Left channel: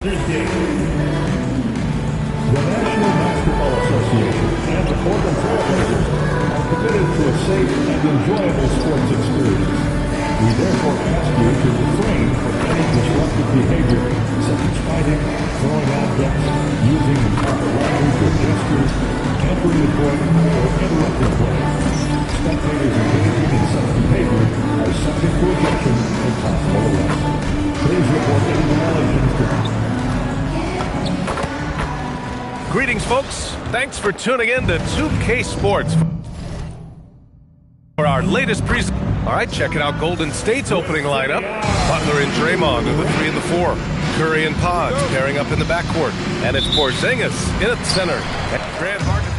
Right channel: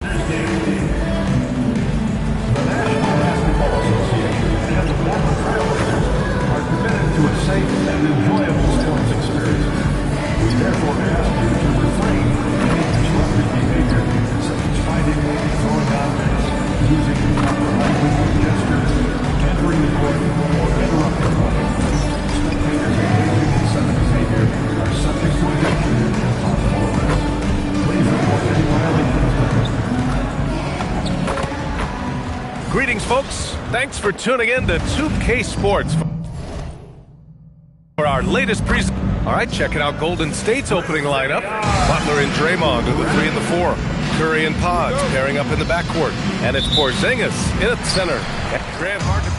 The National Basketball Association and the Portland Trail Blazers are committed to a safe and enjoyable sports experience. We therefore ask you to refrain from any disruptive behavior, such as fighting, throwing objects, using improper language or gestures, entering the court, or interrupting play. Spectators engaging in such behavior are subject to ejection and possible arrest. Please report any violations to Greetings, folks. Thanks for tuning in to 2K Sports for our latest presentation. All right, checking out Golden State's opening lineup. Butler and Draymond are the 3 and the 4. Curry and Pods pairing up in the backcourt. And it's Porzingis in at center. And Grant Harden.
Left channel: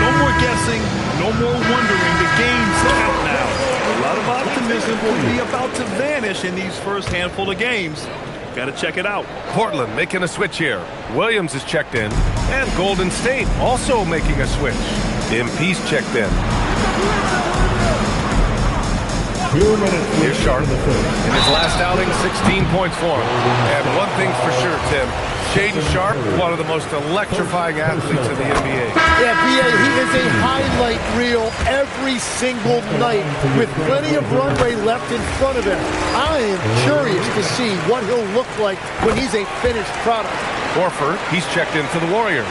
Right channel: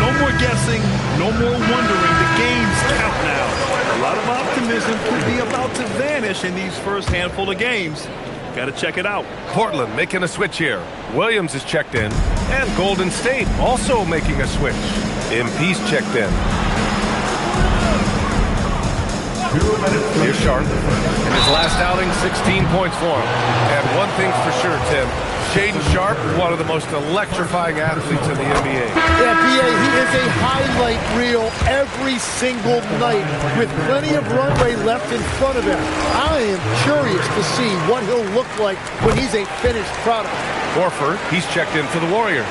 No more guessing, no more wondering. The games count now. A lot of optimism could be about to vanish in these first handful of games. Got to check it out. Portland making a switch here. Williams is checked in. And Golden State also making a switch. MP's checked in. Here's Sharp. In his last outing, 16 points for him. And one thing's for sure, Tim. Shaedon Sharpe, one of the most electrifying athletes in the NBA. Yeah, B.A., he is a highlight reel every single night with plenty of runway left in front of him. I am curious to see what he'll look like when he's a finished product. Horford, he's checked in for the Warriors.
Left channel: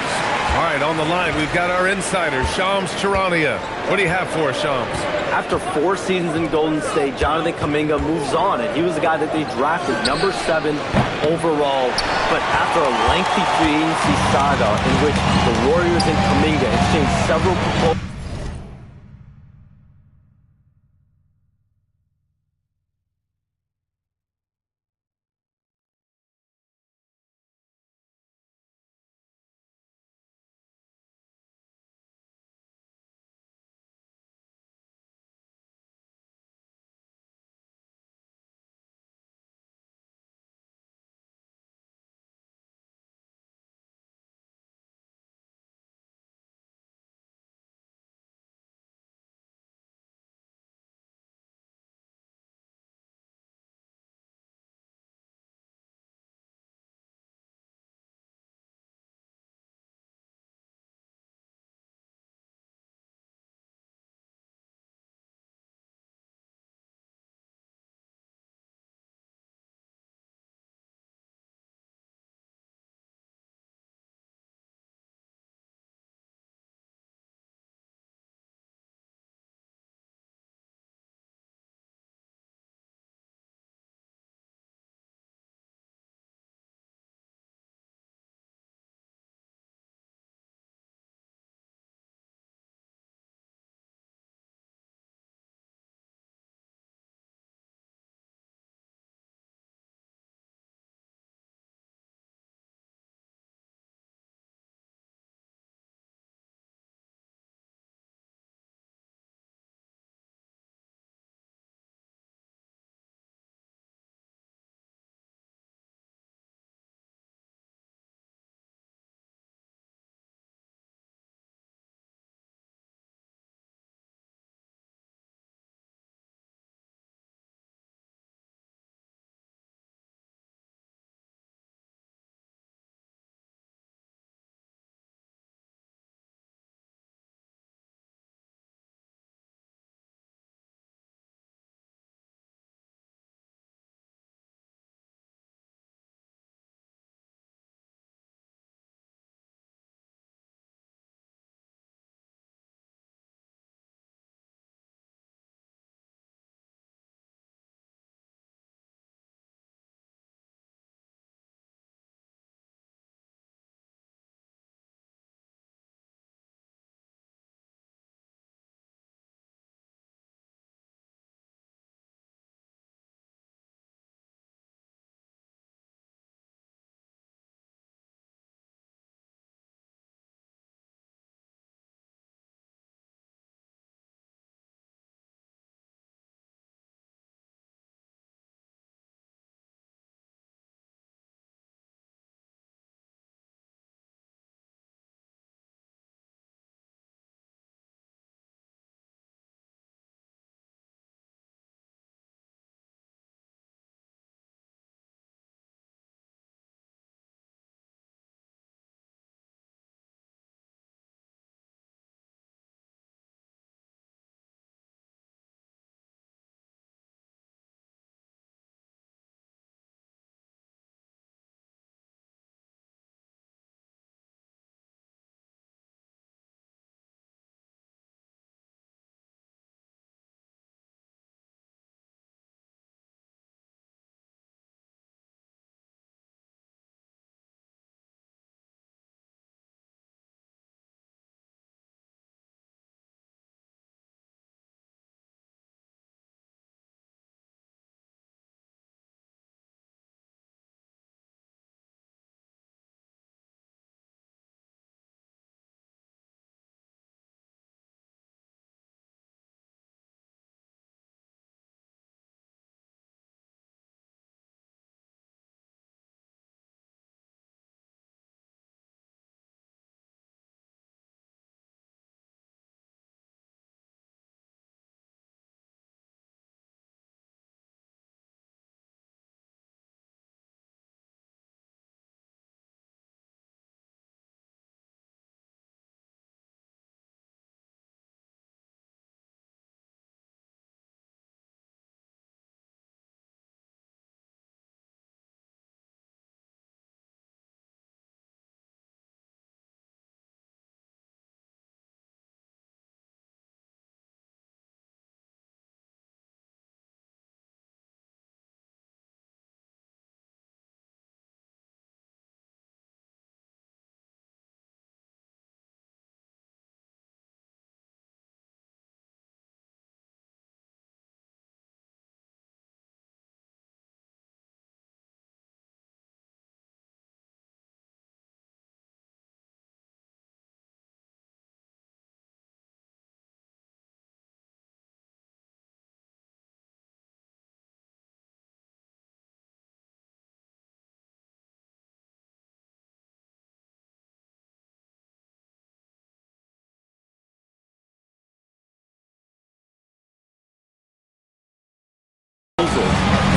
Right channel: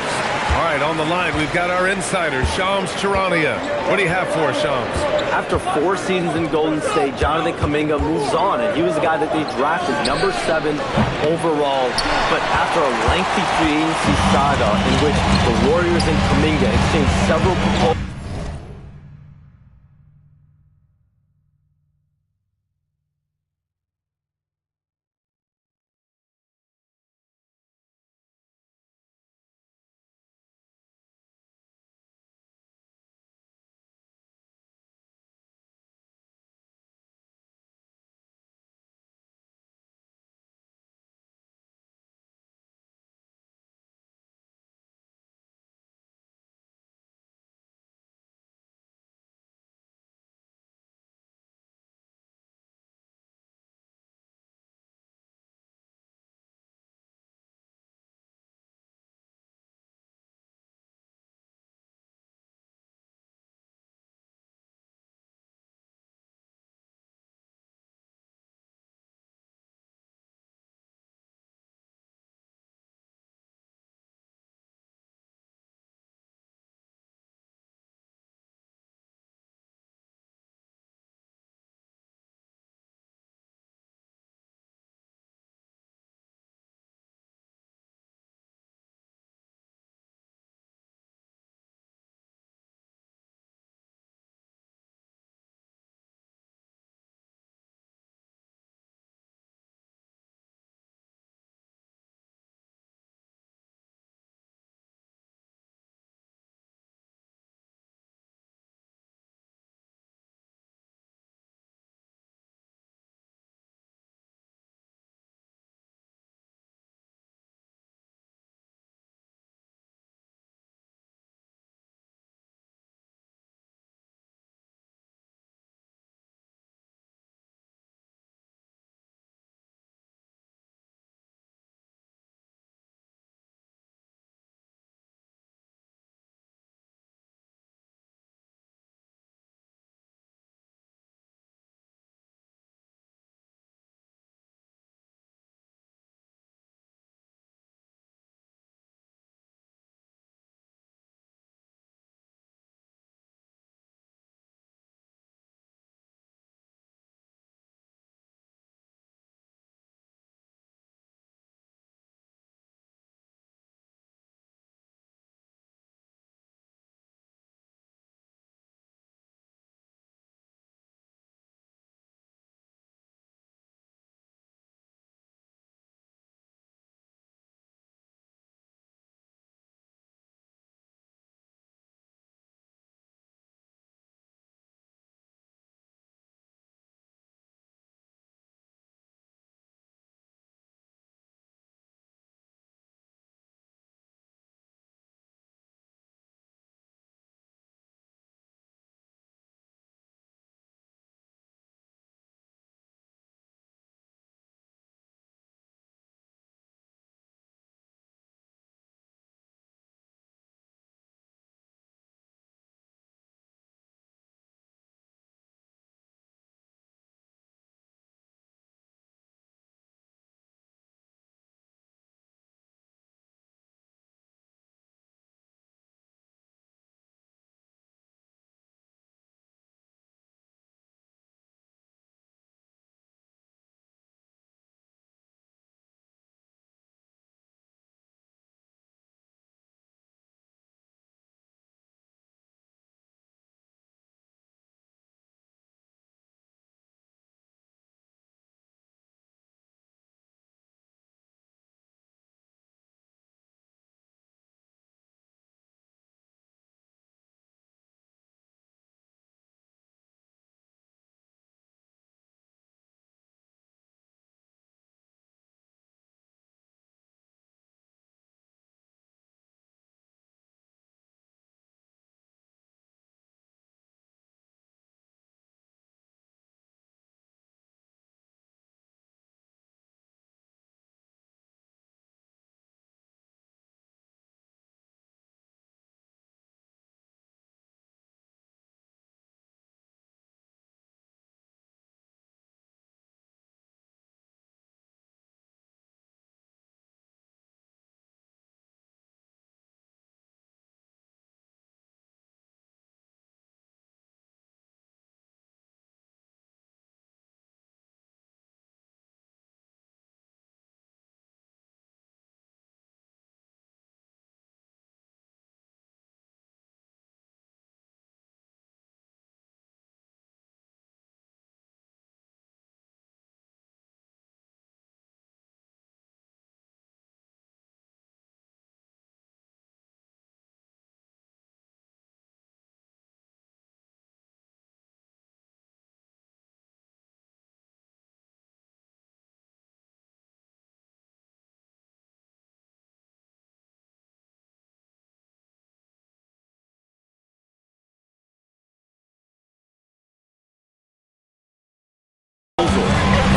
All right, on the line, we've got our insiders, Shams Charania. What do you have for us, Shams? After 4 seasons in Golden State, Jonathan Kuminga moves on, and he was the guy that they drafted number 7 overall. But after a lengthy free agency saga in which the Warriors and Kuminga exchanged several proposals,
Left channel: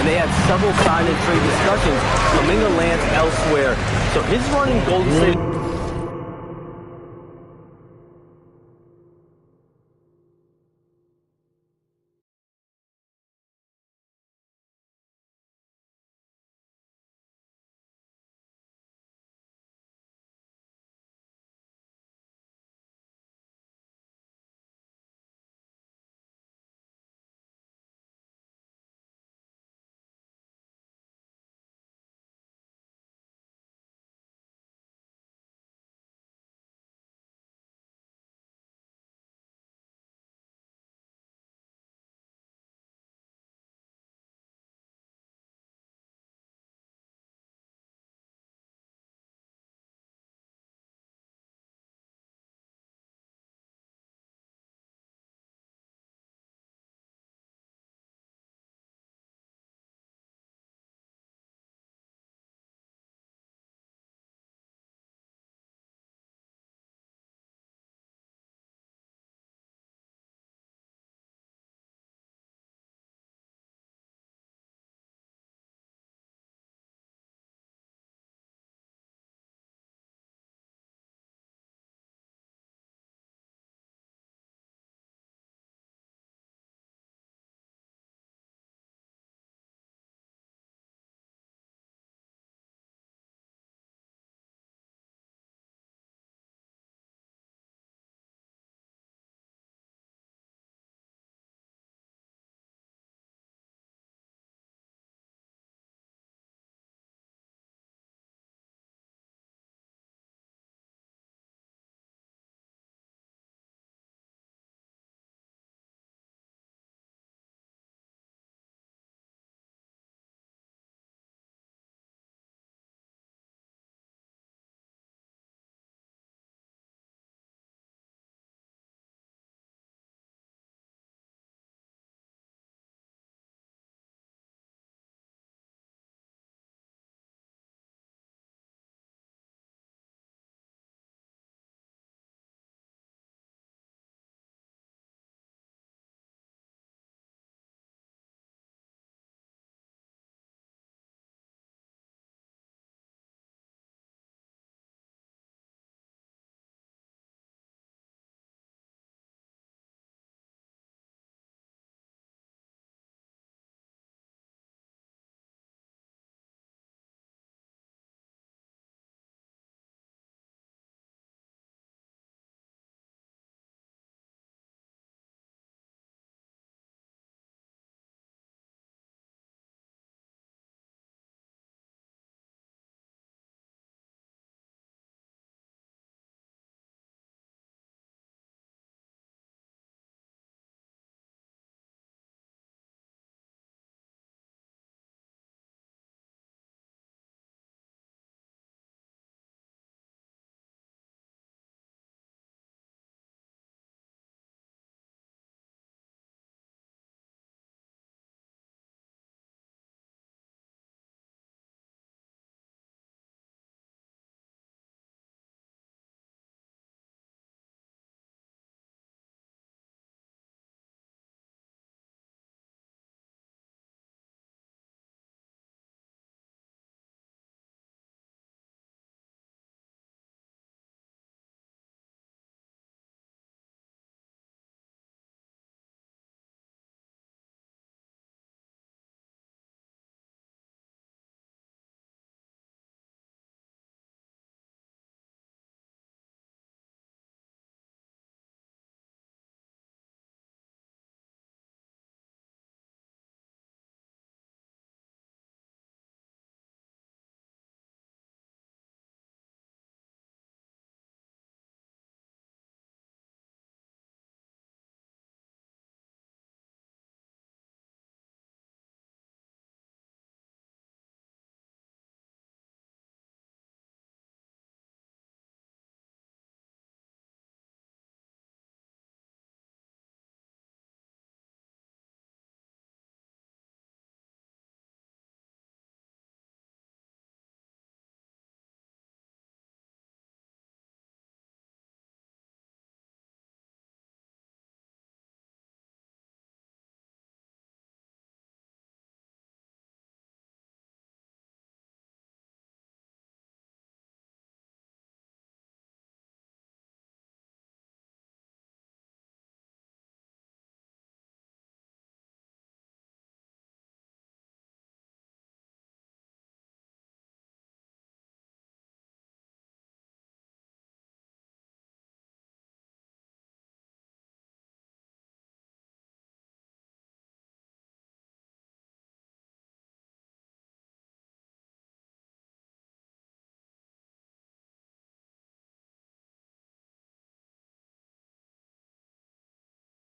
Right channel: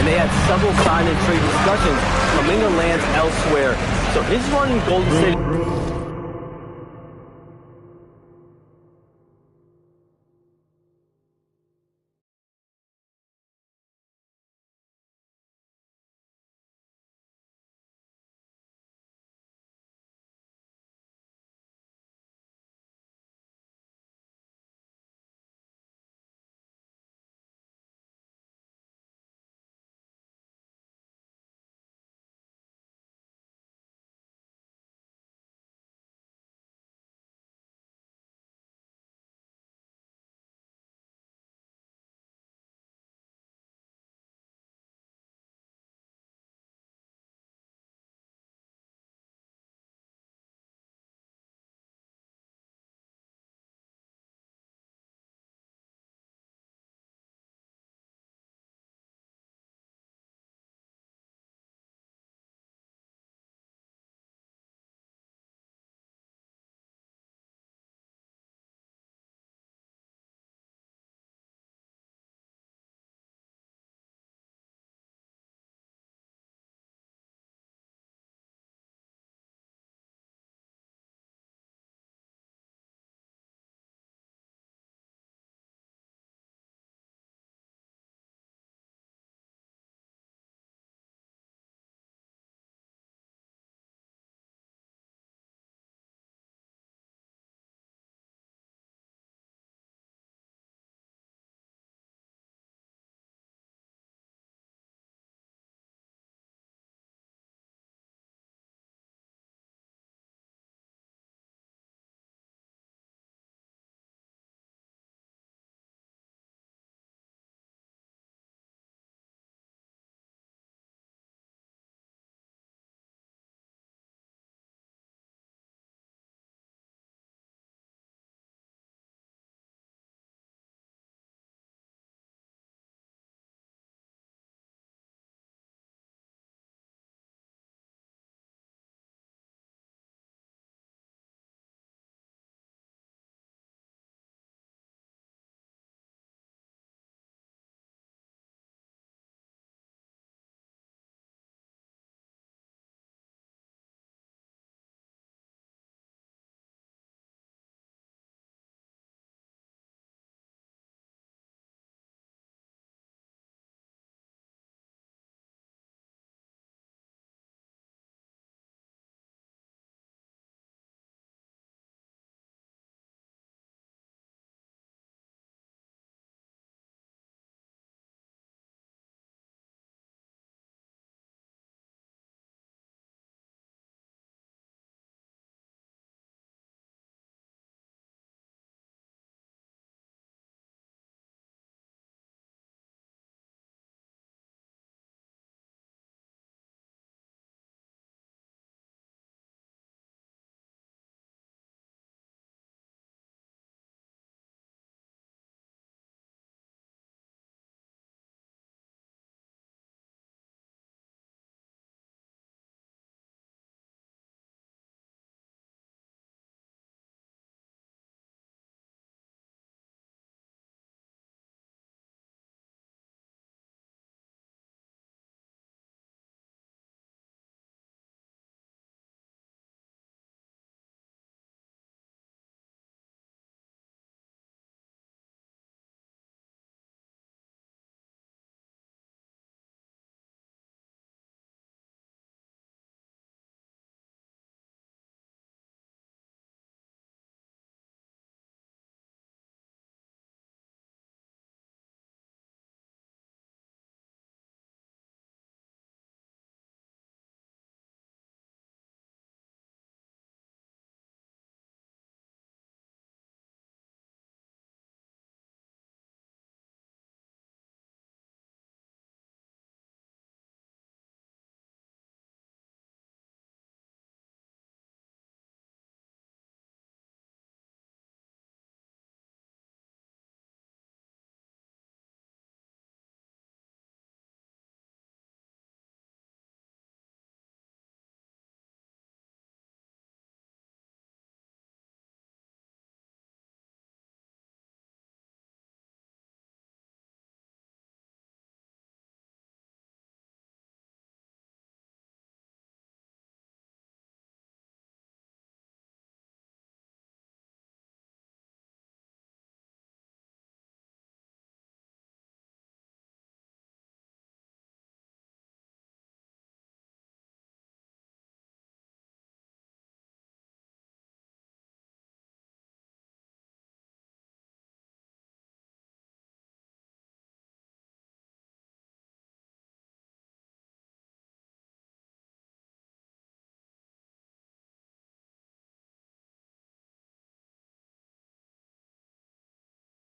and they had several sign and trade discussions. Kuminga lands elsewhere. So his run in Golden State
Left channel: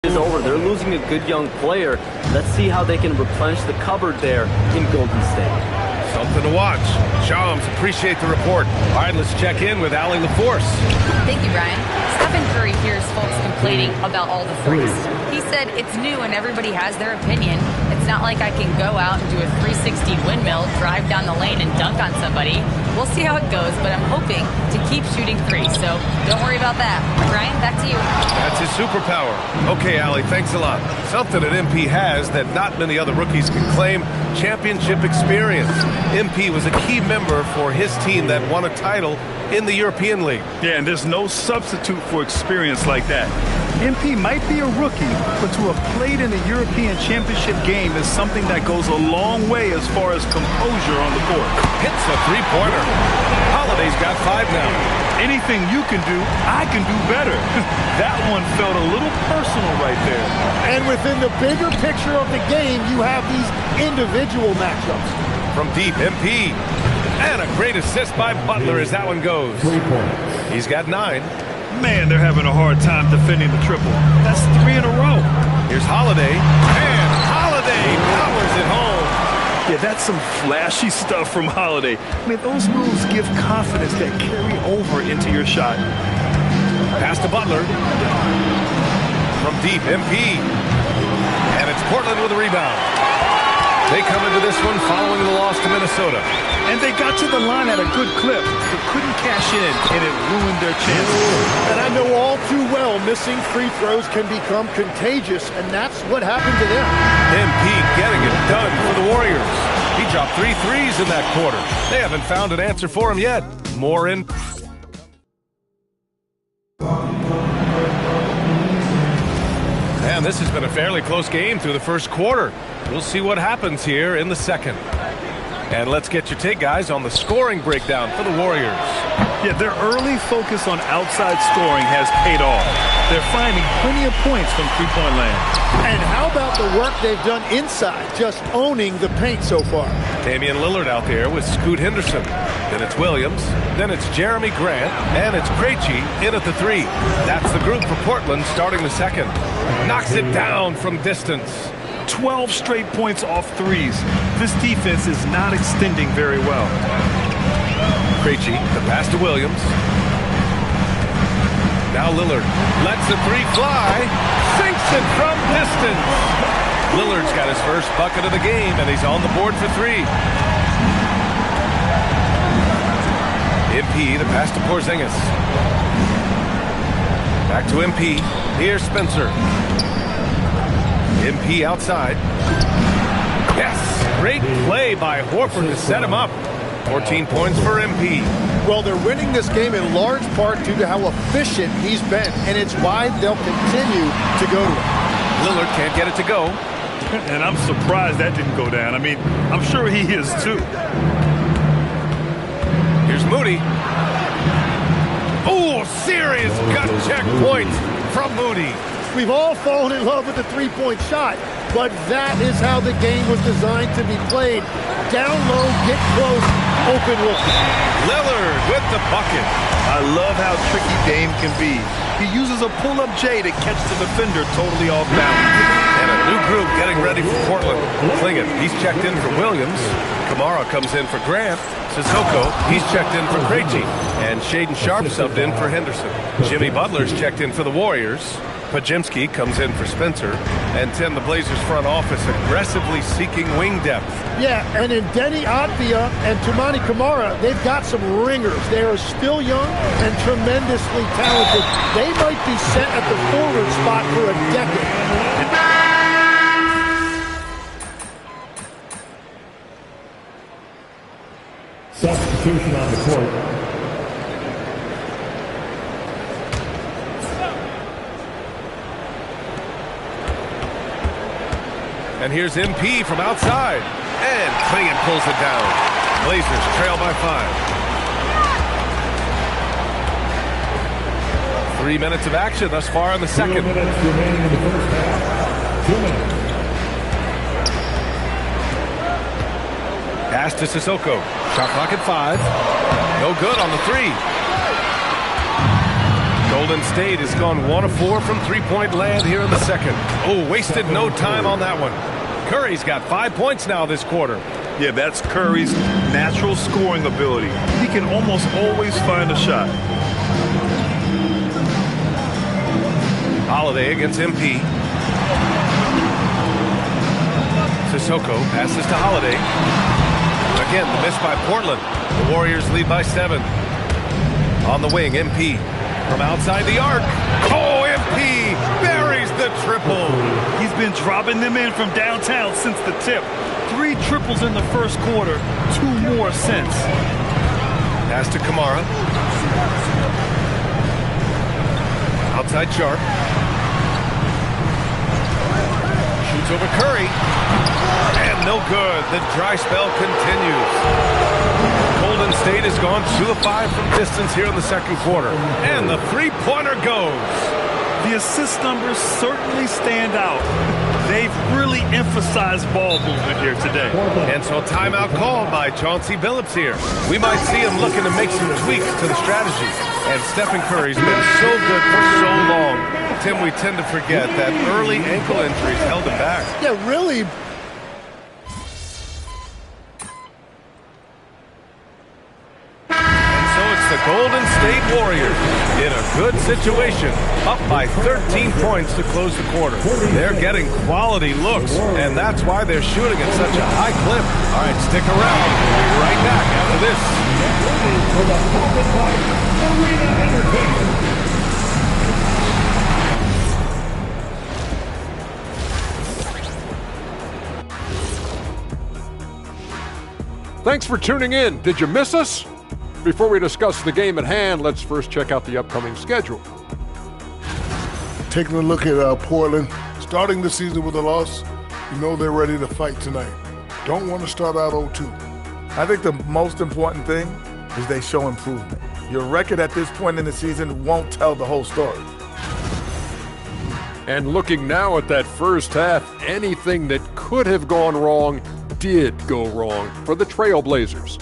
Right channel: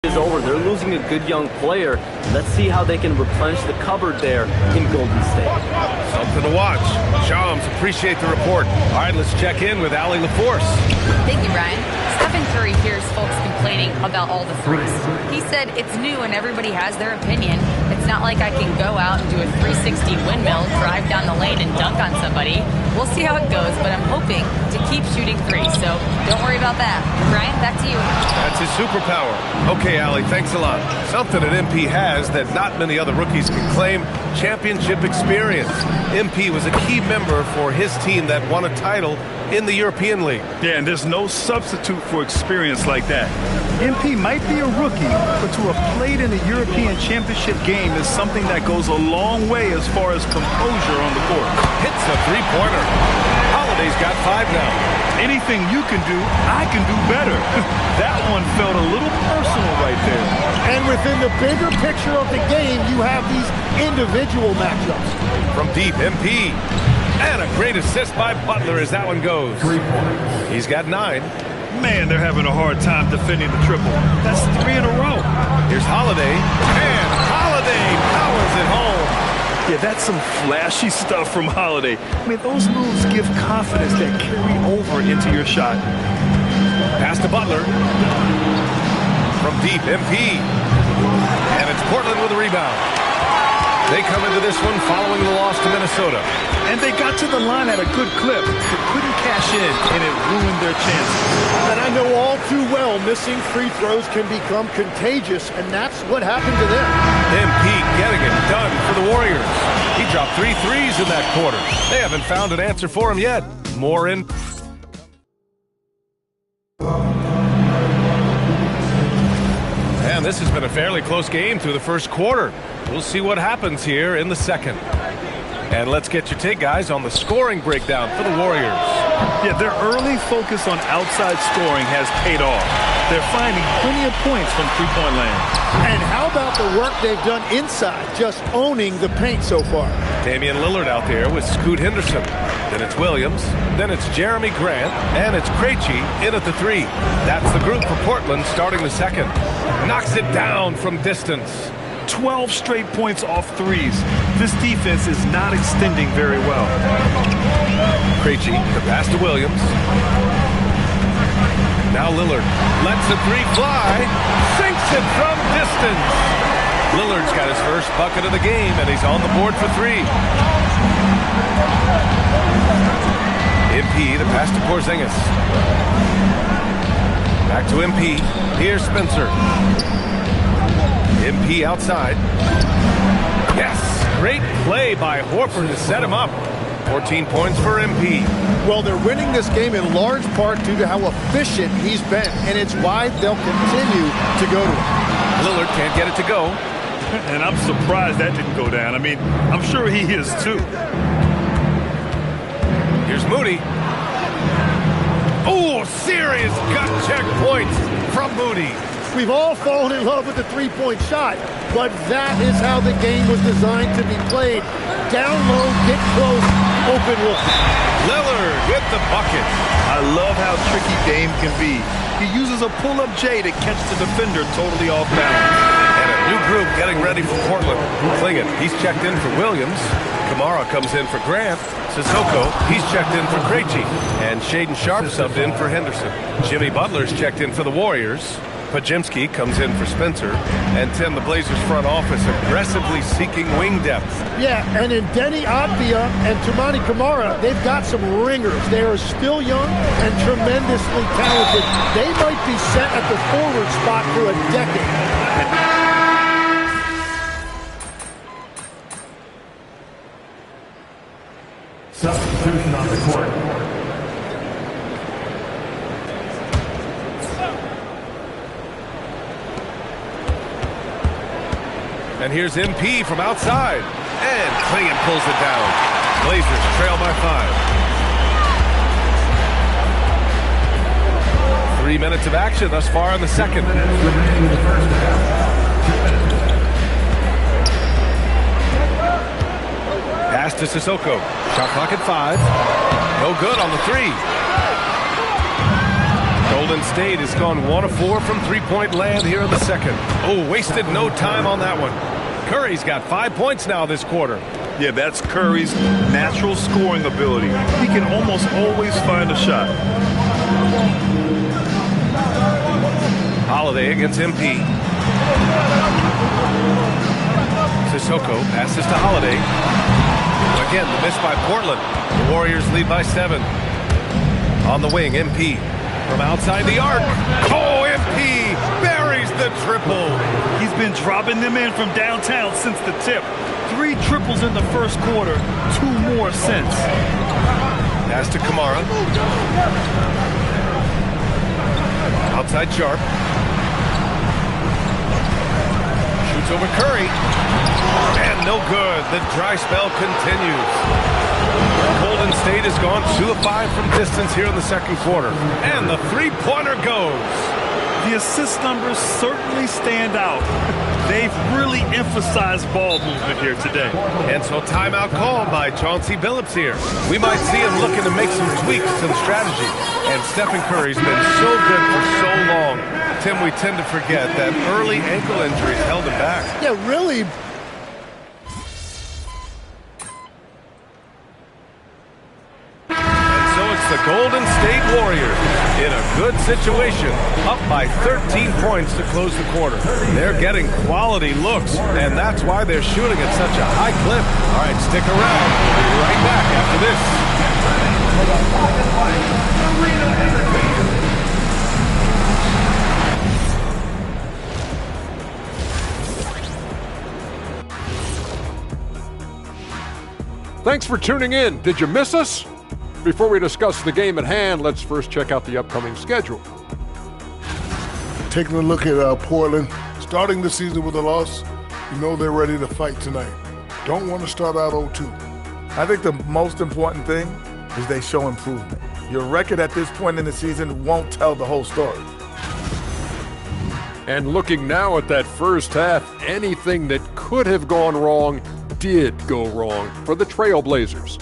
is over. They're losing a good young player. Let's see how they can replenish the cupboard there in Golden State. Something to watch. Shams, appreciate the report. All right, let's check in with Allie LaForce. Thank you, Brian. Stephen Curry hears folks complaining about all the threes. He said it's new and everybody has their opinion. It's not like I can go out and do a 360 windmill, drive down the lane and dunk on somebody. We'll see how it goes, but I'm hoping to keep shooting threes, so don't worry about that. Brian, back to you. That's his superpower. Okay, Allie, thanks a lot. Something that MP has that not many other rookies can claim, championship experience. MP was a key member for his team that won a title in the European League. Yeah, and there's no substitute for experience like that. MP might be a rookie, but to have played in a European Championship game is something that goes a long way as far as composure on the court. Hits a three-pointer. Holiday's got 5 now. Anything you can do, I can do better. That one felt a little personal right there. And within the bigger picture of the game, you have these individual matchups. From deep, MP. And a great assist by Butler as that one goes. 3 points. He's got 9. Man, they're having a hard time defending the triple. That's 3 in a row. Here's Holiday. And Holiday powers it home. Yeah, that's some flashy stuff from Holiday. I mean, those moves give confidence that carry over into your shot. Pass to Butler. From deep, MP. And it's Portland with a rebound. They come into this one following the loss to Minnesota. And they got to the line at a good clip, but couldn't cash in, and it ruined their chances. And I know all too well missing free throws can become contagious, and that's what happened to them. MP getting it done for the Warriors. He dropped 3 threes in that quarter. They haven't found an answer for him yet. More in. And this has been a fairly close game through the first quarter. We'll see what happens here in the second. And let's get your take, guys, on the scoring breakdown for the Warriors. Yeah, their early focus on outside scoring has paid off. They're finding plenty of points from three-point land. And how about the work they've done inside, just owning the paint so far? Damian Lillard out there with Scoot Henderson. Then it's Williams. Then it's Jeremy Grant. And it's Krejci in at the 3. That's the group for Portland starting the second. Knocks it down from distance. 12 straight points off threes. This defense is not extending very well. Krejci, the pass to Williams. Now Lillard lets the 3 fly. Sinks it from distance. Lillard's got his first bucket of the game, and he's on the board for 3. MP, the pass to Porzingis. Back to MP. Here's Spencer. MP outside. Yes! Great play by Horford to set him up. 14 points for MP. Well, they're winning this game in large part due to how efficient he's been, and it's why they'll continue to go to him. Lillard can't get it to go. And I'm surprised that didn't go down. I mean, I'm sure he is too. Here's Moody. Oh, serious gut check points from Moody. We've all fallen in love with the three-point shot, but that is how the game was designed to be played. Down low, get close, open look. Lillard with the bucket. I love how tricky Dame can be. He uses a pull-up J to catch the defender totally off balance. And a new group getting ready for Portland. Klingon, he's checked in for Williams. Kamara comes in for Grant. Sissoko, he's checked in for Krejci. And Shaedon Sharpe subbed in for Henderson. Jimmy Butler's checked in for the Warriors. Podziemski comes in for Spencer. And Tim, the Blazers front office aggressively seeking wing depth. Yeah, and in Deni Avdija and Toumani Camara, they've got some ringers. They are still young and tremendously talented. They might be set at the forward spot for a decade. Substitution on the court. And here's MP from outside. And Klingon pulls it down. Blazers trail by 5. 3 minutes of action thus far in the second. 2 minutes remaining in the first half. 2 minutes. Pass to Sissoko. Shot clock at 5. No good on the 3. Golden State has gone 1 of 4 from three-point land here in the second. Oh, wasted no time on that one. Curry's got 5 points now this quarter. Yeah, that's Curry's natural scoring ability. He can almost always find a shot. Holiday against MP. Sissoko passes to Holiday. Again, the miss by Portland. The Warriors lead by 7. On the wing, MP from outside the arc. Oh, MP buries the triple. He's been dropping them in from downtown since the tip. 3 triples in the first quarter, 2 more since. Pass to Kamara. Outside Sharp. Shoots over Curry. And no good. The dry spell continues. Golden State has gone 2 of 5 from distance here in the second quarter. And the three-pointer goes. The assist numbers certainly stand out. They've really emphasized ball movement here today. And so timeout called by Chauncey Billups here. We might see him looking to make some tweaks to the strategy. And Stephen Curry's been so good for so long. Tim, we tend to forget that early ankle injuries held him back. Yeah, really. So it's the Golden State Warriors in a good situation, up by 13 points to close the quarter. They're getting quality looks, and that's why they're shooting at such a high clip. All right, stick around. We'll be right back after this. Thanks for tuning in. Did you miss us? Before we discuss the game at hand, let's first check out the upcoming schedule. Taking a look at Portland, starting the season with a loss, you know they're ready to fight tonight. Don't want to start out 0-2. I think the most important thing is they show improvement. Your record at this point in the season won't tell the whole story. And looking now at that first half, anything that could have gone wrong did go wrong for the Trailblazers.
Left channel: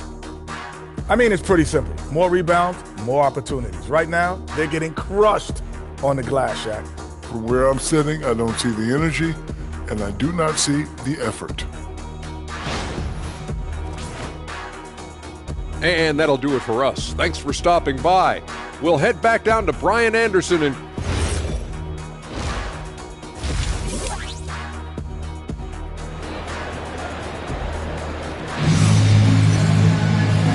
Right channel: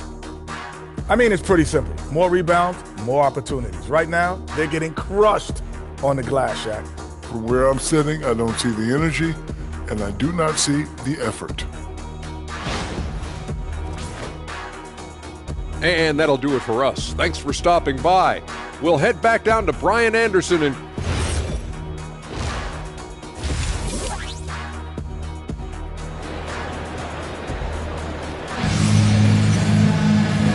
I mean, it's pretty simple. More rebounds, more opportunities. Right now, they're getting crushed on the glass, Shaq. From where I'm sitting, I don't see the energy, and I do not see the effort. And that'll do it for us. Thanks for stopping by. We'll head back down to Brian Anderson and...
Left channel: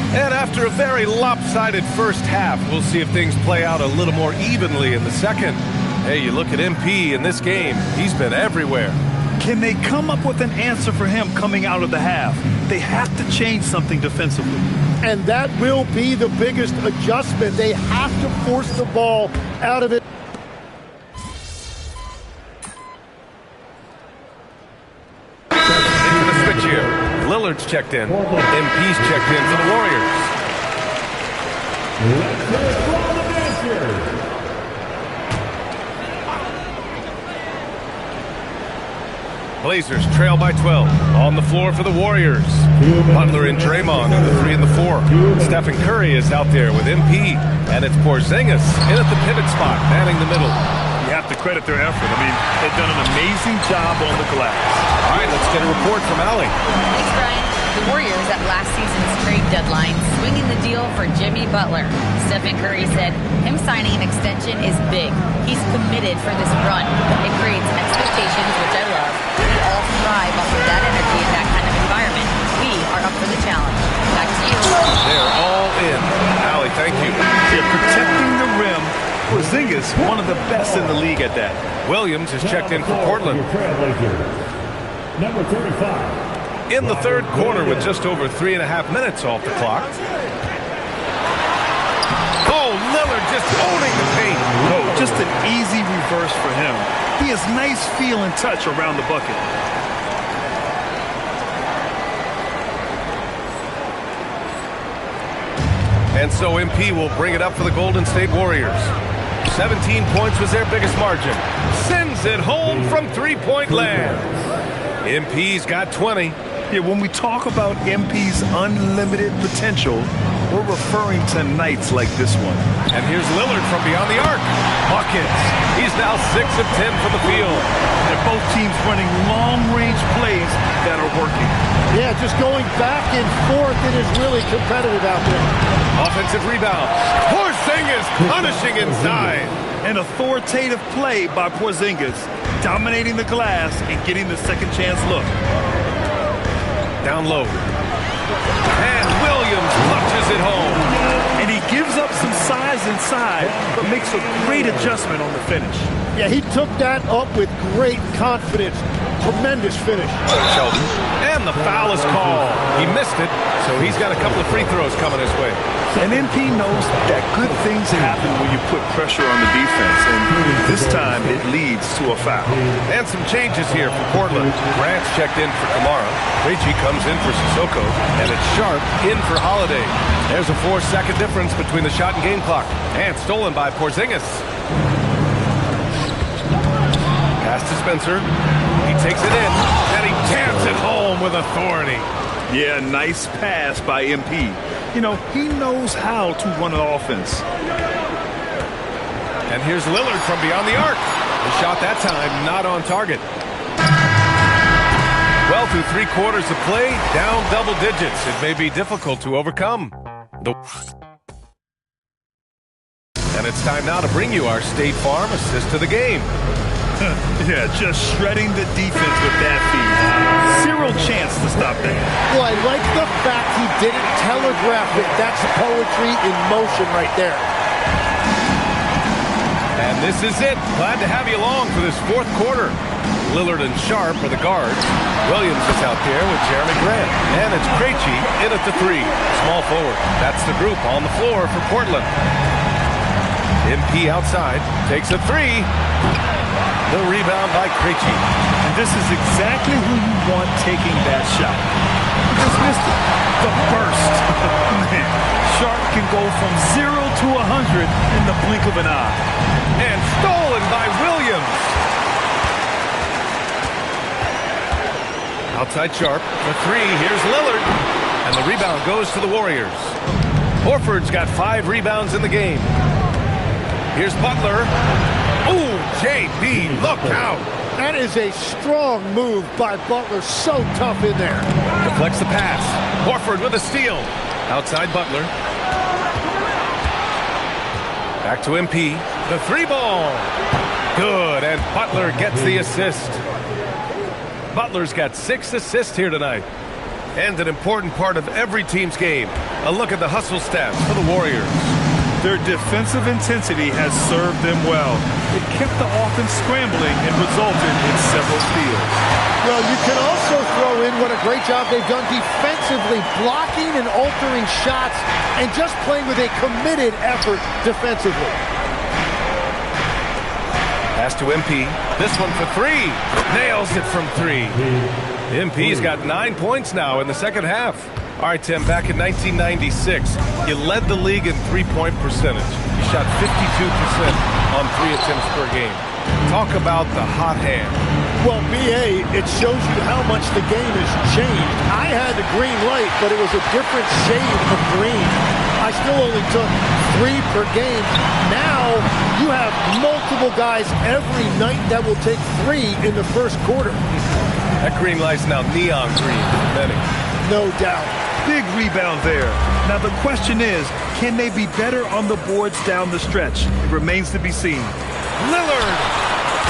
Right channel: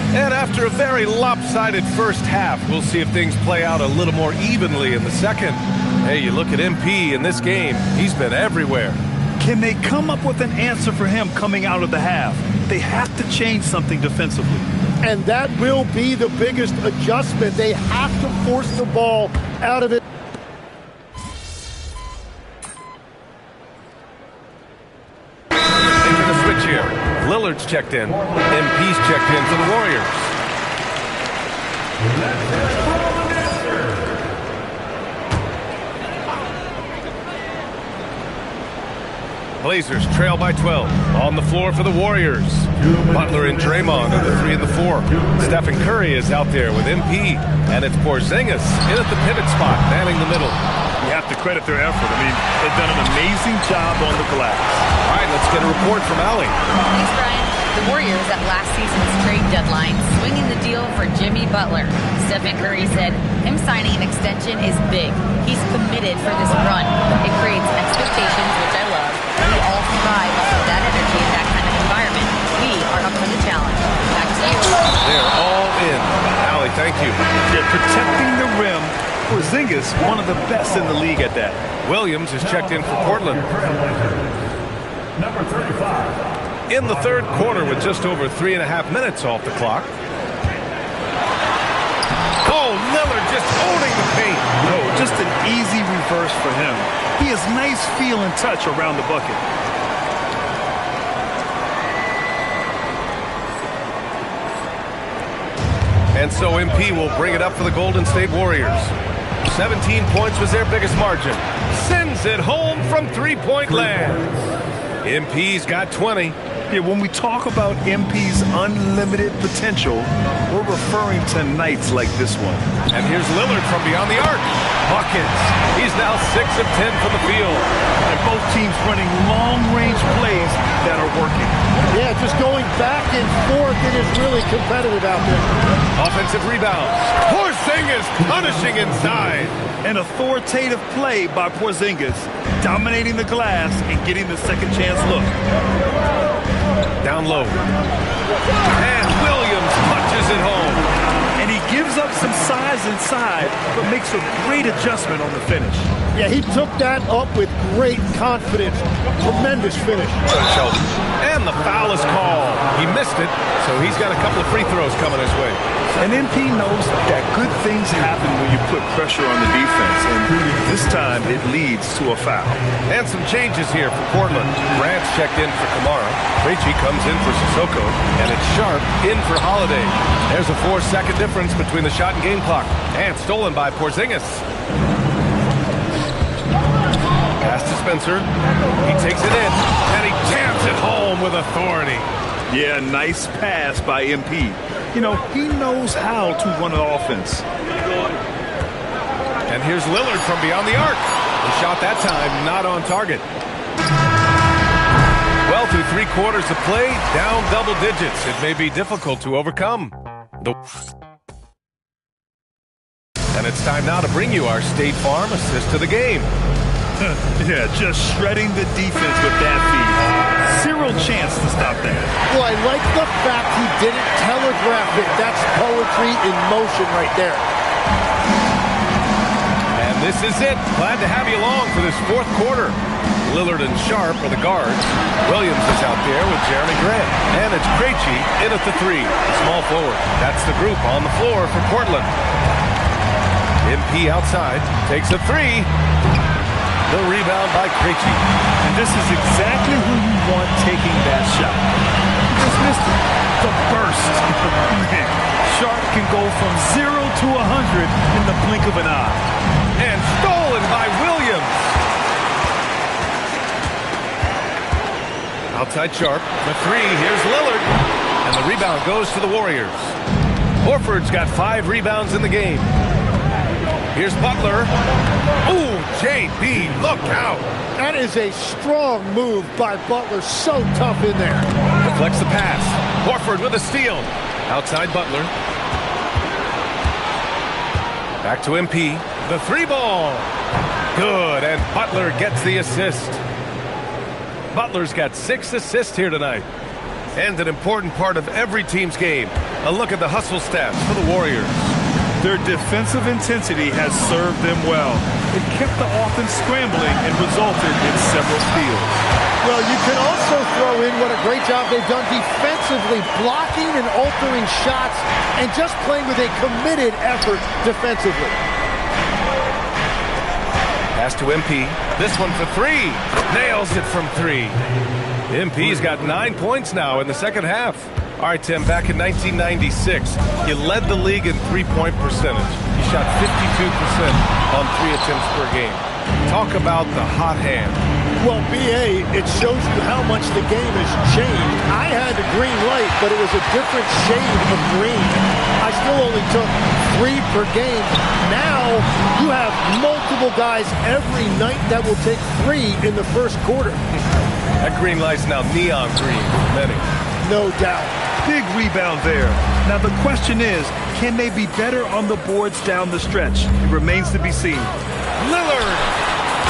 And after a very lopsided first half, we'll see if things play out a little more evenly in the second. Hey, you look at MP in this game, he's been everywhere. Can they come up with an answer for him coming out of the half? They have to change something defensively. And that will be the biggest adjustment. They have to force the ball out of it. Into the switch here. Lillard's checked in. MP's checked in for the Warriors. Blazers trail by 12. On the floor for the Warriors. Butler and Draymond are the 3 and the 4. Stephen Curry is out there with MP. And it's Porzingis in at the pivot spot, manning the middle. You have to credit their effort. I mean, they've done an amazing job on the glass. All right, let's get a report from Allie. Thanks, Brian. The Warriors at last season's trade deadline swinging the deal for Jimmy Butler. Stephen Curry said him signing an extension is big. He's committed for this run. It creates expectations, which I love. We all thrive off of that energy in that kind of environment. We are up for the challenge. Back to you. They're all in. Allie, thank you. Yeah, protecting the rim. Porzingis, one of the best in the league at that. Williams is checked in for Portland. Number 35. In the third quarter with just over 3.5 minutes off the clock. Oh, Lillard just owning the paint. No, just an easy reverse for him. He has nice feel and touch around the bucket. And so MP will bring it up for the Golden State Warriors. 17 points was their biggest margin. Sends it home from three-point land. MP's got 20. Yeah, when we talk about MP's unlimited potential, we're referring to nights like this one. And here's Lillard from beyond the arc. Buckets. He's now 6 of 10 from the field. And both teams running long-range plays that are working. Yeah, just going back and forth. It is really competitive out there. Offensive rebound. Porzingis punishing inside. An authoritative play by Porzingis, dominating the glass and getting the second chance look. Down low. And Williams punches it home. And he gives up some size inside, but makes a great adjustment on the finish. Yeah, he took that up with great confidence. Tremendous finish. Sheldon. And the foul is called. He missed it, so he's got a couple of free throws coming his way. And MP knows that good things happen when you put pressure on the defense, and this time it leads to a foul. And some changes here for Portland. Grant's checked in for Kamara. Krejci comes in for Sissoko, and it's Sharp in for Holiday. There's a 4-second difference between the shot and game clock. And stolen by Porzingis. Pass to Spencer. He takes it in, and he jams it home with authority. Yeah, nice pass by MP. You know, he knows how to run an offense. And here's Lillard from beyond the arc. The shot that time not on target. Well, through 3 quarters of play, down double digits. It may be difficult to overcome. And it's time now to bring you our State Farm assist to the game. Yeah, just shredding the defense with that feed. Zero chance to stop that. Well, I like the fact he didn't telegraph it. That's poetry in motion right there. And this is it. Glad to have you along for this 4th quarter. Lillard and Sharp are the guards. Williams is out there with Jeremy Grant. And it's Krejci in at the 3. Small forward. That's the group on the floor for Portland. MP outside. Takes a 3. The rebound by Krejci. And this is exactly who you want taking that shot. He just missed it. The burst. Man, Sharp can go from 0 to 100 in the blink of an eye. And stolen by Williams. Outside Sharp for 3. Here's Lillard. And the rebound goes to the Warriors. Horford's got 5 rebounds in the game. Here's Butler. Ooh, JB, look out. That is a strong move by Butler. So tough in there. Deflects the pass. Horford with a steal. Outside Butler. Back to MP. The 3 ball. Good, and Butler gets the assist. Butler's got 6 assists here tonight. And an important part of every team's game. A look at the hustle stats for the Warriors. Their defensive intensity has served them well. It kept the offense scrambling and resulted in several steals. Well, you can also throw in what a great job they've done defensively, blocking and altering shots and just playing with a committed effort defensively. Pass to MP. This one for 3. Nails it from 3. MP's got 9 points now in the second half. All right, Tim, back in 1996, you led the league in three-point percentage. You shot 52% on 3 attempts per game. Talk about the hot hand. Well, B.A., it shows you how much the game has changed. I had the green light, but it was a different shade of green. I still only took 3 per game. Now you have multiple guys every night that will take 3 in the first quarter. That green light's now neon green for many. No doubt. Big rebound there. Now the question is, can they be better on the boards down the stretch? It remains to be seen. Lillard!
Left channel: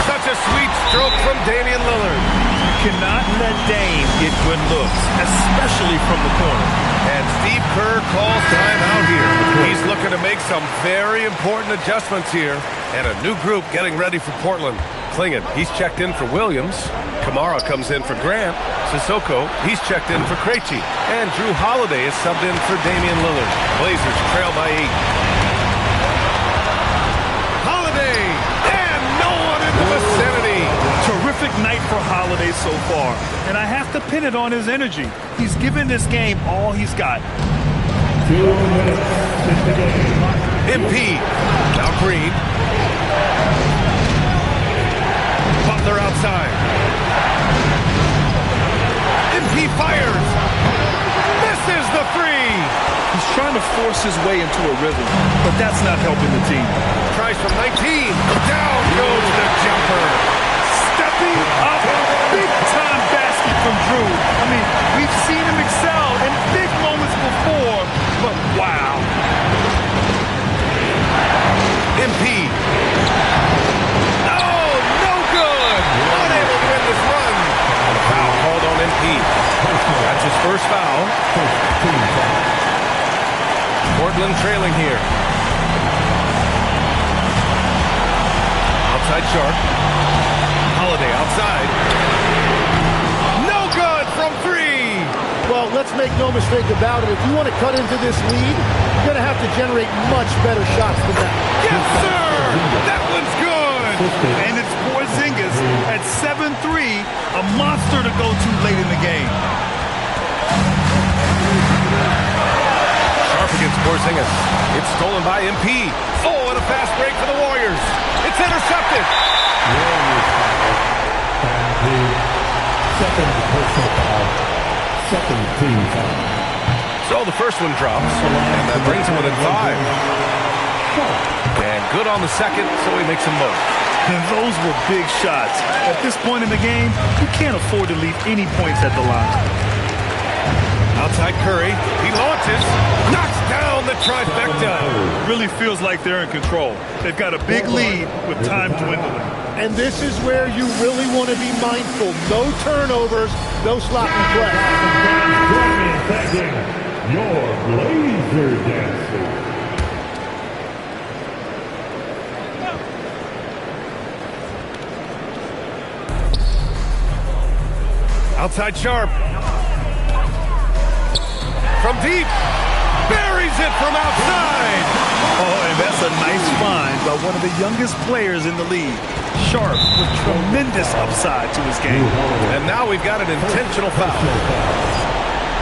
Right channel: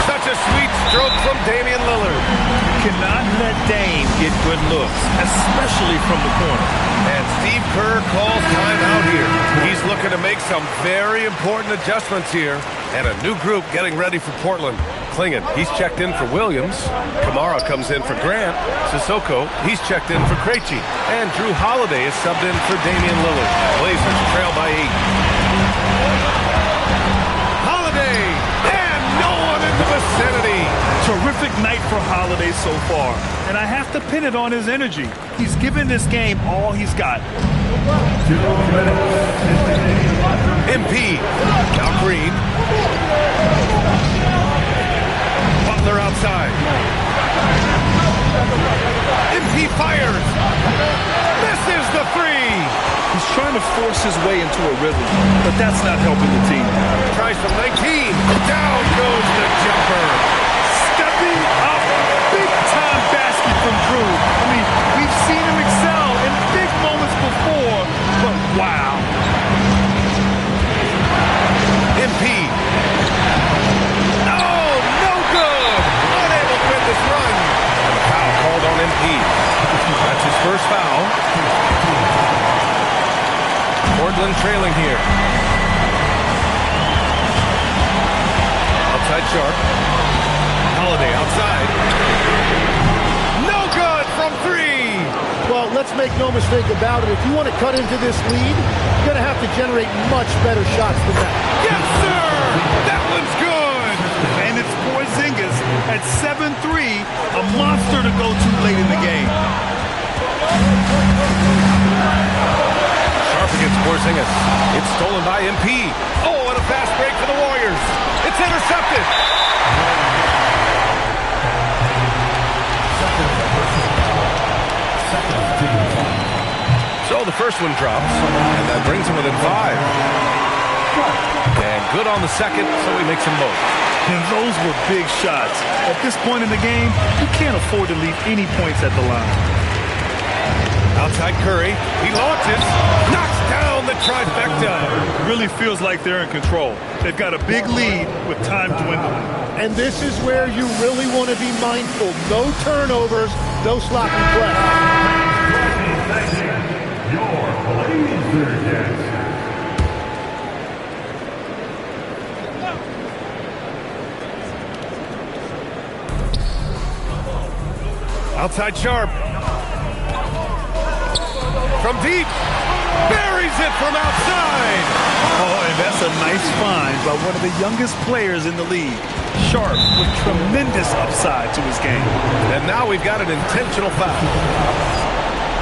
Such a sweet stroke from Damian Lillard. You cannot let Dame get good looks, especially from the corner. And Steve Kerr calls timeout here. He's looking to make some very important adjustments here. And a new group getting ready for Portland. Klingon, he's checked in for Williams. Kamara comes in for Grant. Sissoko, he's checked in for Krejci. And Drew Holiday is subbed in for Damian Lillard. Blazers trail by 8. Holiday! And no one in the vicinity. Terrific night for Holiday so far. And I have to pin it on his energy. He's given this game all he's got. 2 minutes in the game. MP. Now Green. Butler outside. MP MP fires. Misses the three. He's trying to force his way into a rhythm, but that's not helping the team. Tries from 19. Down goes the jumper. Stepping up, big-time basket from Drew. I mean, we've seen him excel in big moments before, but wow. MP. Oh, no good. Unable to win this run. And a foul called on MP. That's his first foul. Portland trailing here. Outside Sharp. Holiday outside. No good from three. Well, let's make no mistake about it. If you want to cut into this lead, you're going to have to generate much better shots than that. Yes, sir! That one's good! And it's Porzingis at 7'3", a monster to go to late in the game. Sharp against Porzingis. It's stolen by MP. Oh, and a fast break for the Warriors. It's intercepted. So the first one drops, and that brings him within 5. And good on the second, so he makes them both. And those were big shots. At this point in the game, you can't afford to leave any points at the line. Outside Curry, he launches, knocks down the trifecta. Really feels like they're in control. They've got a big lead with time dwindling. And this is where you really want to be mindful. No turnovers, no sloppy play. Your Blazer Dancer. Outside Sharp. From deep. Buries it from outside. Oh, and that's a nice find by one of the youngest players in the league. Sharp with tremendous upside to his game. And now we've got an intentional foul.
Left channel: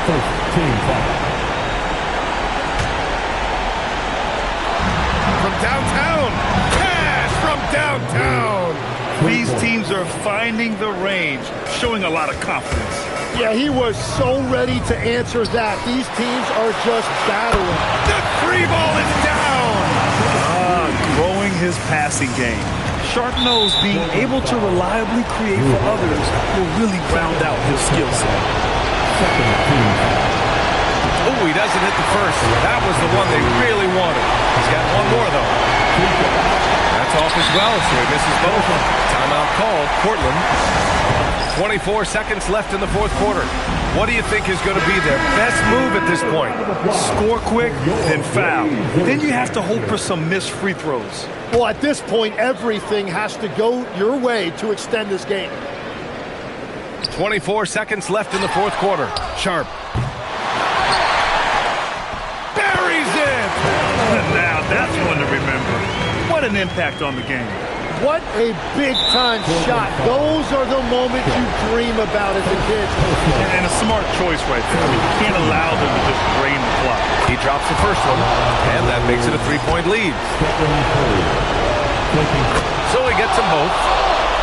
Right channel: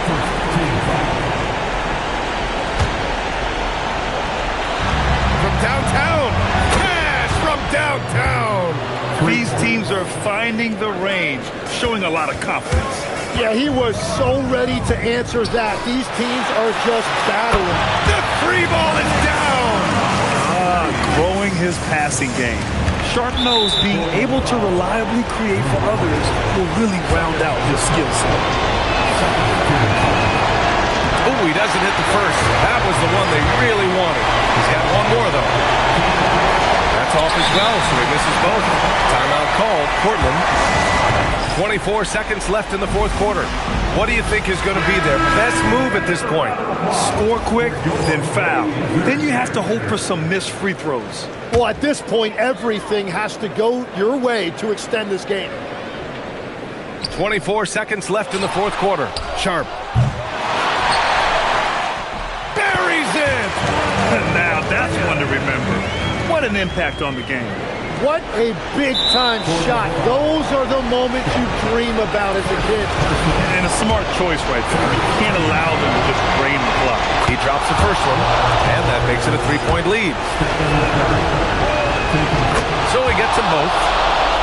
First team foul. From downtown. Cash from downtown. These teams are finding the range, showing a lot of confidence. Yeah, he was so ready to answer that. These teams are just battling. The three ball is down. Growing his passing game. Sharp knows being able to reliably create for others will really round out his skill set. Oh, he doesn't hit the first. That was the one they really wanted. He's got one more, though. That's off as well, so he misses both. Timeout called. Portland. 24 seconds left in the fourth quarter. What do you think is going to be their best move at this point? Score quick, then foul. Then you have to hope for some missed free throws. Well, at this point, everything has to go your way to extend this game. 24 seconds left in the fourth quarter. Sharp. Buries it! Now that's one to remember. What an impact on the game. What a big-time shot. Those are the moments you dream about as a kid. And a smart choice right there. I mean, you can't allow them to just drain the clock. He drops the first one, and that makes it a three-point lead. So he gets them both,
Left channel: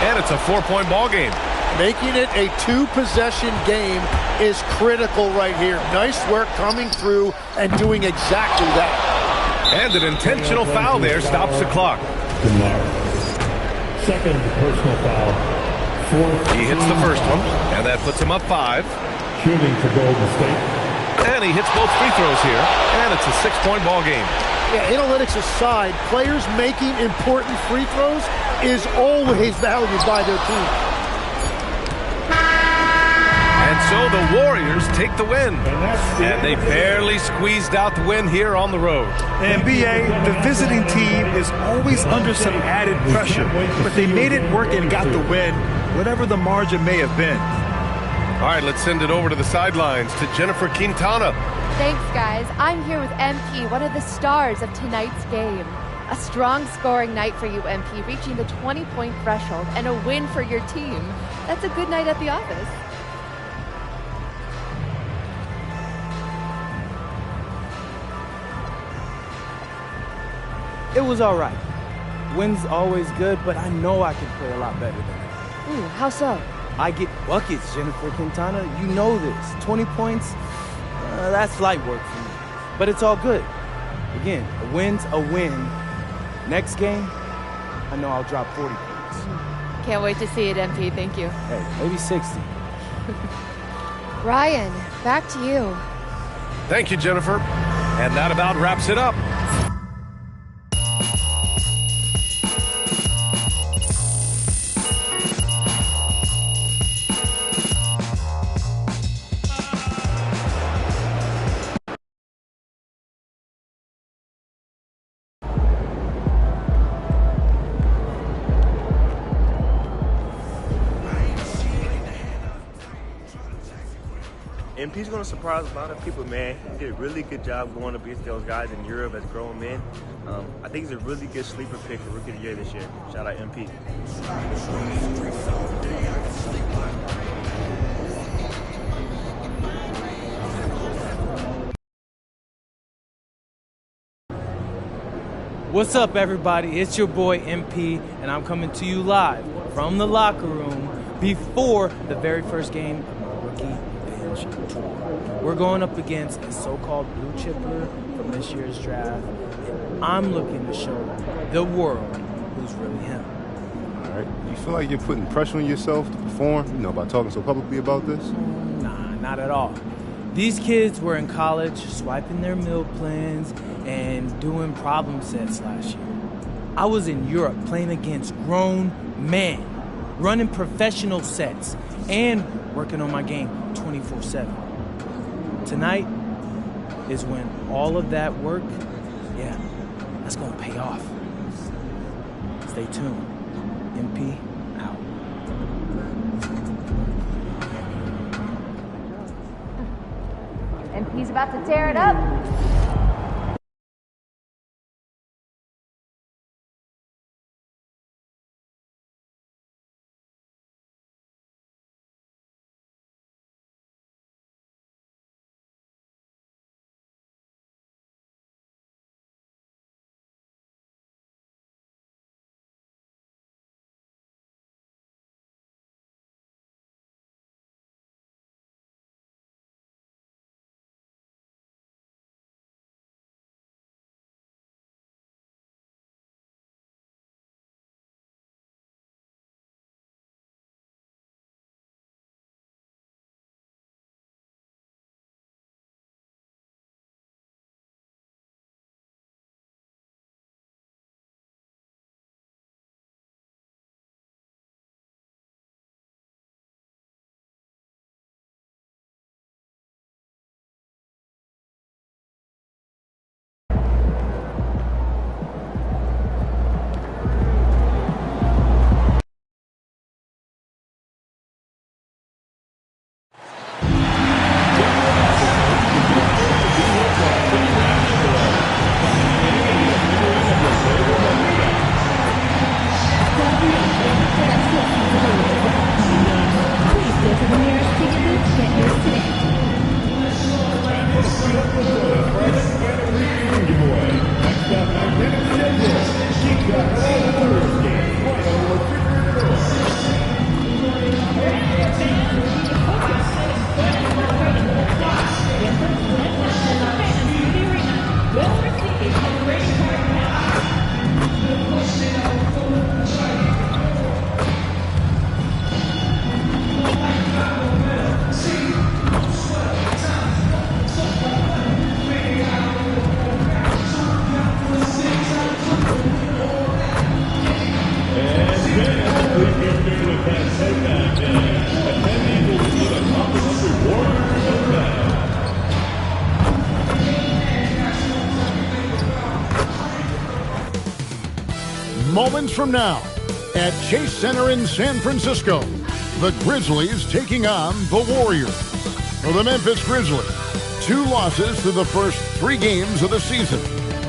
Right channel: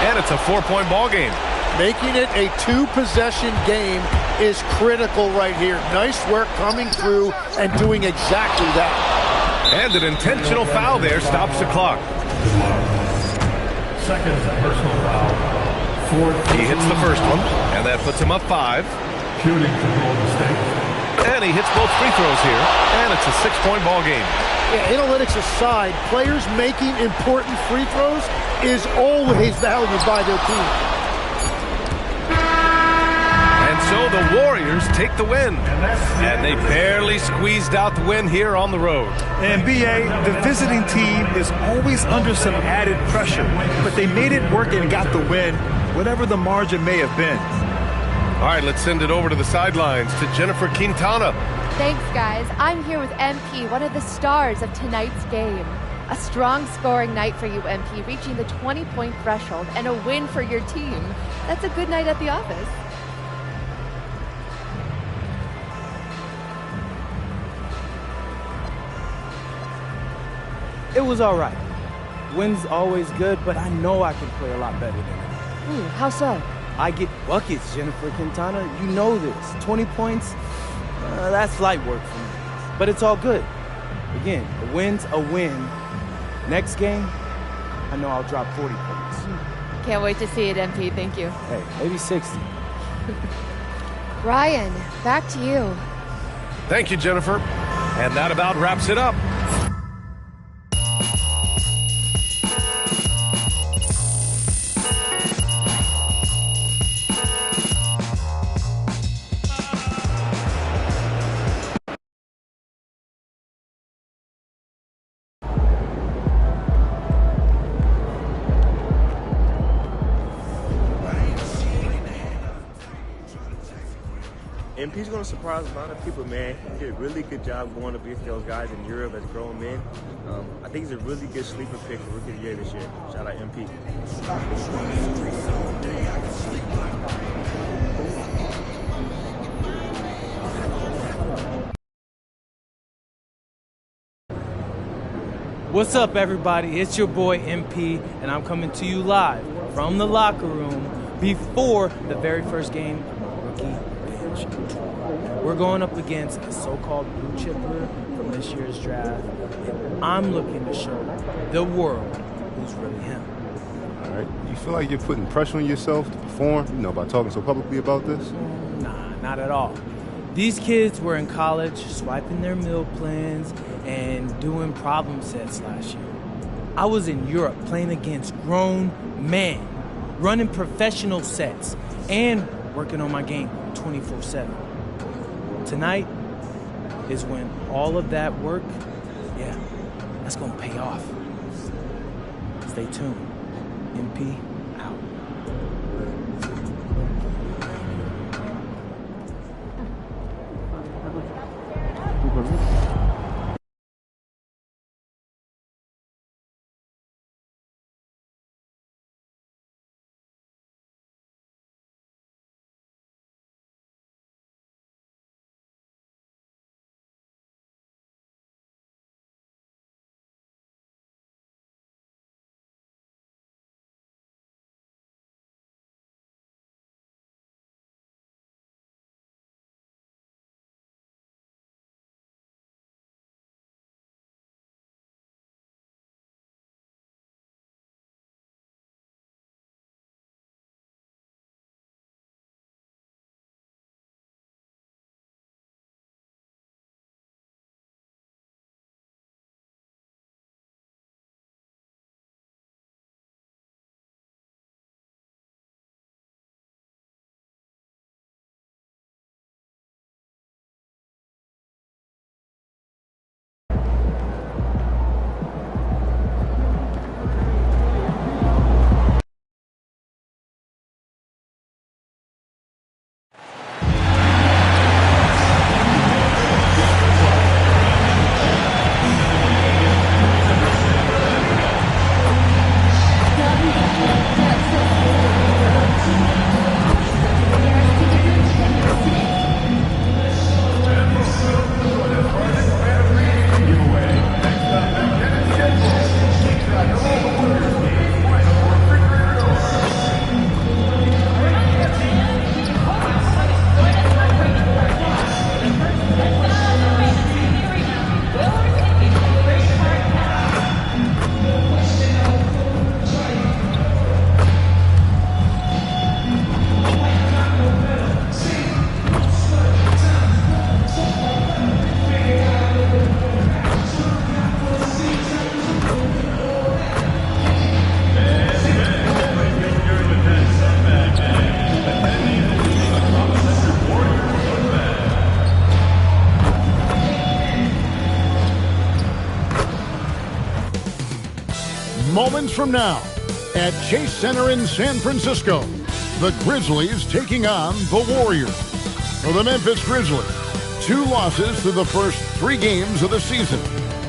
and it's a four-point ball game. Making it a two-possession game is critical right here. Nice work coming through and doing exactly that. And an intentional foul there stops the clock. Second personal foul. He hits the first one, and that puts him up 5. Shooting for Golden State. And he hits both free throws here, and it's a 6-point ball game. Yeah, analytics aside, players making important free throws is always valued by their team. And so the Warriors take the win. And they barely squeezed out the win here on the road. And B.A., the visiting team is always under some added pressure. But they made it work and got the win, whatever the margin may have been. All right, let's send it over to the sidelines to Jennifer Quintana. Thanks, guys. I'm here with MP, one of the stars of tonight's game. A strong scoring night for you, MP, reaching the 20-point threshold and a win for your team. That's a good night at the office. It was all right. Win's always good, but I know I can play a lot better than that. How so? I get buckets, Jennifer Quintana. You know this. 20 points, that's light work for me. But it's all good. Again, a win's a win. Next game, I know I'll drop 40 points. Can't wait to see it, MP. Thank you. Hey, maybe 60. Ryan, back to you. Thank you, Jennifer. And that about wraps it up. MP's going to surprise a lot of people, man. He did a really good job going up against those guys in Europe as grown men. I think he's a really good sleeper pick for Rookie of the Year this year. Shout out MP. What's up, everybody? It's your boy MP, and I'm coming to you live from the locker room before the very first game of my rookie bench tour. We're going up against a so-called blue chipper from this year's draft, and I'm looking to show the world who's really him. All right. You feel like you're putting pressure on yourself to perform, by talking so publicly about this? Nah, not at all. These kids were in college swiping their meal plans and doing problem sets last year. I was in Europe playing against grown men, running professional sets, and working on my game 24/7. Tonight is when all of that work, that's gonna pay off. Stay tuned. MP out. And he's about to tear it up. Moments from now, at Chase Center in San Francisco, the Grizzlies taking on the Warriors. For the Memphis Grizzlies, 2 losses through the first 3 games of the season.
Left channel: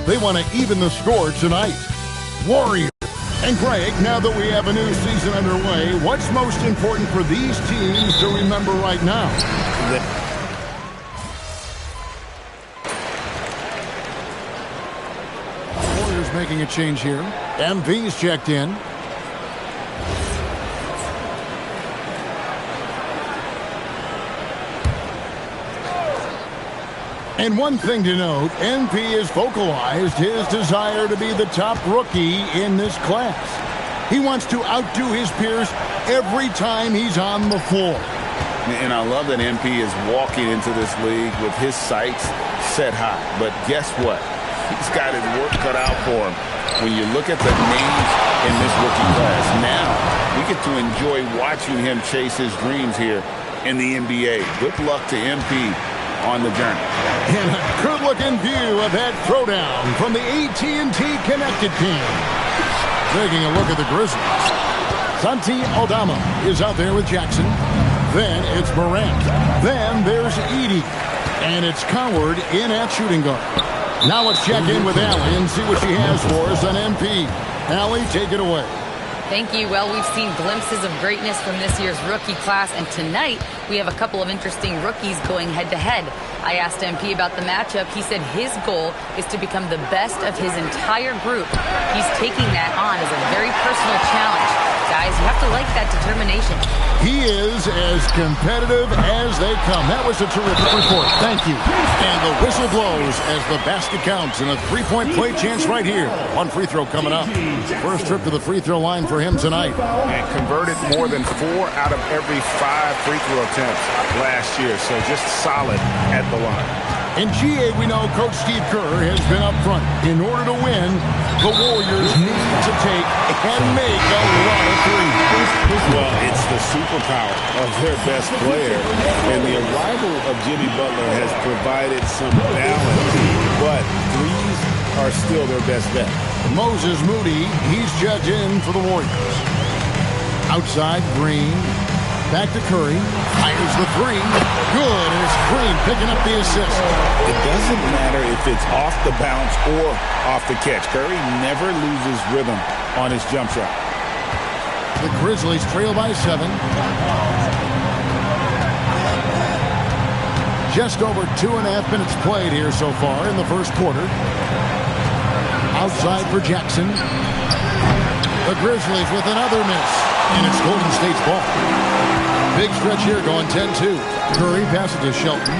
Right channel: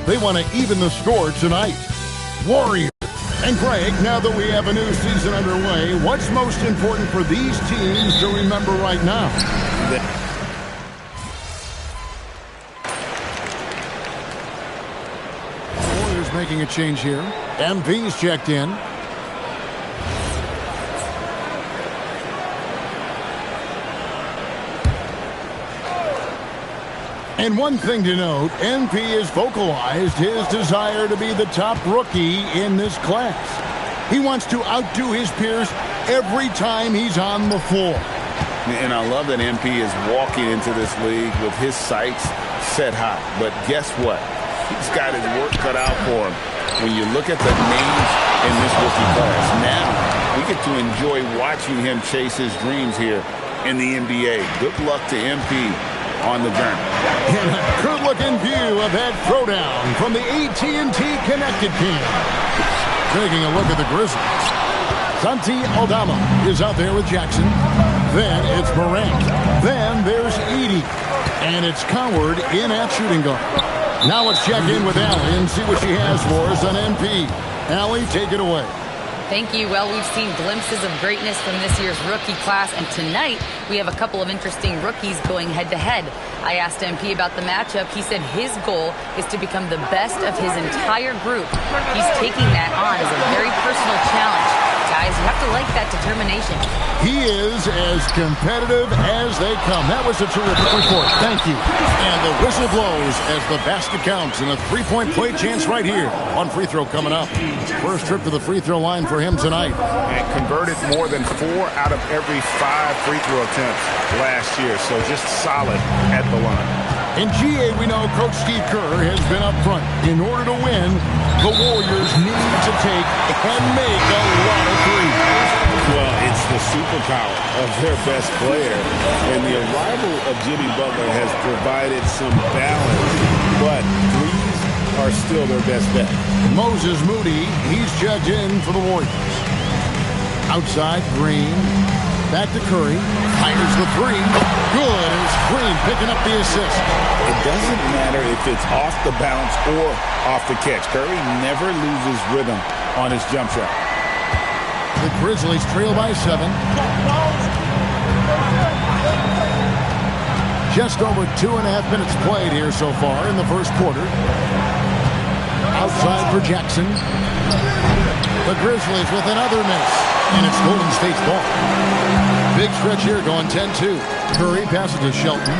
They want to even the score tonight. Warriors. And Greg, now that we have a new season underway, what's most important for these teams to remember right now? Warriors making a change here. MP's checked in. And one thing to note, MP has vocalized his desire to be the top rookie in this class. He wants to outdo his peers every time he's on the floor. And I love that MP is walking into this league with his sights set high. But guess what? He's got his work cut out for him. When you look at the names in this rookie class, now we get to enjoy watching him chase his dreams here in the NBA. Good luck to MP on the journey. And a good-looking view of that throwdown from the AT&T Connected Cam. Taking a look at the Grizzlies. Santi Aldama is out there with Jackson. Then it's Morant. Then there's Edey. And it's Coward in at shooting guard. Now let's check in with Allie and see what she has for us on MP. Allie, take it away. Thank you. Well, we've seen glimpses of greatness from this year's rookie class, and tonight we have a couple of interesting rookies going head-to-head. I asked MP about the matchup. He said his goal is to become the best of his entire group. He's taking that on as a very personal challenge. Guys, you have to like that determination. He is as competitive as they come. That was a terrific report. Thank you. And the whistle blows as the basket counts, and a three-point play chance right here. One free throw coming up. First trip to the free throw line for him tonight. And converted more than 4 out of every 5 free throw attempts last year. So just solid at the line. In GA, we know Coach Steve Kerr has been up front. In order to win, the Warriors need to take and make a lot of threes. Well, it's the superpower of their best player. And the arrival of Jimmy Butler has provided some balance. But threes are still their best bet. Moses Moody, he's checked in for the Warriors. Outside, Green. Back to Curry. Fires the three. Good. And it's Green picking up the assist. It doesn't matter if it's off the bounce or off the catch. Curry never loses rhythm on his jump shot. The Grizzlies trail by 7. Just over 2.5 minutes played here so far in the first quarter. Outside for Jackson. The Grizzlies with another miss. And it's Golden State's ball. Big stretch here going 10-2. Curry passes to Shelton.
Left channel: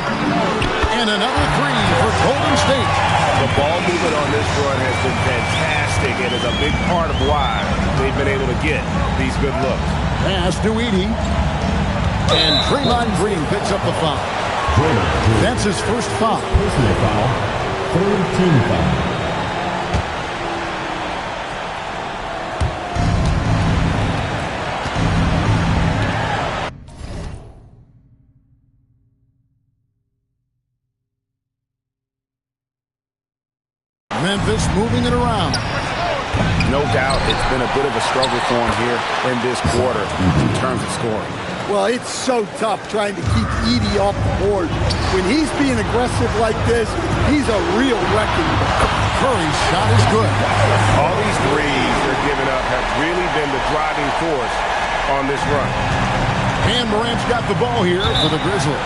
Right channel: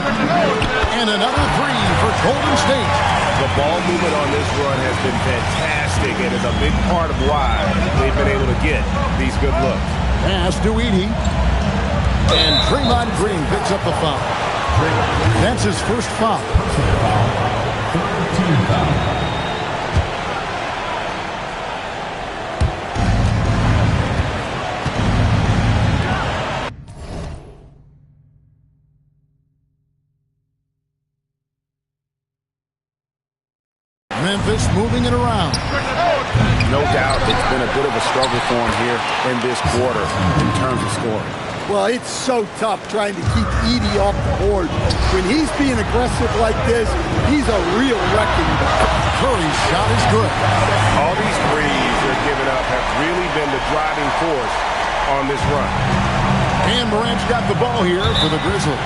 And another three for Golden State. The ball movement on this run has been fantastic and is a big part of why they've been able to get these good looks. Pass to Edey. And Draymond Green picks up the foul. That's his first foul. Personal foul. Third team foul. Memphis moving it around. No doubt it's been a bit of a struggle for him here in this quarter in terms of scoring. Well, it's so tough trying to keep Edey off the board. When he's being aggressive like this, he's a real wrecking ball. Curry's shot is good. All these threes they're giving up have really been the driving force on this run. And Morant's got the ball here for the Grizzlies.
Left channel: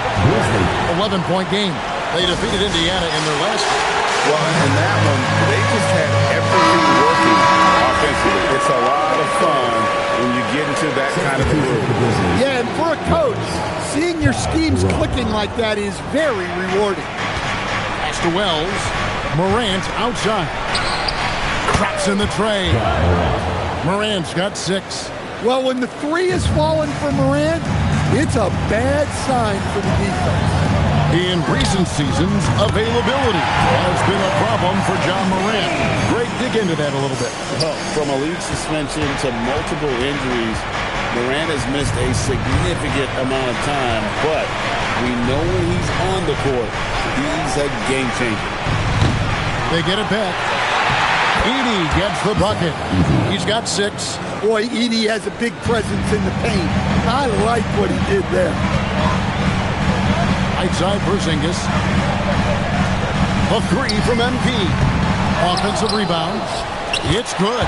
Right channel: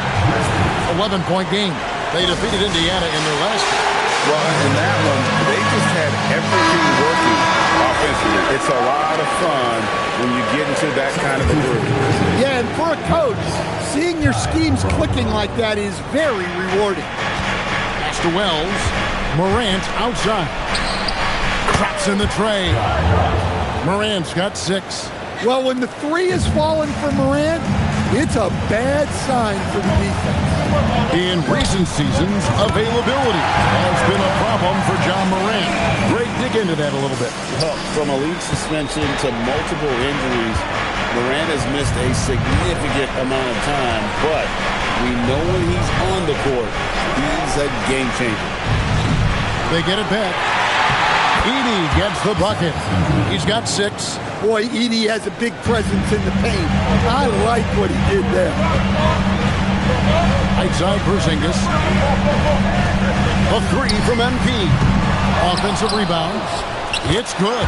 11-point game. They defeated Indiana in their last game. Well, in that one, they just had everything working offensively. It's a lot of fun when you get into that kind of a group. Yeah, and for a coach, seeing your schemes clicking like that is very rewarding. Pass to Wells. Morant outside. Traps in the tray. Morant's got 6. Well, when the three is falling for Morant, it's a bad sign for the defense. In recent seasons, availability has been a problem for John Morant. Greg, dig into that a little bit. Well, from a league suspension to multiple injuries, Morant has missed a significant amount of time, but we know when he's on the court, he's a game changer. They get it back. Edey gets the bucket. He's got 6. Boy, Edey has a big presence in the paint. I like what he did there. Outside Porzingis. A 3 from MP. Offensive rebound. It's good.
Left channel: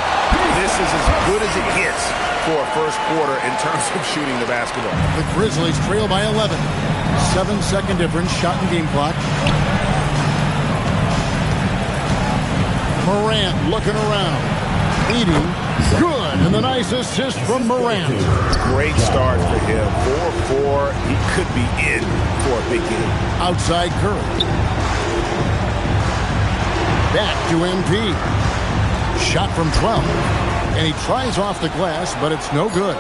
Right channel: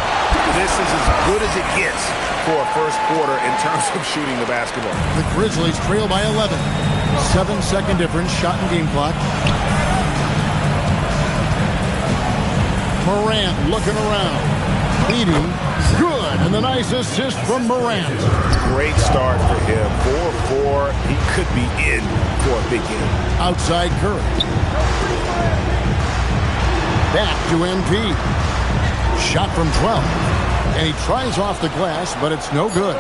This is as good as it gets for a first quarter in terms of shooting the basketball. The Grizzlies trail by 11. 7-second difference, shot and game clock. Morant looking around. Edey, good, and the nice assist from Morant. Great start for him. 4-4. He could be in for a big game. Outside Curry. Back to MP. Shot from 12. And he tries off the glass, but it's no good.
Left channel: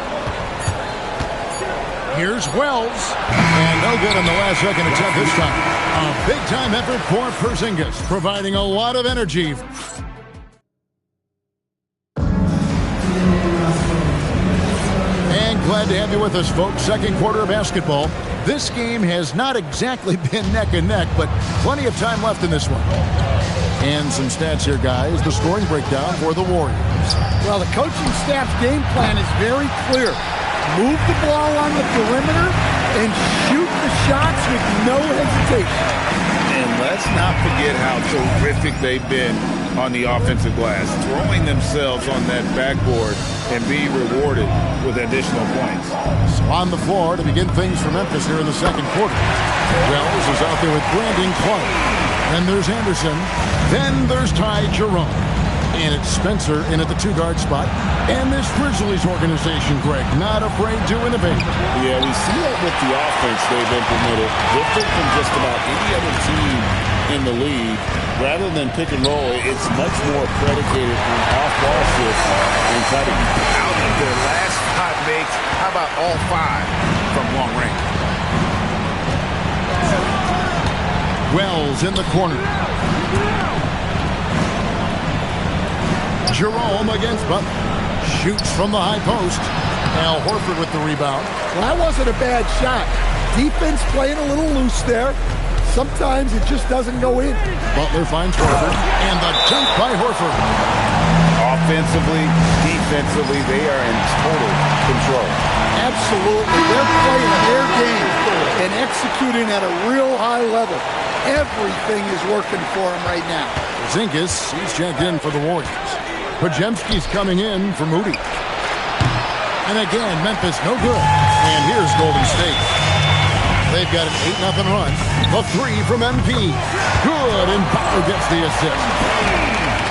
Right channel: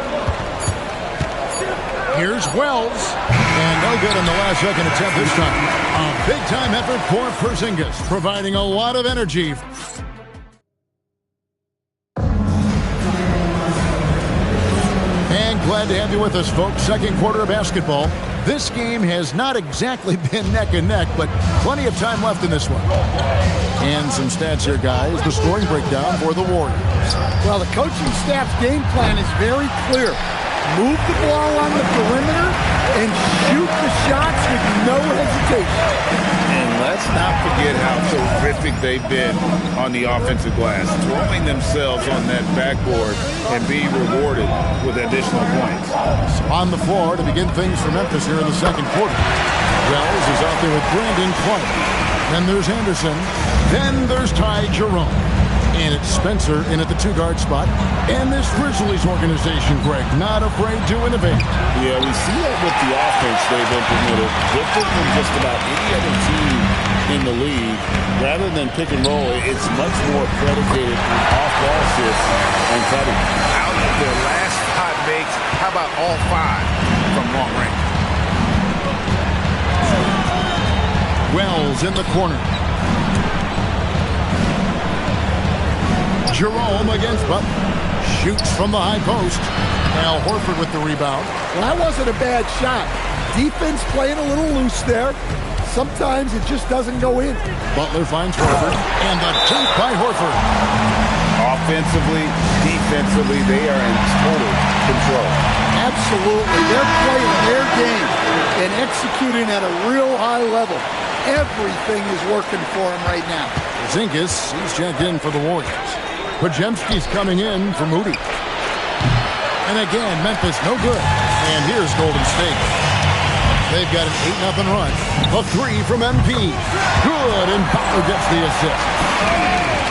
Here's Wells. And no good on the last second attempt this time. A big-time effort for Porzingis, providing a lot of energy. And glad to have you with us, folks. Second quarter of basketball. This game has not exactly been neck and neck, but plenty of time left in this one. And some stats here, guys. The scoring breakdown for the Warriors. Well, the coaching staff's game plan is very clear. Move the ball on the perimeter and shoot the shots with no hesitation. And let's not forget how terrific they've been on the offensive glass, throwing themselves on that backboard and being rewarded with additional points. So on the floor to begin things for Memphis here in the second quarter. Wells is out there with Brandon Clark. Then there's Anderson. Then there's Ty Jerome. And it's Spencer in at the two-guard spot. And this Grizzlies organization, Greg, not afraid to innovate. Yeah, we see that with the offense they've implemented. Different from just about any other team in the league. Rather than pick and roll, it's much more predicated on off-ball shifts and cutting. Out of their last 5 makes, how about all 5 from long range? Wells in the corner. Jerome against Butler. Shoots from the high post. Al Horford with the rebound. Well, that wasn't a bad shot. Defense playing a little loose there. Sometimes it just doesn't go in. Butler finds Horford. And the dunk by Horford. Offensively, defensively, they are in total control. Absolutely. They're playing their game and executing at a real high level. Everything is working for them right now. Porzingis, he's checked in for the Warriors. Podziemski's coming in for Moody. And again, Memphis no good. And here's Golden State. They've got an 8-0 run. The three from MP. Good, and Butler gets the assist.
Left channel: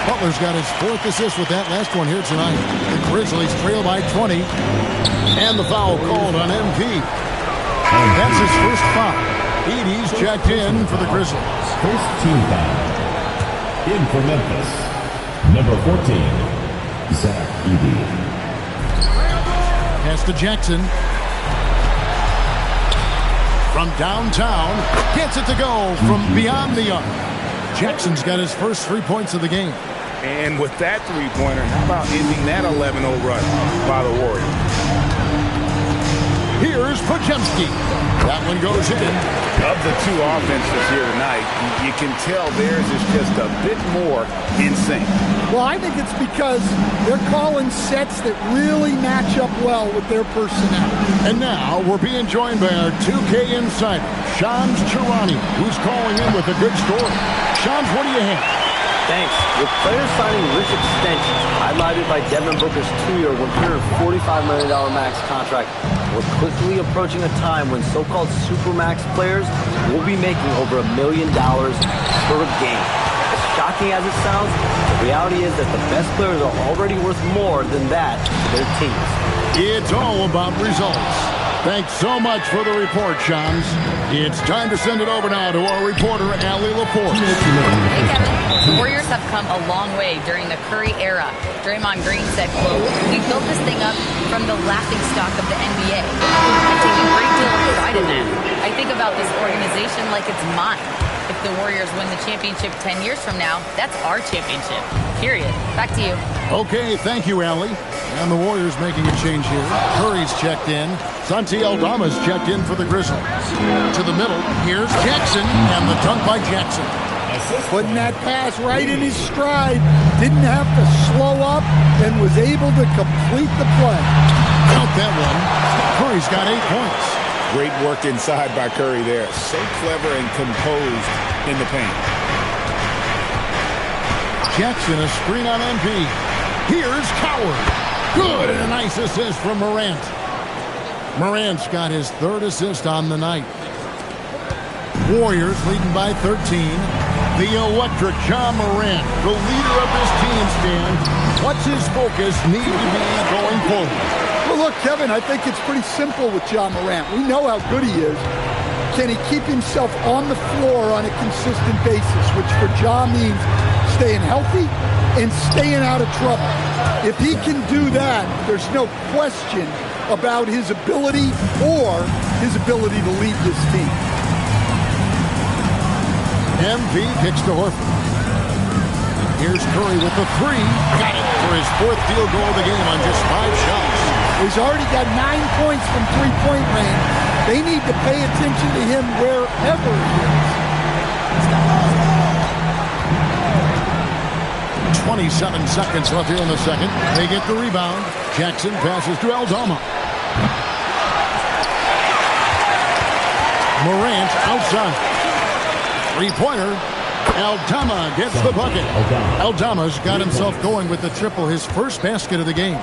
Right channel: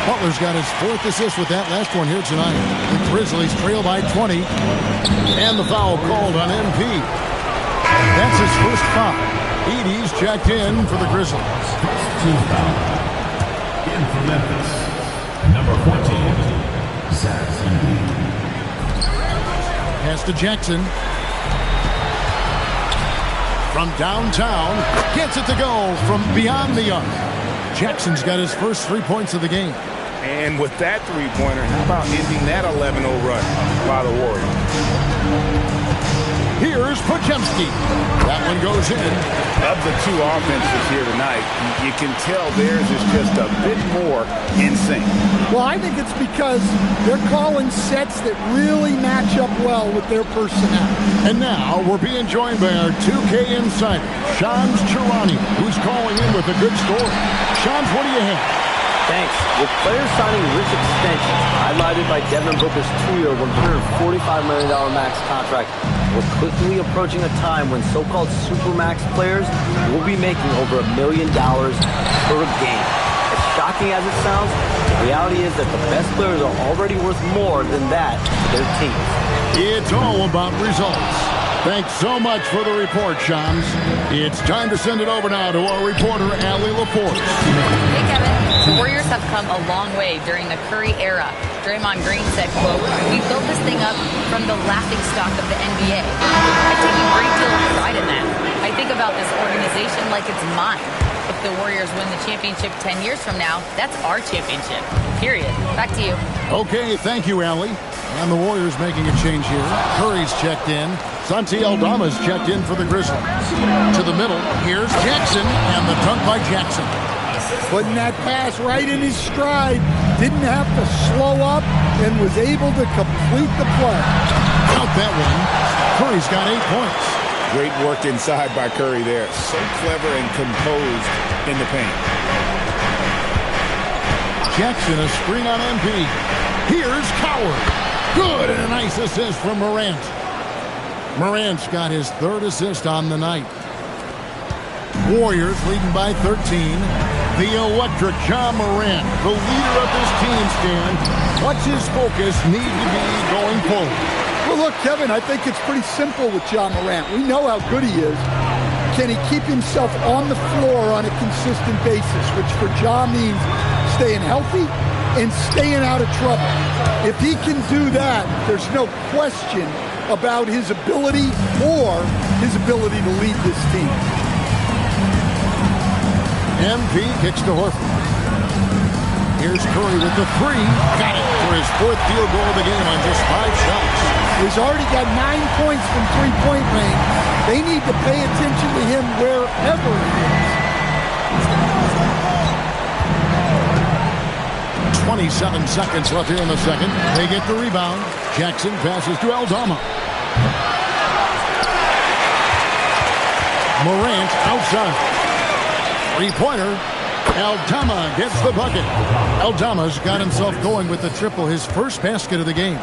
Butler's got his 4th assist with that last one here tonight. The Grizzlies trail by 20. And the foul called on MP. That's his first foul. Edey's checked in for the Grizzlies. First team foul. In for Memphis. Number 14, Zach Edey. Pass to Jackson. From downtown, gets it to go from beyond the arc. Jackson's got his first 3 points of the game. And with that three-pointer, how about ending that 11-0 run by the Warriors? Here's Podziemski. That one goes in. Of the 2 offenses here tonight, you can tell theirs is just a bit more in sync. Well, I think it's because they're calling sets that really match up well with their personnel. And now we're being joined by our 2K insider, Shams Charania, who's calling in with a good story. Shams, what do you have? Thanks. With players signing rich extensions, highlighted by Devin Booker's 2-year, $145 million max contract, we're quickly approaching a time when so-called supermax players will be making over $1 million per game. As shocking as it sounds, the reality is that the best players are already worth more than that to their teams. It's all about results. Thanks so much for the report, Shams. It's time to send it over now to our reporter, Allie LaForce. Hey, Kevin. The Warriors have come a long way during the Curry era. Draymond Green said, quote, "We built this thing up from the laughingstock of the NBA. I take a great deal of pride in that. I think about this organization like it's mine. If the Warriors win the championship 10 years from now, that's our championship. Period." Back to you. Okay, thank you, Allie. And the Warriors making a change here. Curry's checked in. Santi Aldama's checked in for the Grizzlies. To the middle, here's Jackson, and the dunk by Jackson. Putting that pass right in his stride. Didn't have to slow up and was able to complete the play. Count that one. Curry's got 8 points. Great work inside by Curry there. So clever and composed in the paint. Jackson, a screen on MP. Here's Coward. Good, and a nice assist from Morant. Morant's got his 3rd assist on the night. Warriors leading by 13. The electric Ja Morant, the leader of this team, Stan. What's his focus need to be going forward? Well, look, Kevin, I think it's pretty simple with Ja Morant. We know how good he is. Can he keep himself on the floor on a consistent basis, which for Ja means staying healthy and staying out of trouble. If he can do that, there's no question about his ability or his ability to lead this team. MP kicks to Horford. Here's Curry with the three. Got it for his fourth field goal of the game on just 5 shots. He's already got 9 points from three-point range. They need to pay attention to him wherever he is. 27 seconds left here in the second. They get the rebound. Jackson passes to Aldama. Morant outside. Three-pointer. Aldama gets the bucket. Aldama's got himself going with the triple, his first basket of the game.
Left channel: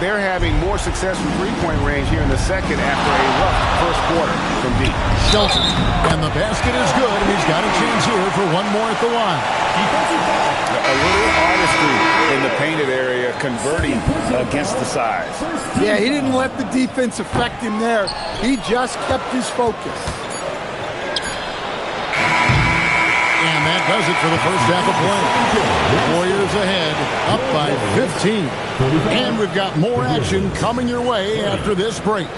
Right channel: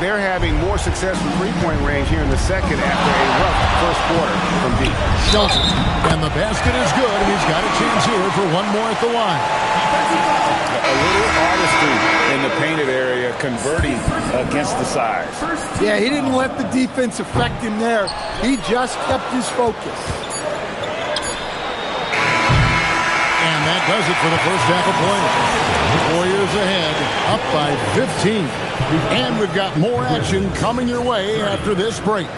They're having more success from three-point range here in the second after a rough first quarter from deep. Shelton. And the basket is good, and he's got a chance here for one more at the line. A little artistry in the painted area, converting against the size. Yeah, he didn't let the defense affect him there. He just kept his focus. And that does it for the first half of play. Warriors ahead, up by 15. And we've got more action coming your way after this break.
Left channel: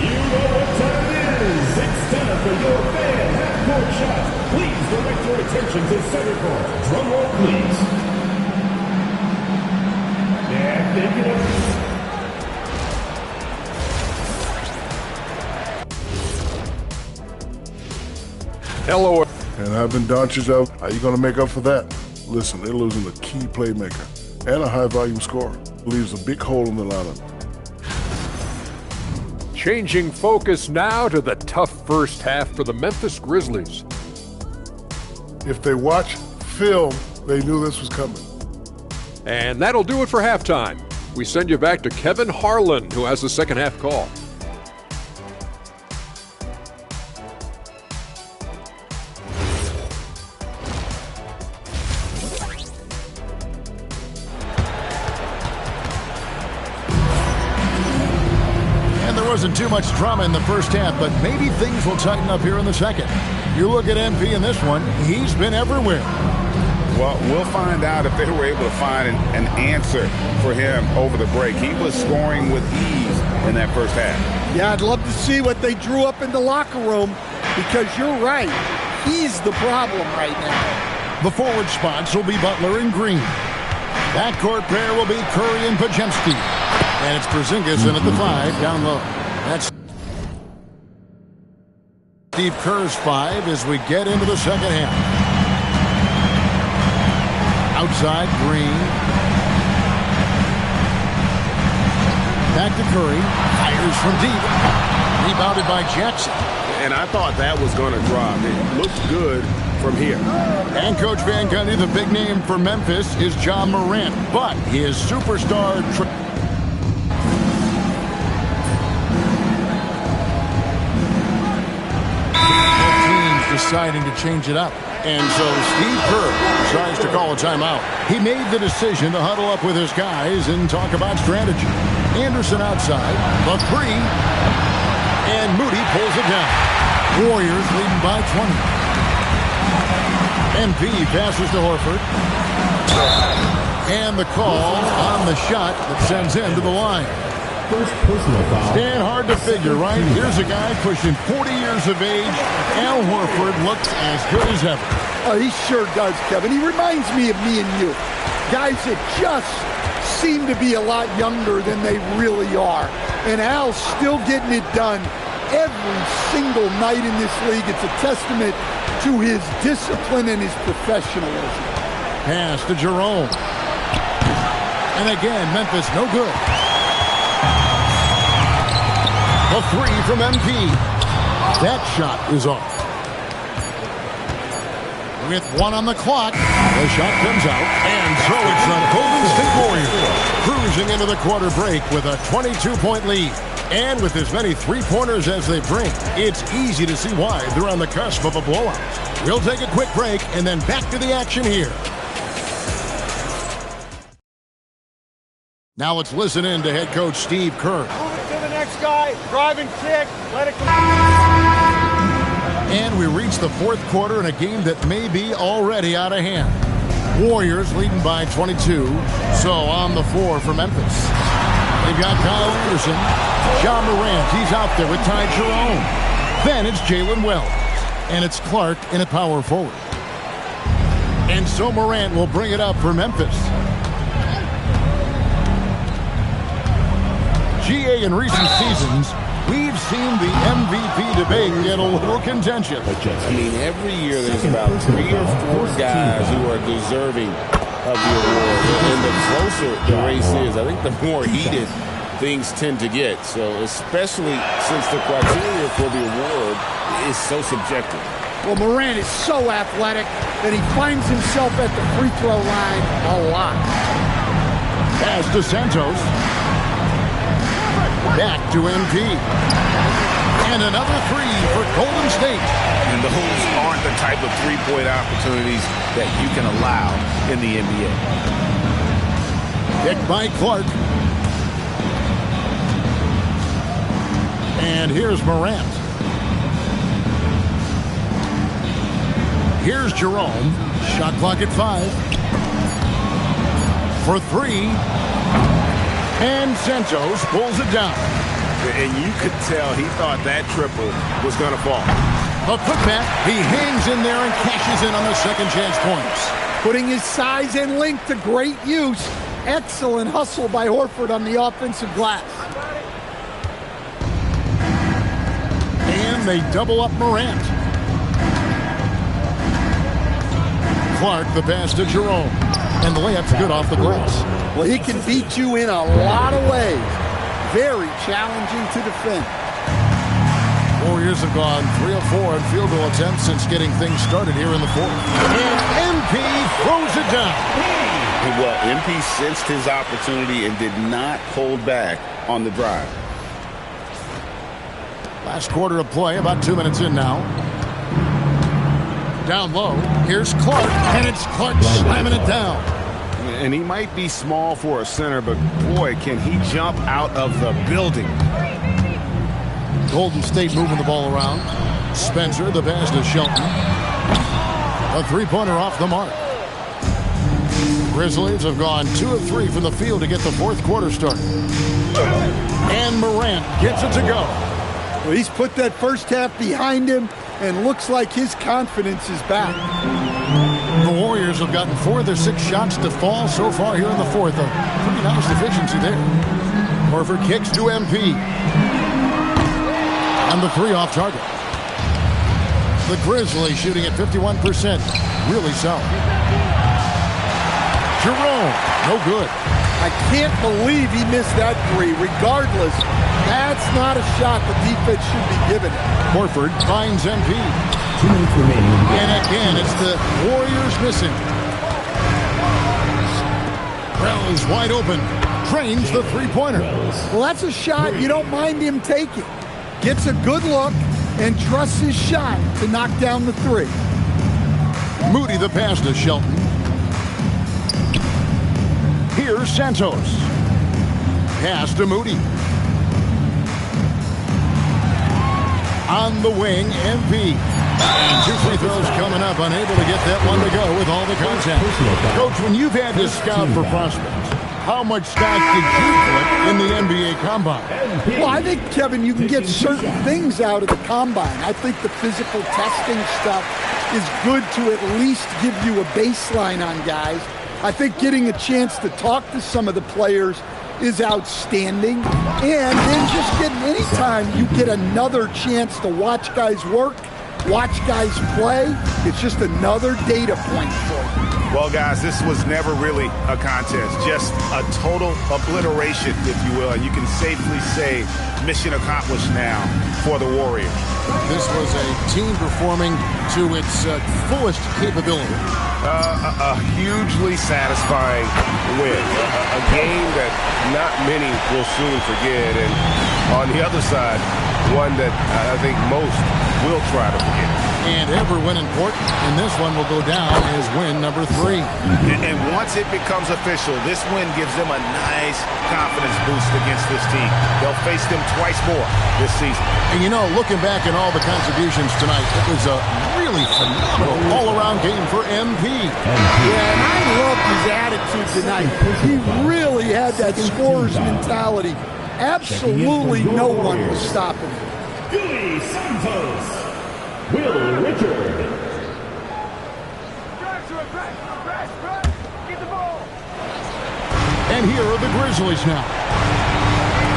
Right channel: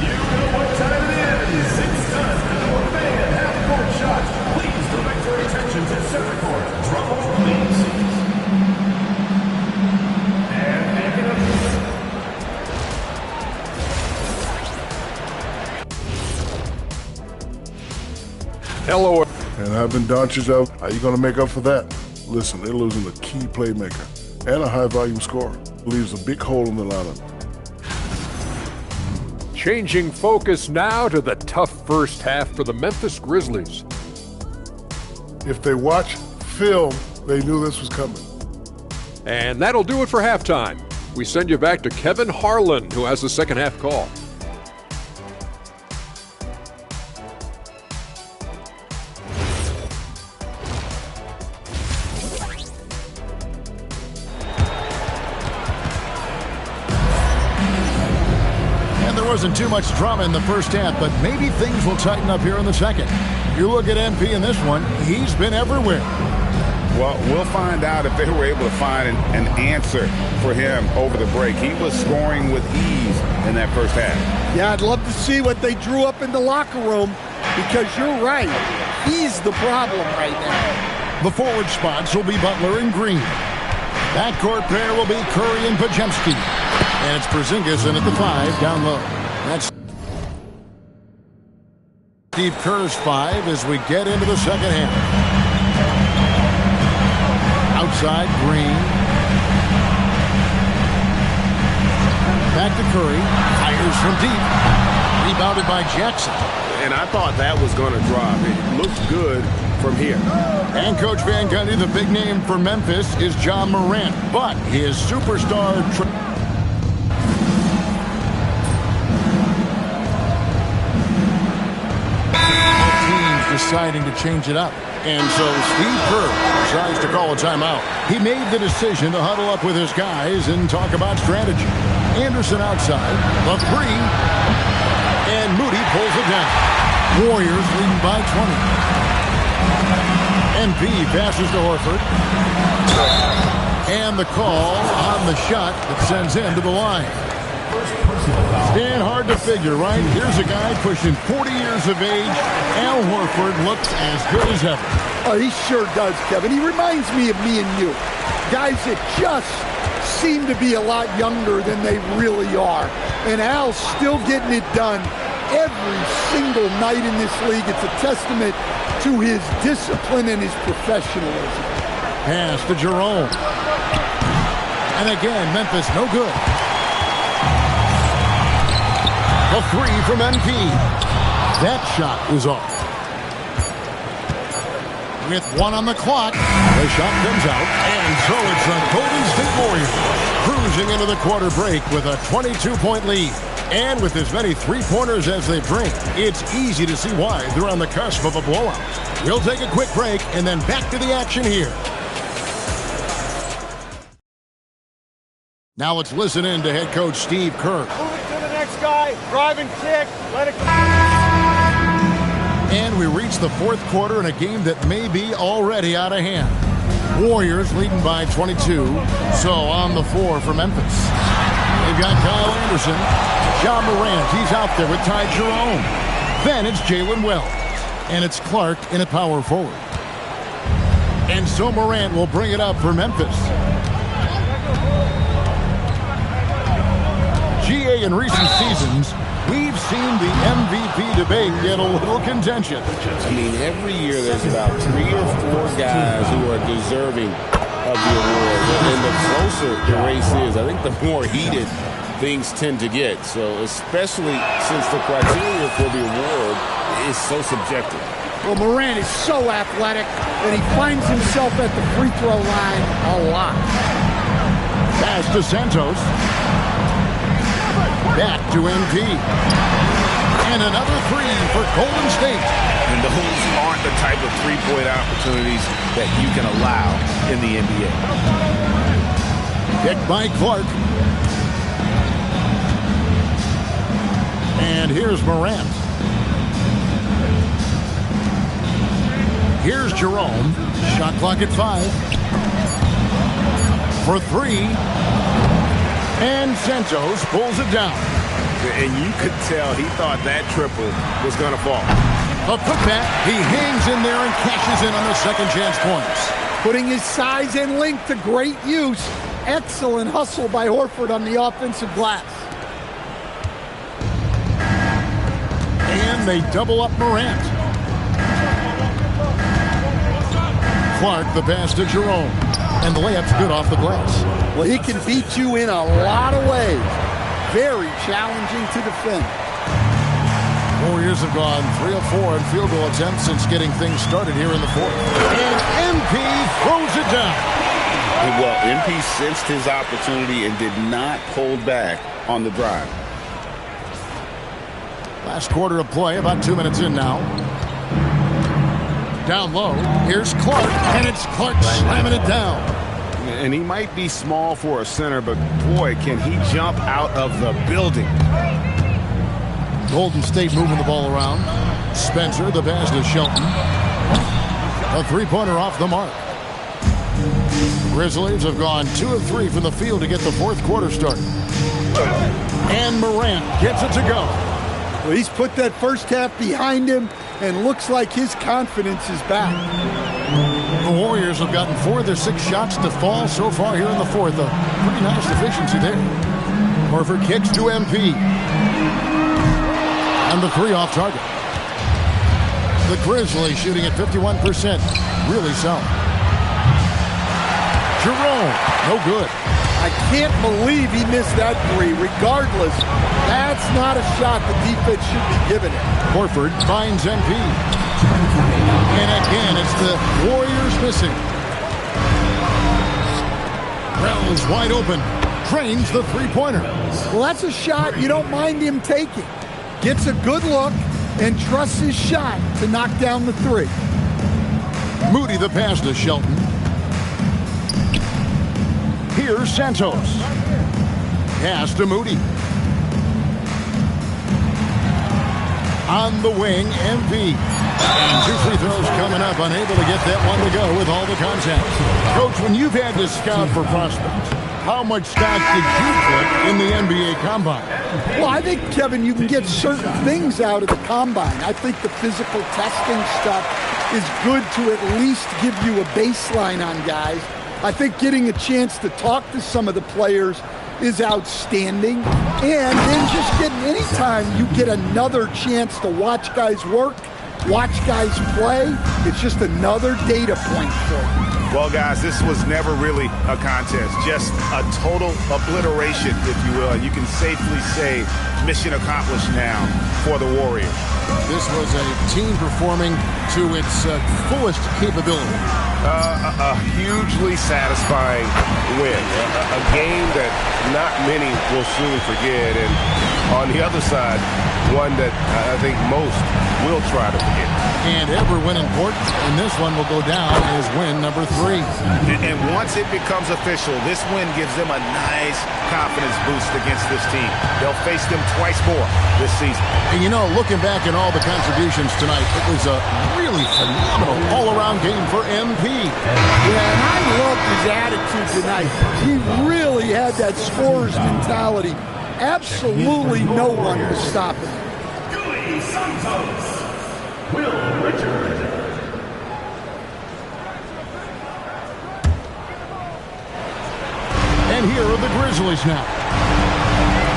You know what time it is. It's time for your fan half-court shot. Please direct your attention to center court. Drum roll, please. And picking up. Hello. And Ivan Doncic out. How you going to make up for that? Listen, they're losing a key playmaker and a high-volume scorer. Leaves a big hole in the lineup. Changing focus now to the tough first half for the Memphis Grizzlies. If they watch film, they knew this was coming. And that'll do it for halftime. We send you back to Kevin Harlan, who has the second half call. Wasn't too much drama in the first half, but maybe things will tighten up here in the second. You look at MP in this one, he's been everywhere. Well, we'll find out if they were able to find an answer for him over the break. He was scoring with ease in that first half. Yeah, I'd love to see what they drew up in the locker room, because you're right. He's the problem right now. The forward spots will be Butler and Green. Backcourt pair will be Curry and Podziemski. And it's Porzingis in at the 5 down low. That's Steve Kerr's 5 as we get into the second half. Outside, Green. Back to Curry. Fires from deep. Rebounded by Jackson. And I thought that was going to drop. It looked good from here. And Coach Van Gundy, the big name for Memphis is John Morant. But his superstar... deciding to change it up. And so Steve Kerr decides to call a timeout. He made the decision to huddle up with his guys and talk about strategy. Anderson outside, the 3, and Moody pulls it down. Warriors leading by 20. MP passes to Horford. And the call on the shot that sends him to the line. First personal foul. Stand hard to figure, right? Here's a guy pushing 40 years of age. Al Horford looks as good as ever. Oh, he sure does, Kevin. He reminds me of me and you. Guys that just seem to be a lot younger than they really are. And Al's still getting it done every single night in this league. It's a testament to his discipline and his professionalism. Pass to Jerome. And again, Memphis no good. A 3 from MP. That shot is off. With 1 on the clock, the shot comes out, and so it's the Golden State Warriors cruising into the quarter break with a 22-point lead. And with as many three-pointers as they bring, it's easy to see why they're on the cusp of a blowout. We'll take a quick break and then back to the action here. Now let's listen in to head coach Steve Kerr. Move it to the next guy. Drive and kick. Let it come. And we reach the fourth quarter in a game that may be already out of hand. Warriors leading by 22. So on the floor for Memphis. They've got Kyle Anderson. Ja Morant, he's out there with Ty Jerome. Then it's Jalen Wells. And it's Clark in at power forward. And so Morant will bring it up for Memphis. GA in recent seasons, we've seen the MVP debate get a little contentious. I mean, every year there's about 3 or 4 guys who are deserving of the award. And the closer the race is, I think the more heated things tend to get. So especially since the criteria for the award is so subjective. Well, Morant is so athletic that he finds himself at the free throw line a lot. Pass to Santos. Back to MP. And another 3 for Golden State. And those aren't the type of three-point opportunities that you can allow in the NBA. Picked by Clark. And here's Morant. Here's Jerome. Shot clock at 5. For 3. And Santos pulls it down. And you could tell he thought that triple was going to fall. A putback. He hangs in there and cashes in on the second chance points. Putting his size and length to great use. Excellent hustle by Horford on the offensive glass. And they double up Morant. Clark, the pass to Jerome. And the layup's good off the glass. Well, he can beat you in a lot of ways. Very challenging to defend. Warriors have gone 3 of 4 in field goal attempts since getting things started here in the fourth. And MP throws it down. Well, MP sensed his opportunity and did not hold back on the drive. Last quarter of play, about 2 minutes in now. Down low, here's Clark, and it's Clark slamming it down. And he might be small for a center, but boy, can he jump out of the building. Golden State moving the ball around. Spencer, the pass to Shelton. A three-pointer off the mark. The Grizzlies have gone 2 of 3 from the field to get the fourth quarter started. And Morant gets it to go. Well, he's put that first half behind him and looks like his confidence is back. The Warriors have gotten 4 of their 6 shots to fall so far here in the fourth. A pretty nice efficiency there. Horford kicks to MP. And the 3 off target. The Grizzlies shooting at 51%. Really solid. Jerome, no good. I can't believe he missed that 3. Regardless, that's not a shot the defense should be giving it. Horford finds MP. And again, it's the Warriors missing. Wells wide open. Drains the three-pointer. Well, that's a shot you don't mind him taking. Gets a good look and trusts his shot to knock down the 3. Moody the pass to Shelton. Here's Santos. Pass to Moody. On the wing, MP. And 2 free throws coming up, unable to get that one to go with all the contact. Coach, when you've had to scout for prospects, how much stock did you put in the NBA Combine? Well, I think, Kevin, you can get certain things out of the Combine. I think the physical testing stuff is good to at least give you a baseline on guys. I think getting a chance to talk to some of the players is outstanding. And then just getting any time you get another chance to watch guys work, watch guys play, it's just another data point for you. Well, guys, this was never really a contest, just a total obliteration, if you will. And you can safely say mission accomplished now for the Warriors. This was a team performing to its fullest capability. A hugely satisfying win. A game that not many will soon forget. And on the other side, one that I think most will try to forget. And every win important, and this one will go down as win number 3. And once it becomes official, this win gives them a nice confidence boost against this team. They'll face them twice more this season. And you know, looking back at all the contributions tonight, it was a really phenomenal all-around game for MP. Yeah, and I loved his attitude tonight. He really had that scorer's mentality. Absolutely no one was stopping him. Gui Santos. Will Richard. And here are the Grizzlies now.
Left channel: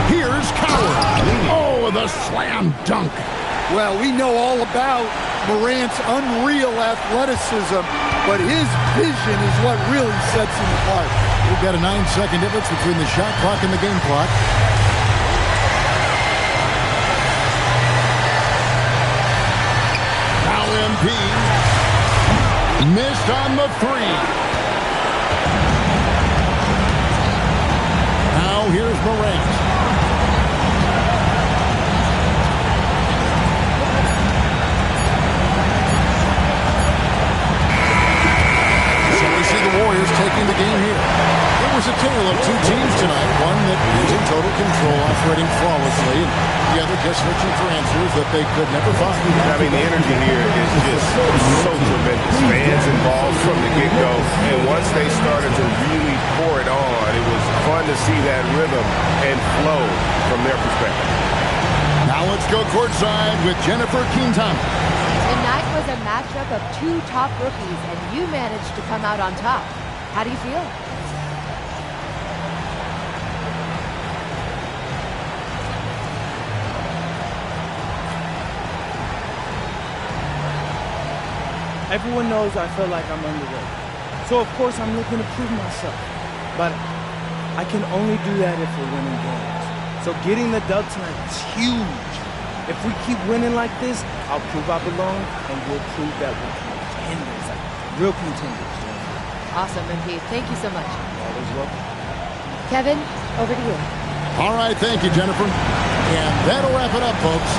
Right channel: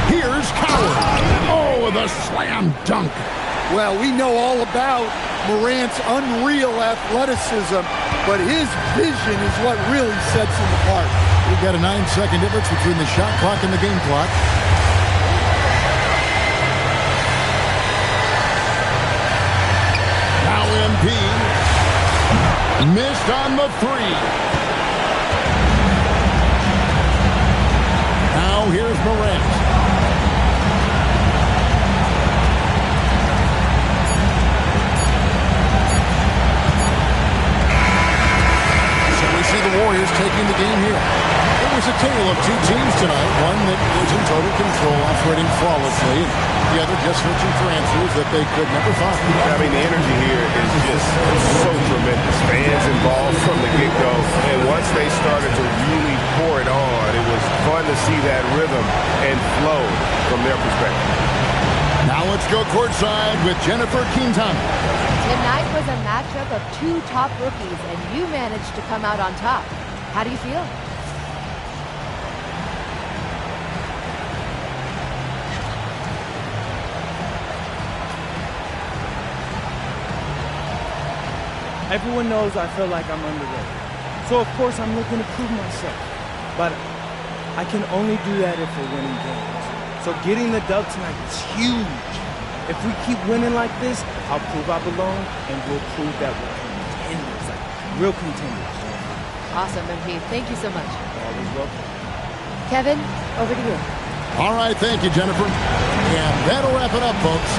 Here's Coward. Oh, the slam dunk. Well, we know all about Morant's unreal athleticism, but his vision is what really sets him apart. We've got a 9-second difference between the shot clock and the game clock. Now MP missed on the 3. Now here's Morant. So we see the Warriors taking the game here. It was a tale of two teams tonight. One that was in total control, operating flawlessly, and the other just searching for answers that they could never find. I mean, the energy here is just so tremendous. Fans involved from the get-go, and once they started to really pour it on, it was fun to see that rhythm and flow from their perspective. Now let's go courtside with Jennifer Quintana. Tonight was a matchup of two top rookies, and you managed to come out on top. How do you feel? Everyone knows I feel like I'm underrated. So of course I'm looking to prove myself. But I can only do that if we're winning games. So getting the dub tonight is huge. If we keep winning like this, I'll prove I belong, and we'll prove that we're contenders, like real contenders. Awesome, MP. Thank you so much. Always welcome. Kevin, over to you. All right, thank you, Jennifer. And that'll wrap it up, folks.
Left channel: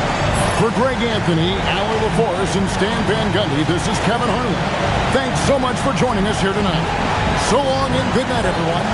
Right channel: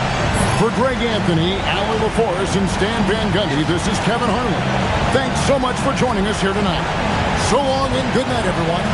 For Greg Anthony, Allie LaForce, and Stan Van Gundy, this is Kevin Harlan. Thanks so much for joining us here tonight. So long and good night, everyone.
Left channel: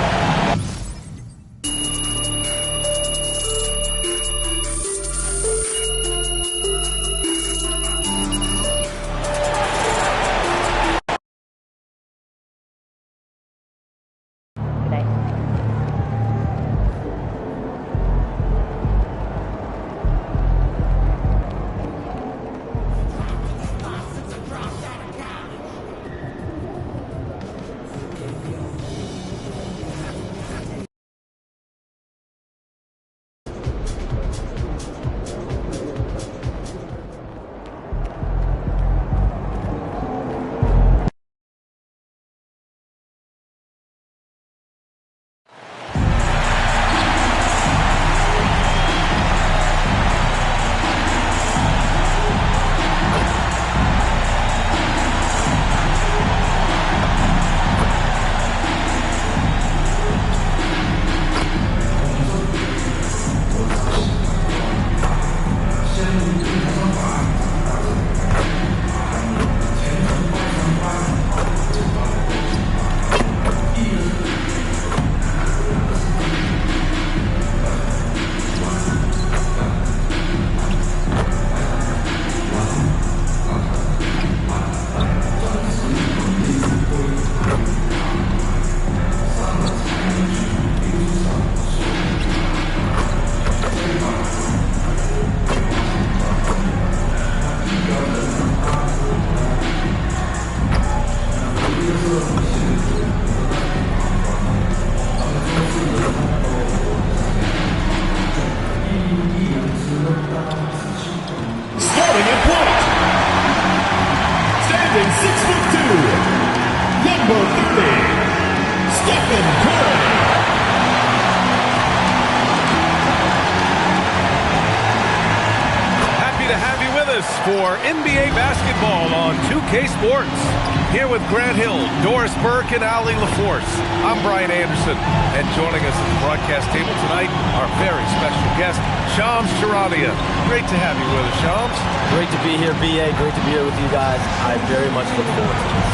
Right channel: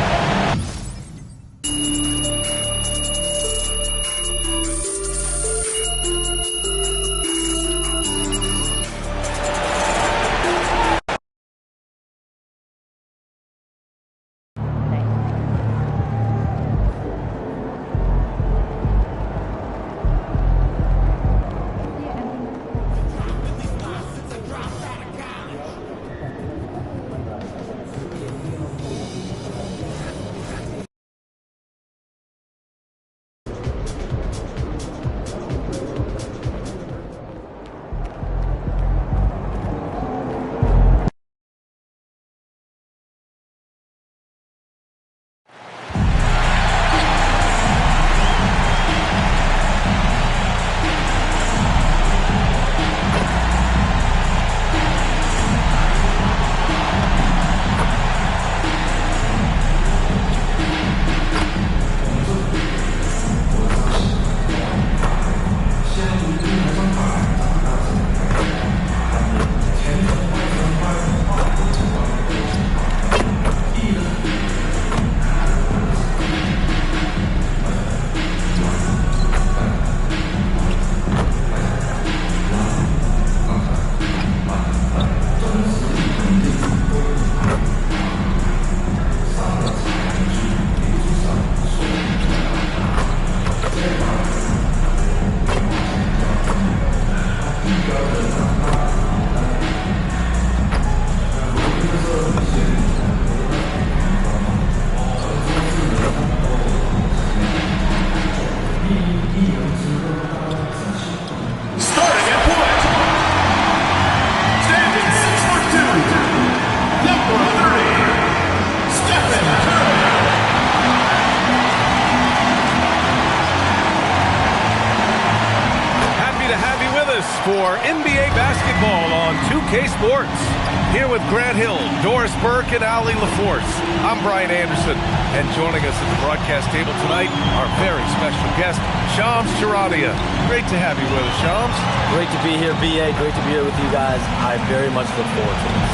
For NBA basketball on 2K Sports. Here with Grant Hill, Doris Burke, and Ali LaForce. I'm Brian Anderson, and joining us at the broadcast table tonight, our very special guest, Shams Charania. Great to have you with us, Shams. Great to be here, B.A. Great to be here with you guys. I very much look forward to this.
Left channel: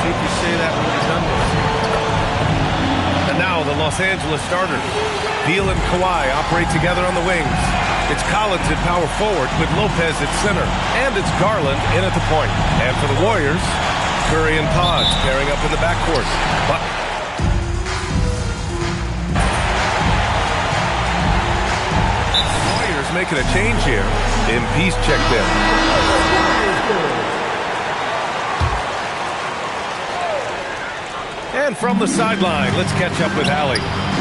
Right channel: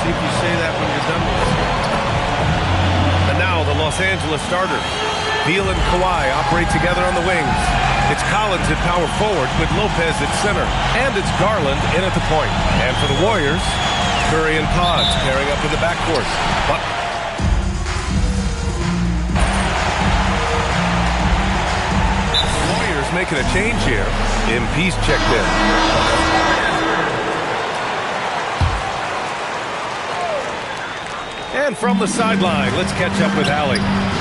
See if you say that when you're done with us here. And now the Los Angeles starters. Beal and Kawhi operate together on the wings. It's Collins at power forward with Lopez at center. And it's Garland in at the point. And for the Warriors, Curry and Pods pairing up in the backcourt. But the Warriors making a change here. MP's checked in. And from the sideline, let's catch up with Ali.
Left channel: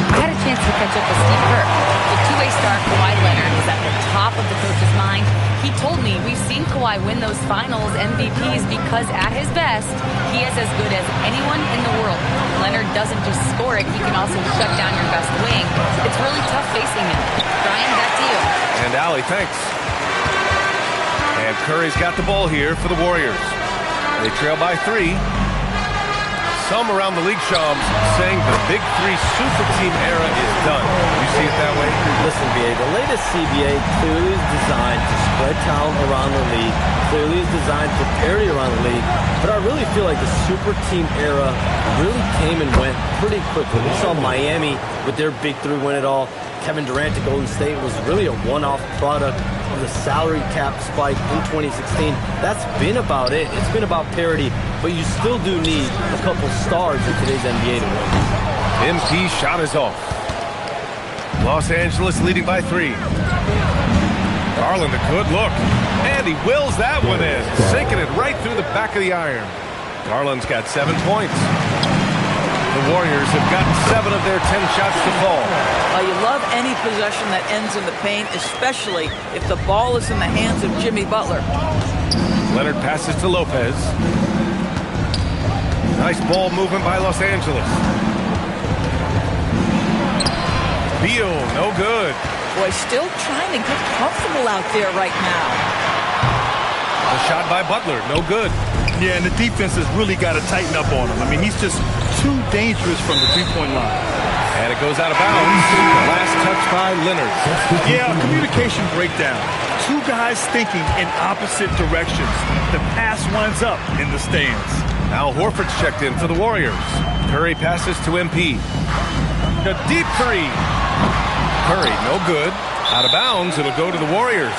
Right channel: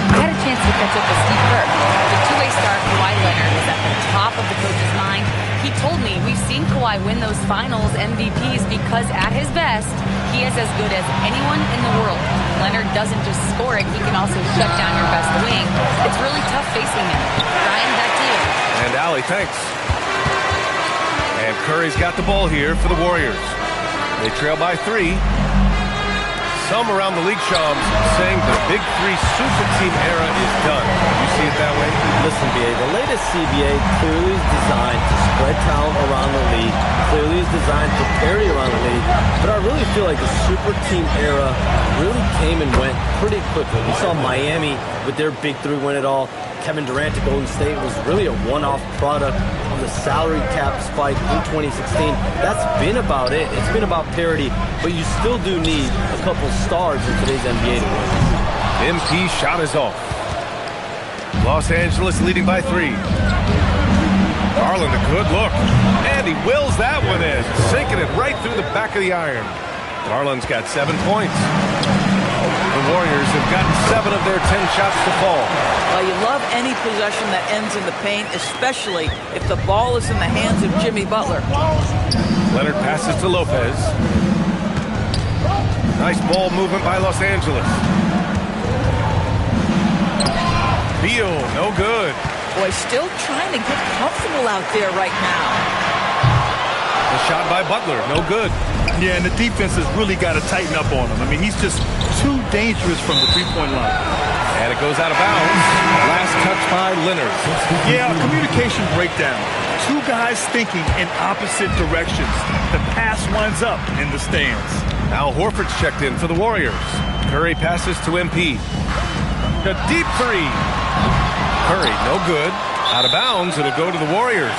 I had a chance to catch up with Steve Kerr. The two-way star Kawhi Leonard was at the top of the coach's mind. He told me we've seen Kawhi win those finals MVPs because at his best, he is as good as anyone in the world. Leonard doesn't just score it, he can also shut down your best wing. It's really tough facing him. Brian, back to you. And Ali, thanks. And Curry's got the ball here for the Warriors. They trail by 3. Some around the league, Shams, saying the Big Three super team era is done. You see it that way? Listen, B.A., the latest CBA clearly is designed to spread talent around the league, clearly is designed for parity around the league, but I really feel like the super team era really came and went pretty quickly. We saw Miami with their Big Three win it all. Kevin Durant to Golden State was really a one-off product of the salary cap spike in 2016. That's been about it. It's been about parity, but you still do need a couple stars in today's NBA to win. MP shot is off. Los Angeles leading by 3. Garland a good look, and he wills that one in, sinking it right through the back of the iron. Garland's got 7 points. The Warriors have gotten 7 of their 10 shots to fall. Well, you love any possession that ends in the paint, especially if the ball is in the hands of Jimmy Butler. Leonard passes to Lopez. Nice ball movement by Los Angeles. Beal, no good. Boy, still trying to get comfortable out there right now. The shot by Butler, no good. Yeah, and the defense has really got to tighten up on him. I mean, he's just too dangerous from the three-point line. And it goes out of bounds. Last touch by Leonard. Yeah, a communication breakdown. 2 guys thinking in opposite directions. The pass winds up in the stands. Al Horford's checked in for the Warriors. Curry passes to MP. A deep 3. Curry, no good. Out of bounds, it'll go to the Warriors.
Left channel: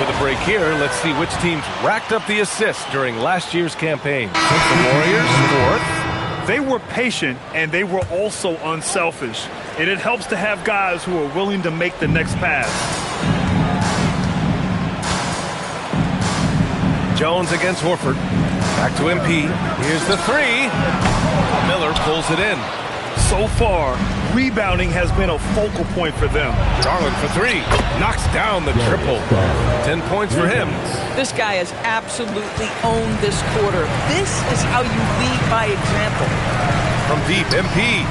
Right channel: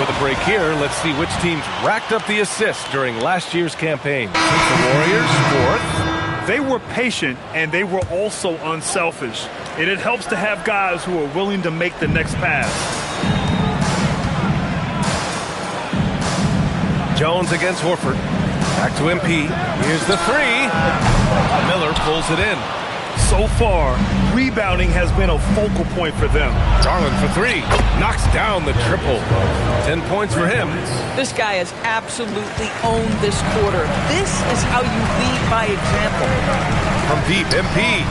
With a break here, let's see which teams racked up the assists during last year's campaign. The Warriors, 4th. They were patient, and they were also unselfish. And it helps to have guys who are willing to make the next pass. Jones against Horford. Back to MP. Here's the 3. Miller pulls it in. So far, rebounding has been a focal point for them. Garland for 3. Knocks down the triple. 10 points for him. This guy has absolutely owned this quarter. This is how you lead by example. From deep, MP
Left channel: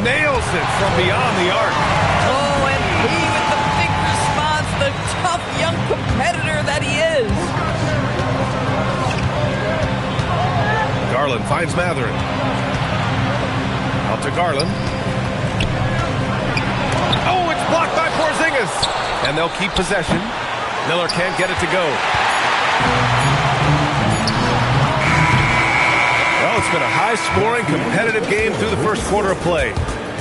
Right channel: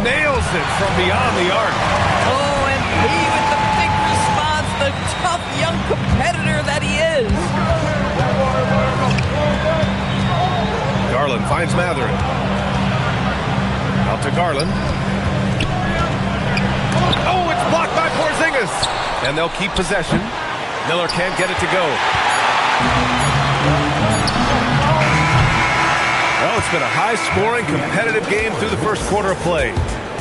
nails it from beyond the arc. Oh, MP with the big response, the tough young competitor that he is. Garland finds Mathurin. Out to Garland. Oh, it's blocked by Porzingis. And they'll keep possession. Miller can't get it to go. Well, it's been a high-scoring, competitive game through the first quarter of play.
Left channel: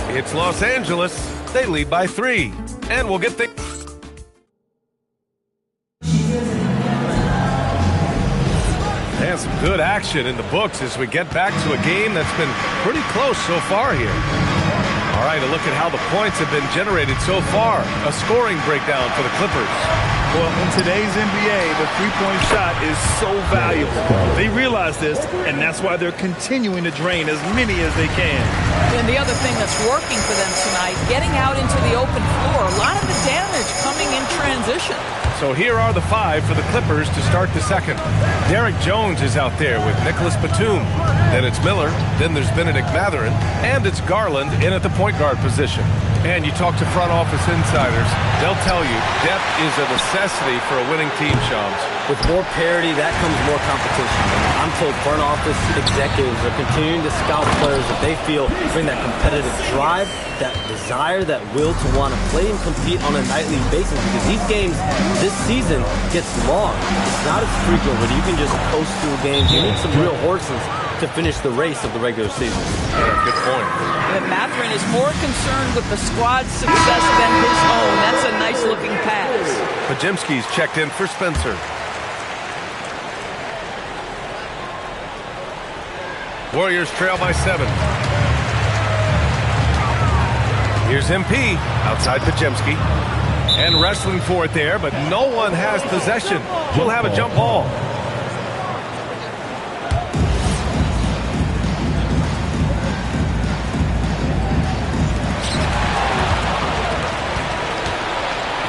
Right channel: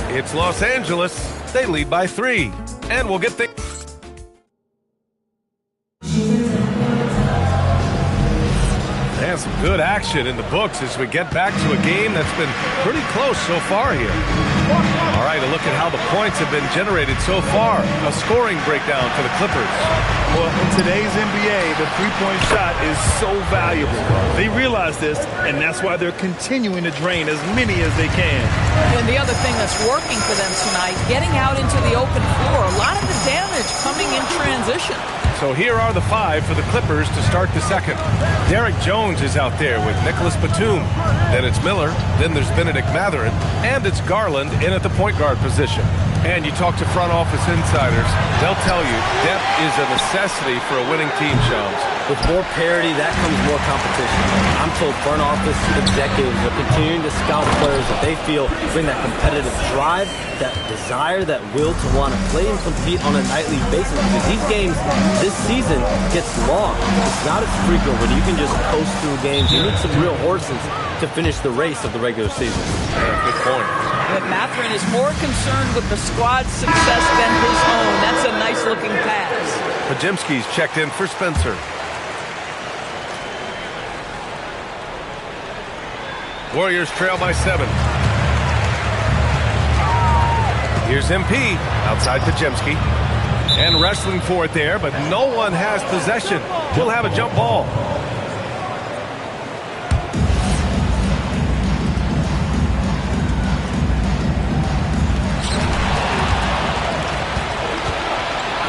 It's Los Angeles. They lead by 3. And we'll get things... And some good action in the books as we get back to a game that's been pretty close so far here. All right, a look at how the points have been generated so far. A scoring breakdown for the Clippers. Well, in today's NBA, the three-point shot is so valuable. They realize this, and that's why they're continuing to drain as many as they can. And the other thing that's working for them tonight, getting out into the open floor, a lot of the damage coming in transition. So here are the 5 for the Clippers to start the second. Derek Jones is out there with Nicholas Batum. Then it's Miller. Then there's Benedict Mathurin. And it's Garland in at the point guard position. And you talk to front office insiders, they'll tell you depth is a necessity for a winning team, Shams. With more parity, that comes more competition. I'm told front office executives are continuing to scout players that they feel bring that competitive drive, that desire, that will to want to play and compete on a nightly basis, because these games this season gets long. It's not as frequent when you can just coast through games. You need some real horses to finish the race of the regular season. Yeah, good point. But Mathurin is more concerned with the squad's success than his own. That's a nice-looking pass. Podziemski's checked in for Spencer. Warriors trail by 7. Here's MP outside Podziemski. And wrestling for it there, but no one has possession. We'll have a jump ball.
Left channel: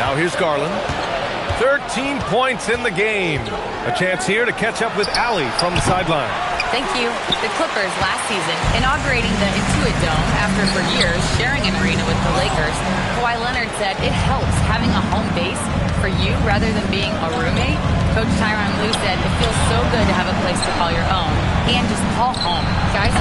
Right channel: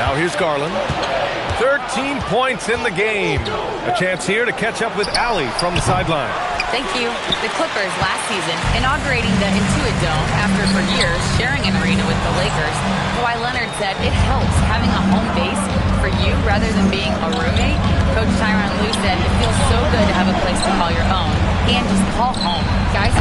Now here's Garland. 13 points in the game. A chance here to catch up with Allie from the sideline. Thank you. The Clippers last season inaugurating the Intuit Dome after for years sharing an arena with the Lakers. Kawhi Leonard said it helps having a home base for you rather than being a roommate. Coach Tyronn Lue said it feels so good to have a place to call your own and just call home. Guys,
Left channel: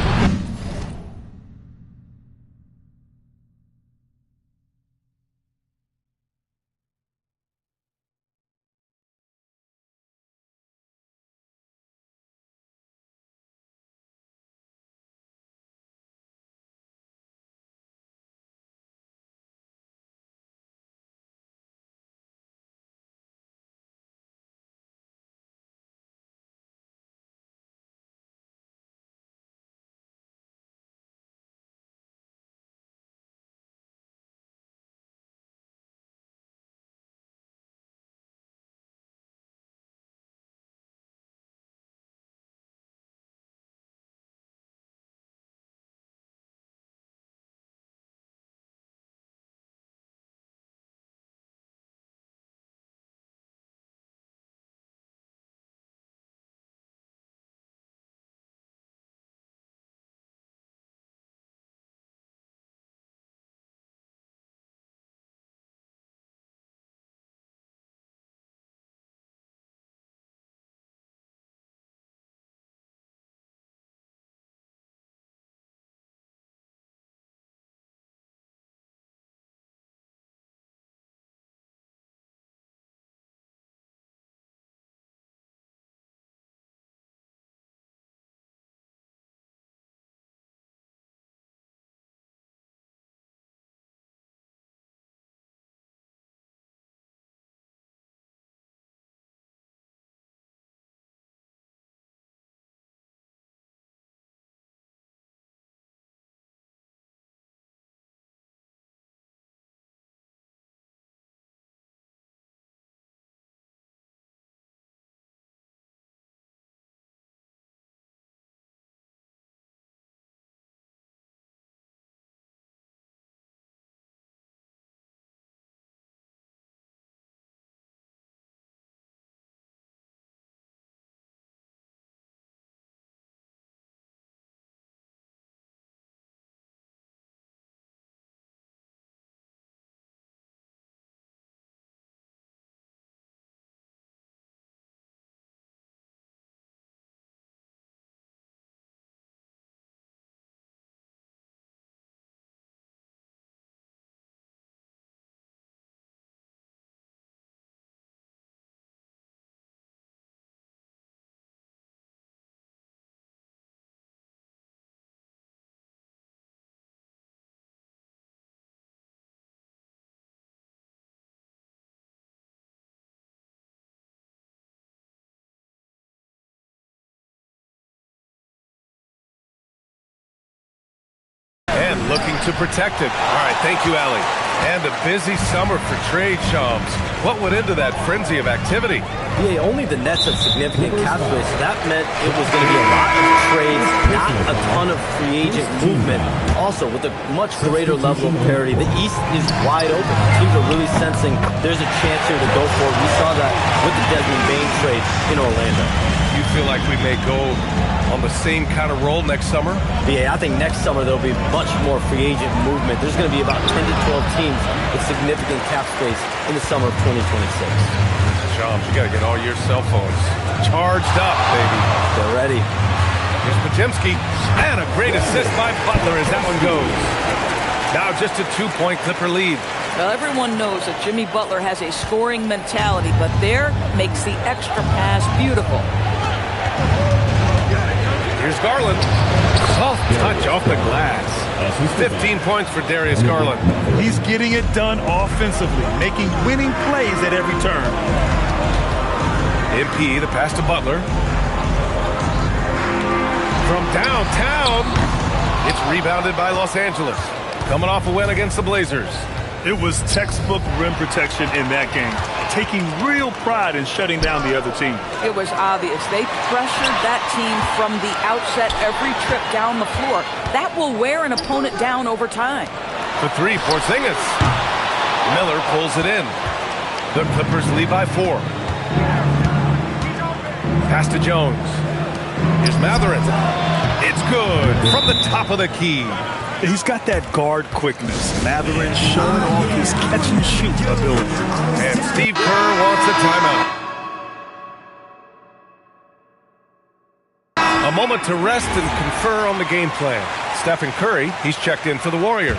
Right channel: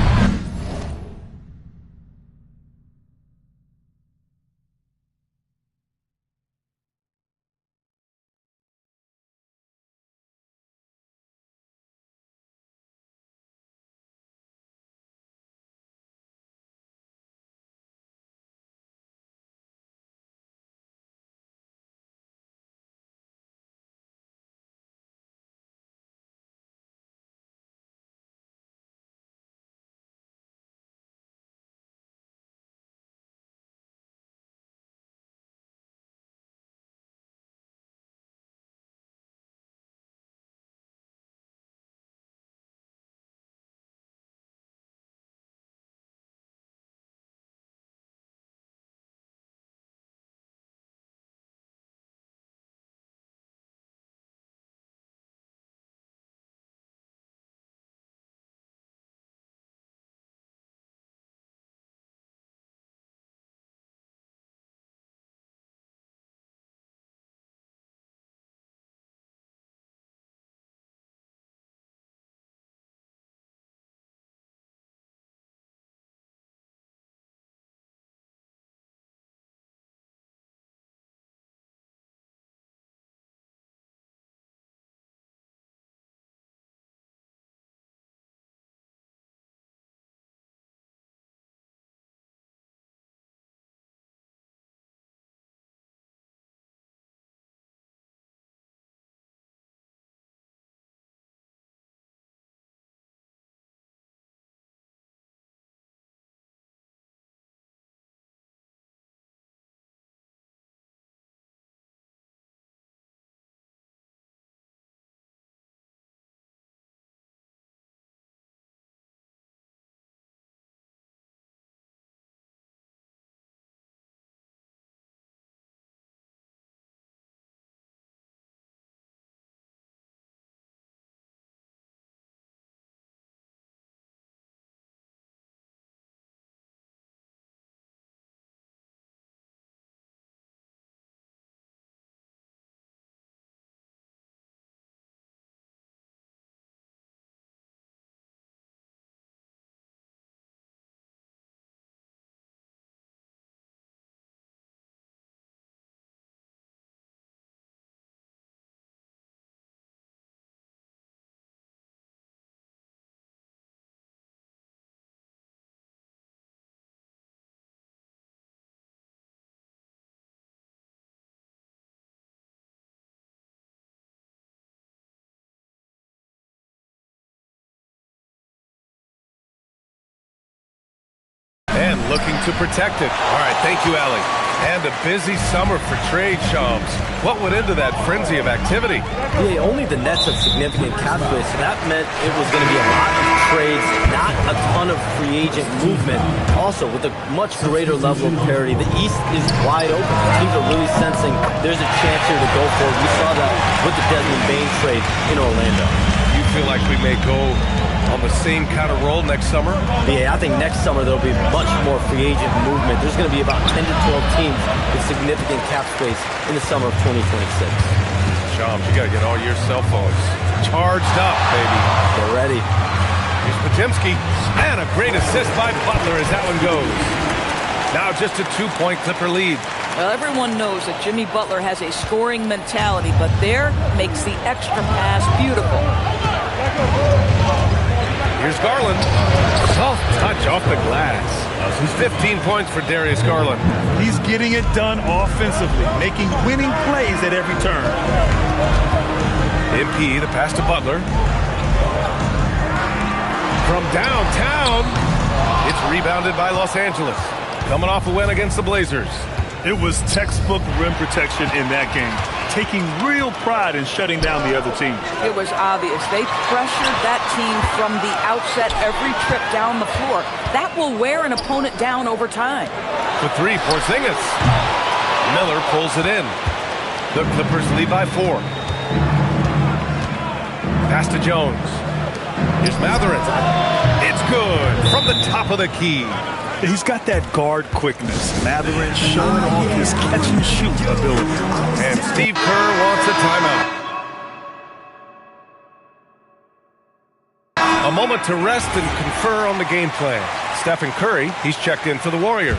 And looking to protect it. All right, thank you, Allie. And a busy summer for trade, Shams. What went into that frenzy of activity? Yeah, only the Nets have significant cap space, so that meant it was going to be a lot of trades, not a ton of free agent movement. Also, with a much greater level of parity, the East is wide open. Teams are really sensing there's a chance here to go for it. We saw that with the Desmond Bane trade in Orlando. You feel like we may go on the same kind of role next summer? Yeah, I think next summer there'll be much more free agent movement. There's going to be about 10 to 12 teams with significant cap space in the summer of 2026. Shams, you got to get all your cell phones charged up, baby. They're ready. Here's Podziemski, and a great assist by Butler as that one goes. Now just a 2-point Clipper lead. Well, everyone knows that Jimmy Butler has a scoring mentality, but there makes the extra pass beautiful. Here's Garland. Soft touch off the glass. 15 points for Darius Garland. He's getting it done offensively, making winning plays at every turn. MP, the pass to Butler. From downtown, it's rebounded by Los Angeles. Coming off a win against the Blazers. It was textbook rim protection in that game, taking real pride in shutting down the other team. It was obvious. They pressured that team from the outset every trip down the floor. That will wear an opponent down over time. For three, Porzingis. Miller pulls it in. The Clippers lead by 4. Pass to Jones. Here's Mathurin. It's good from the top of the key. He's got that guard quickness. Mathurin showing off his catch-and-shoot ability. And Steve Kerr wants a timeout. A moment to rest and confer on the game plan. Stephen Curry, he's checked in for the Warriors.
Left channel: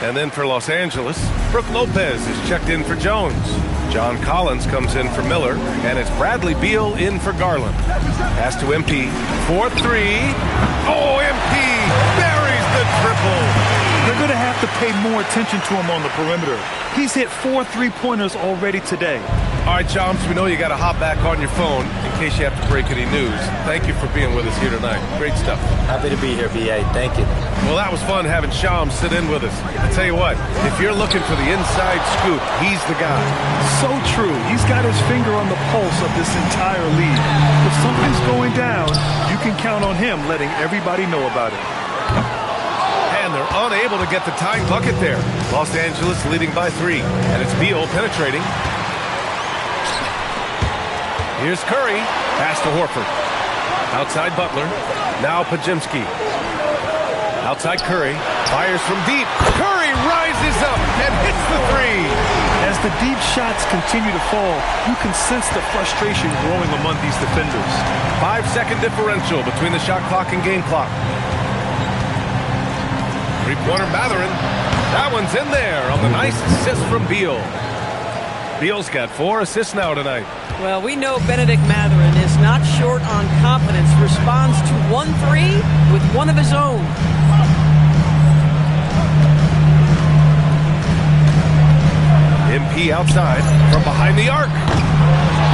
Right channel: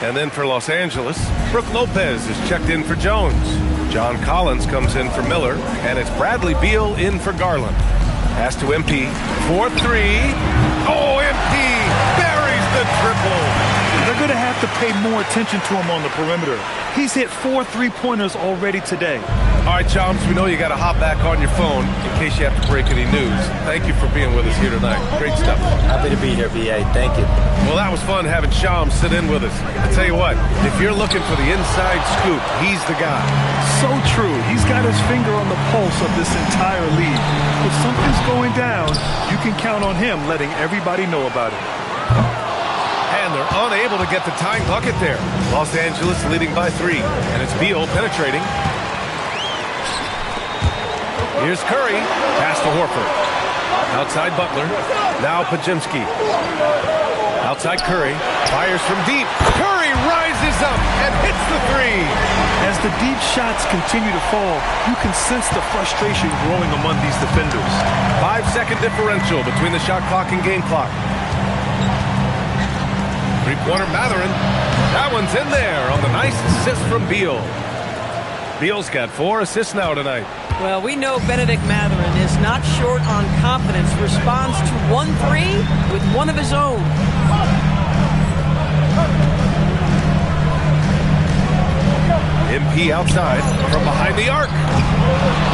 And then for Los Angeles, Brook Lopez is checked in for Jones. John Collins comes in for Miller, and it's Bradley Beal in for Garland. Pass to MP for 3. Oh, MP buries the triple. They're going to have to pay more attention to him on the perimeter. He's hit 4 3-pointers already today. All right, Chomps, we know you got to hop back on your phone in case you have to break any news. Thank you for being with us here tonight. Great stuff. Happy to be here, B.A. Thank you. Well, that was fun having Shams sit in with us. I tell you what, if you're looking for the inside scoop, he's the guy. So true. He's got his finger on the pulse of this entire league. If something's going down, you can count on him letting everybody know about it. And they're unable to get the tying bucket there. Los Angeles leading by 3. And it's Beal penetrating. Here's Curry. Pass to Horford. Outside Butler. Now Podziemski. Outside Curry. Fires from deep. Curry rises up and hits the 3. As the deep shots continue to fall, you can sense the frustration growing among these defenders. 5-second differential between the shot clock and game clock. Three-pointer Mathurin. That one's in there on the nice assist from Beal. Beal's got 4 assists now tonight. Well, we know Bennedict Mathurin is not short on confidence. Responds to 1-3 with one of his own. MP outside from behind the arc.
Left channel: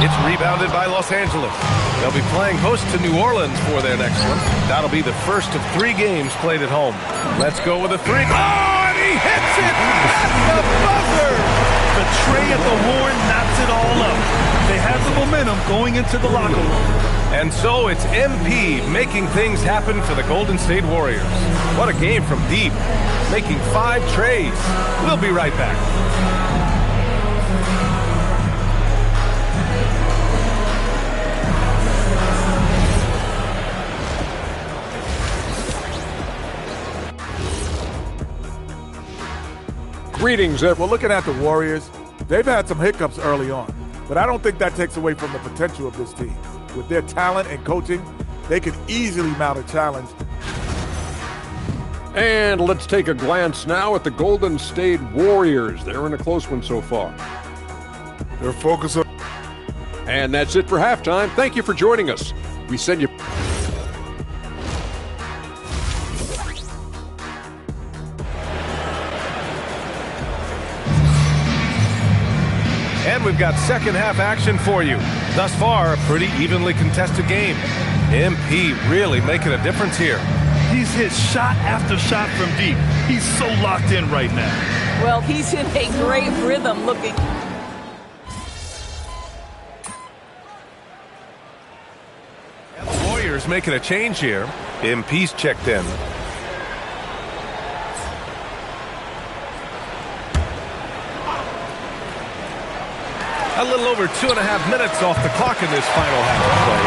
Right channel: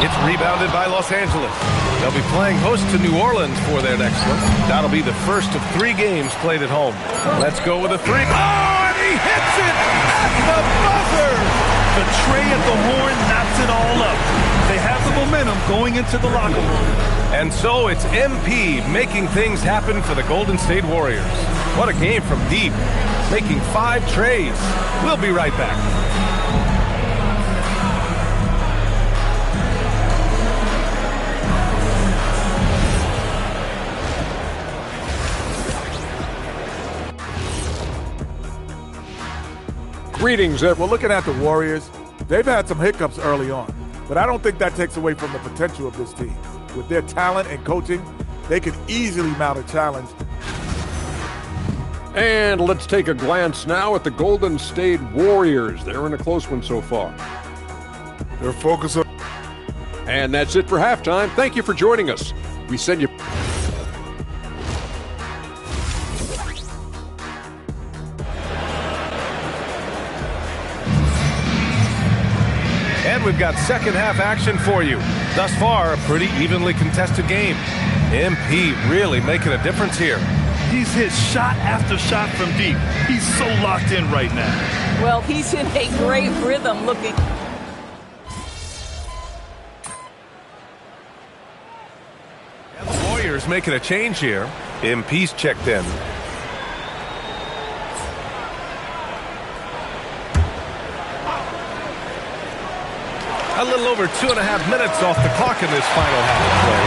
It's rebounded by Los Angeles. They'll be playing host to New Orleans for their next one. That'll be the first of 3 games played at home. Let's go with a 3. Oh, and he hits it at the buzzer. The tray at the horn knocks it all up. They have the momentum going into the locker room. And so it's MP making things happen for the Golden State Warriors. What a game from deep, making 5 trays. We'll be right back. Greetings. Well, looking at the Warriors, they've had some hiccups early on, but I don't think that takes away from the potential of this team. With their talent and coaching, they could easily mount a challenge. And let's take a glance now at the Golden State Warriors. They're in a close one so far. They're focused on... And that's it for halftime. Thank you for joining us. We send you... And we've got second half action for you. Thus far, a pretty evenly contested game. MP really making a difference here. He's hit shot after shot from deep. He's so locked in right now. Well, he's in a great rhythm looking. And the Warriors making a change here. MP's checked in. A little over 2.5 minutes off the clock in this final half of play.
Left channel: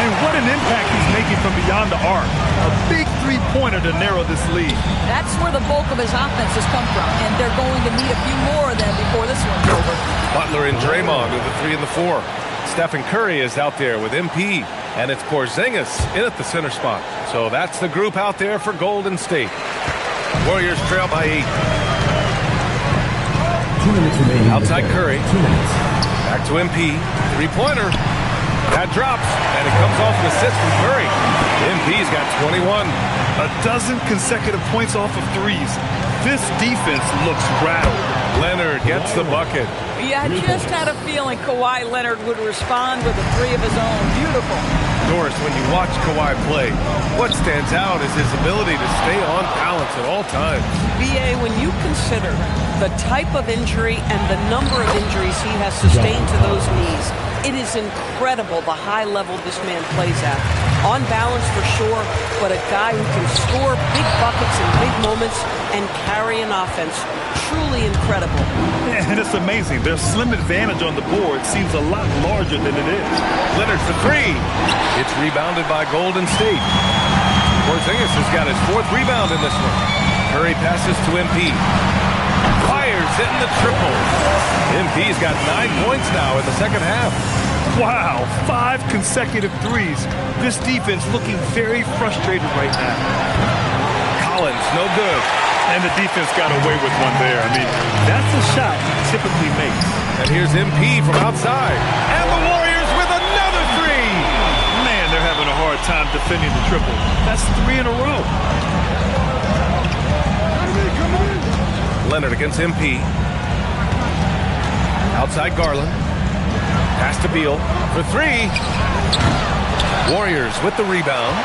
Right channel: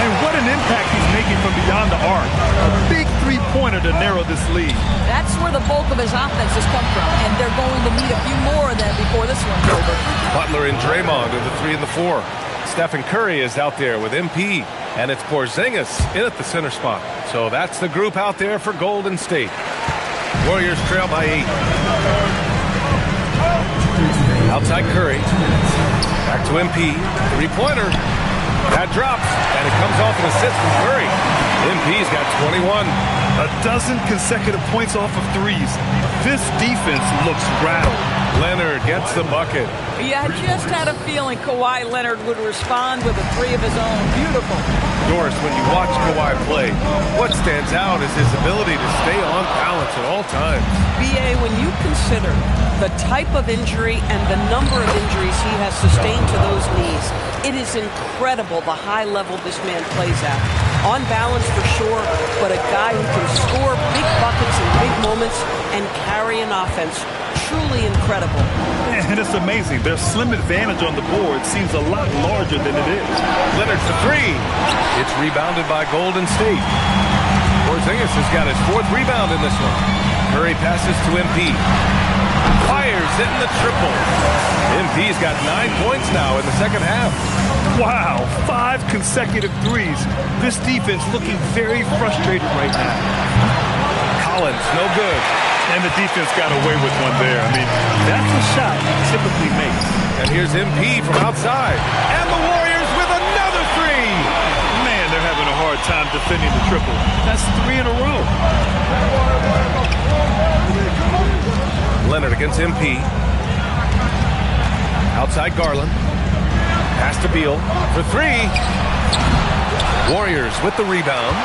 And what an impact he's making from beyond the arc. A big three-pointer to narrow this lead. That's where the bulk of his offense has come from, and they're going to need a few more of them before this one's over. Butler and Draymond are the 3 and the 4. Stephen Curry is out there with MP, and it's Porzingis in at the center spot. So that's the group out there for Golden State. Warriors trail by 8. Outside Curry. Back to MP. Three-pointer. That drops, and it comes off an assist from Curry. MP's got 21. A dozen consecutive points off of threes. This defense looks rattled. Leonard gets the bucket. Yeah, I just had a feeling Kawhi Leonard would respond with a 3 of his own. Beautiful. Doris, when you watch Kawhi play, what stands out is his ability to stay on balance at all times. B.A., when you consider the type of injury and the number of injuries he has sustained to those knees, it is incredible the high level this man plays at. On balance for sure, but a guy who can score big buckets in big moments and carry an offense. Truly incredible. And it's amazing. Their slim advantage on the board seems a lot larger than it is. Leonard for 3. It's rebounded by Golden State. Porzingis has got his 4th rebound in this one. Curry passes to MP. Fires in the triple. MP's got 9 points now in the second half. Wow, 5 consecutive threes. This defense looking very frustrated right now. Collins, no good. And the defense got away with one there. I mean, that's a shot he typically makes. And here's MP from outside. And the Warriors with another 3. Man, they're having a hard time defending the triple. That's 3 in a row. Leonard against MP. Outside Garland. Pass to Beal for 3. Warriors with the rebound.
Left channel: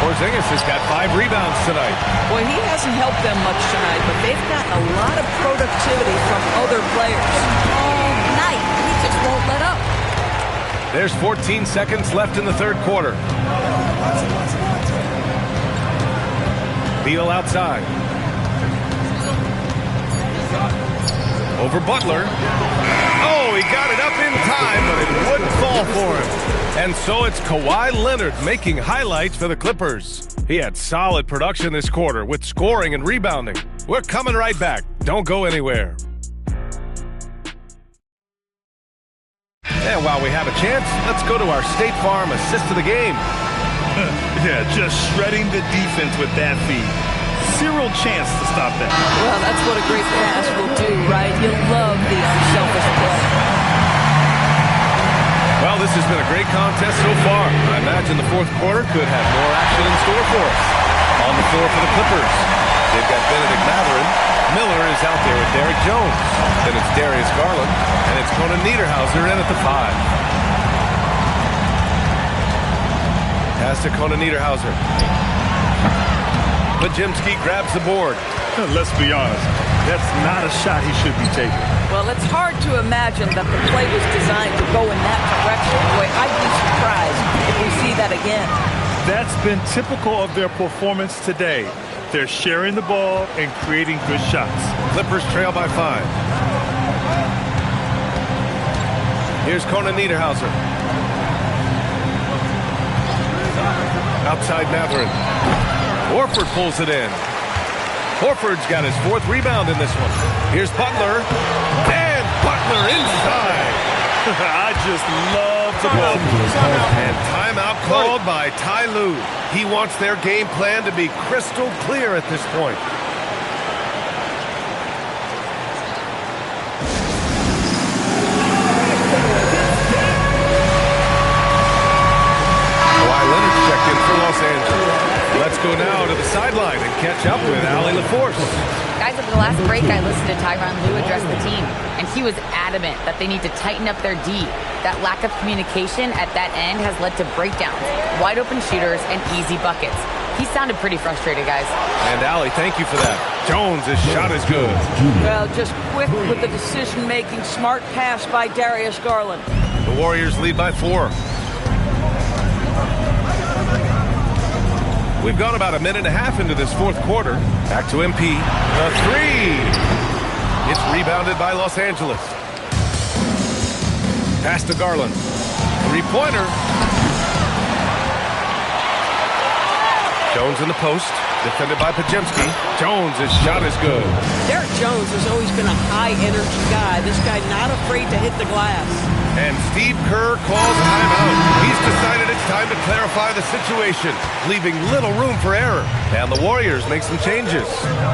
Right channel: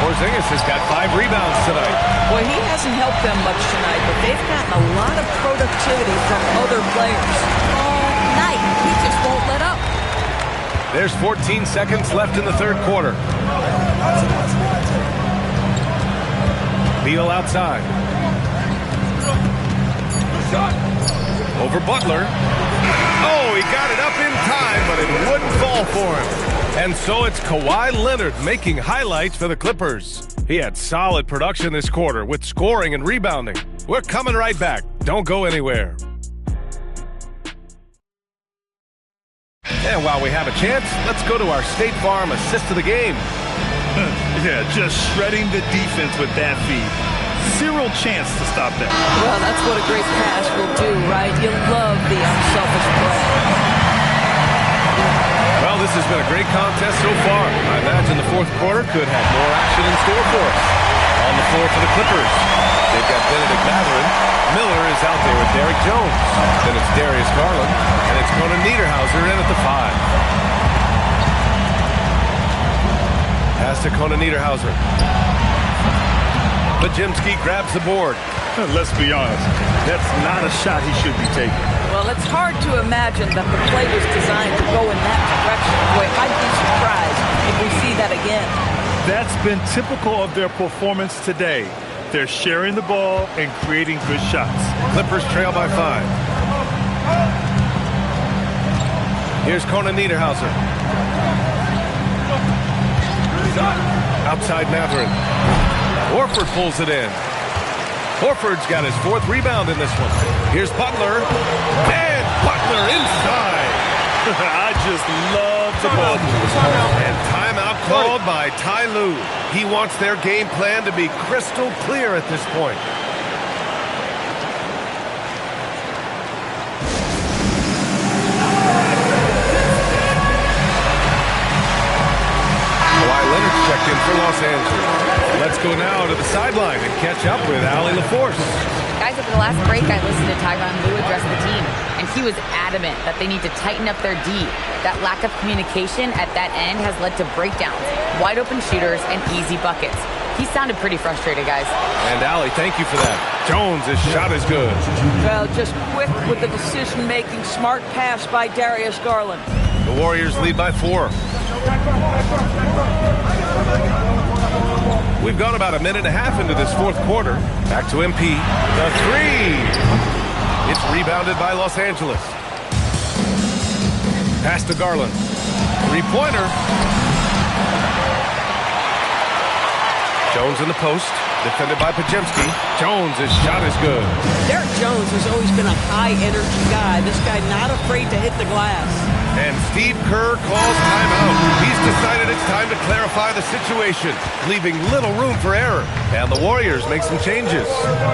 Porzingis has got 5 rebounds tonight. Well, he hasn't helped them much tonight, but they've gotten a lot of productivity from other players. All night, he just won't let up. There's 14 seconds left in the third quarter. Beal outside. Over Butler. Oh, he got it up in time, but it wouldn't fall for him. And so it's Kawhi Leonard making highlights for the Clippers. He had solid production this quarter with scoring and rebounding. We're coming right back. Don't go anywhere. And while we have a chance, let's go to our State Farm assist of the game. Yeah, just shredding the defense with that feed. Zero chance to stop that. Well, that's what a great pass will do, right? You love the unselfish play. Well, this has been a great contest so far. I imagine the fourth quarter could have more action in store for us. On the floor for the Clippers, they've got Benedict Mathurin. Miller is out there with Derrick Jones. Then it's Darius Garland, and it's Conan Niederhauser in at the 5. Pass to Conan Niederhauser. Podziemski grabs the board. Let's be honest, that's not a shot he should be taking. Well, it's hard to imagine that the play was designed to go in that direction. Boy, I'd be surprised if we see that again. That's been typical of their performance today. They're sharing the ball and creating good shots. Clippers trail by 5. Here's Conan Niederhauser. Outside Mathurin. Horford pulls it in. Horford's got his 4th rebound in this one. Here's Butler. And Butler inside. I just love the ball. And timeout called by Ty Lue. He wants their game plan to be crystal clear at this point. Kawhi Leonard checked in for Los Angeles. Let's go now to the sideline and catch up with Allie LaForce. Guys, over the last break, I listened to Tyronn Lue address the team, and he was adamant that they need to tighten up their D. That lack of communication at that end has led to breakdowns, wide open shooters, and easy buckets. He sounded pretty frustrated, guys. And Allie, thank you for that. Jones' shot is good. Well, just quick with the decision-making, smart pass by Darius Garland. The Warriors lead by 4. We've gone about a minute and a half into this fourth quarter. Back to MP. The 3. It's rebounded by Los Angeles. Pass to Garland. Three-pointer. Jones in the post. Defended by Podziemski. Jones' shot is good. Derek Jones has always been a high-energy guy. This guy not afraid to hit the glass. And Steve Kerr calls timeout. He's decided it's time to clarify the situation, leaving little room for error. And the Warriors make some changes.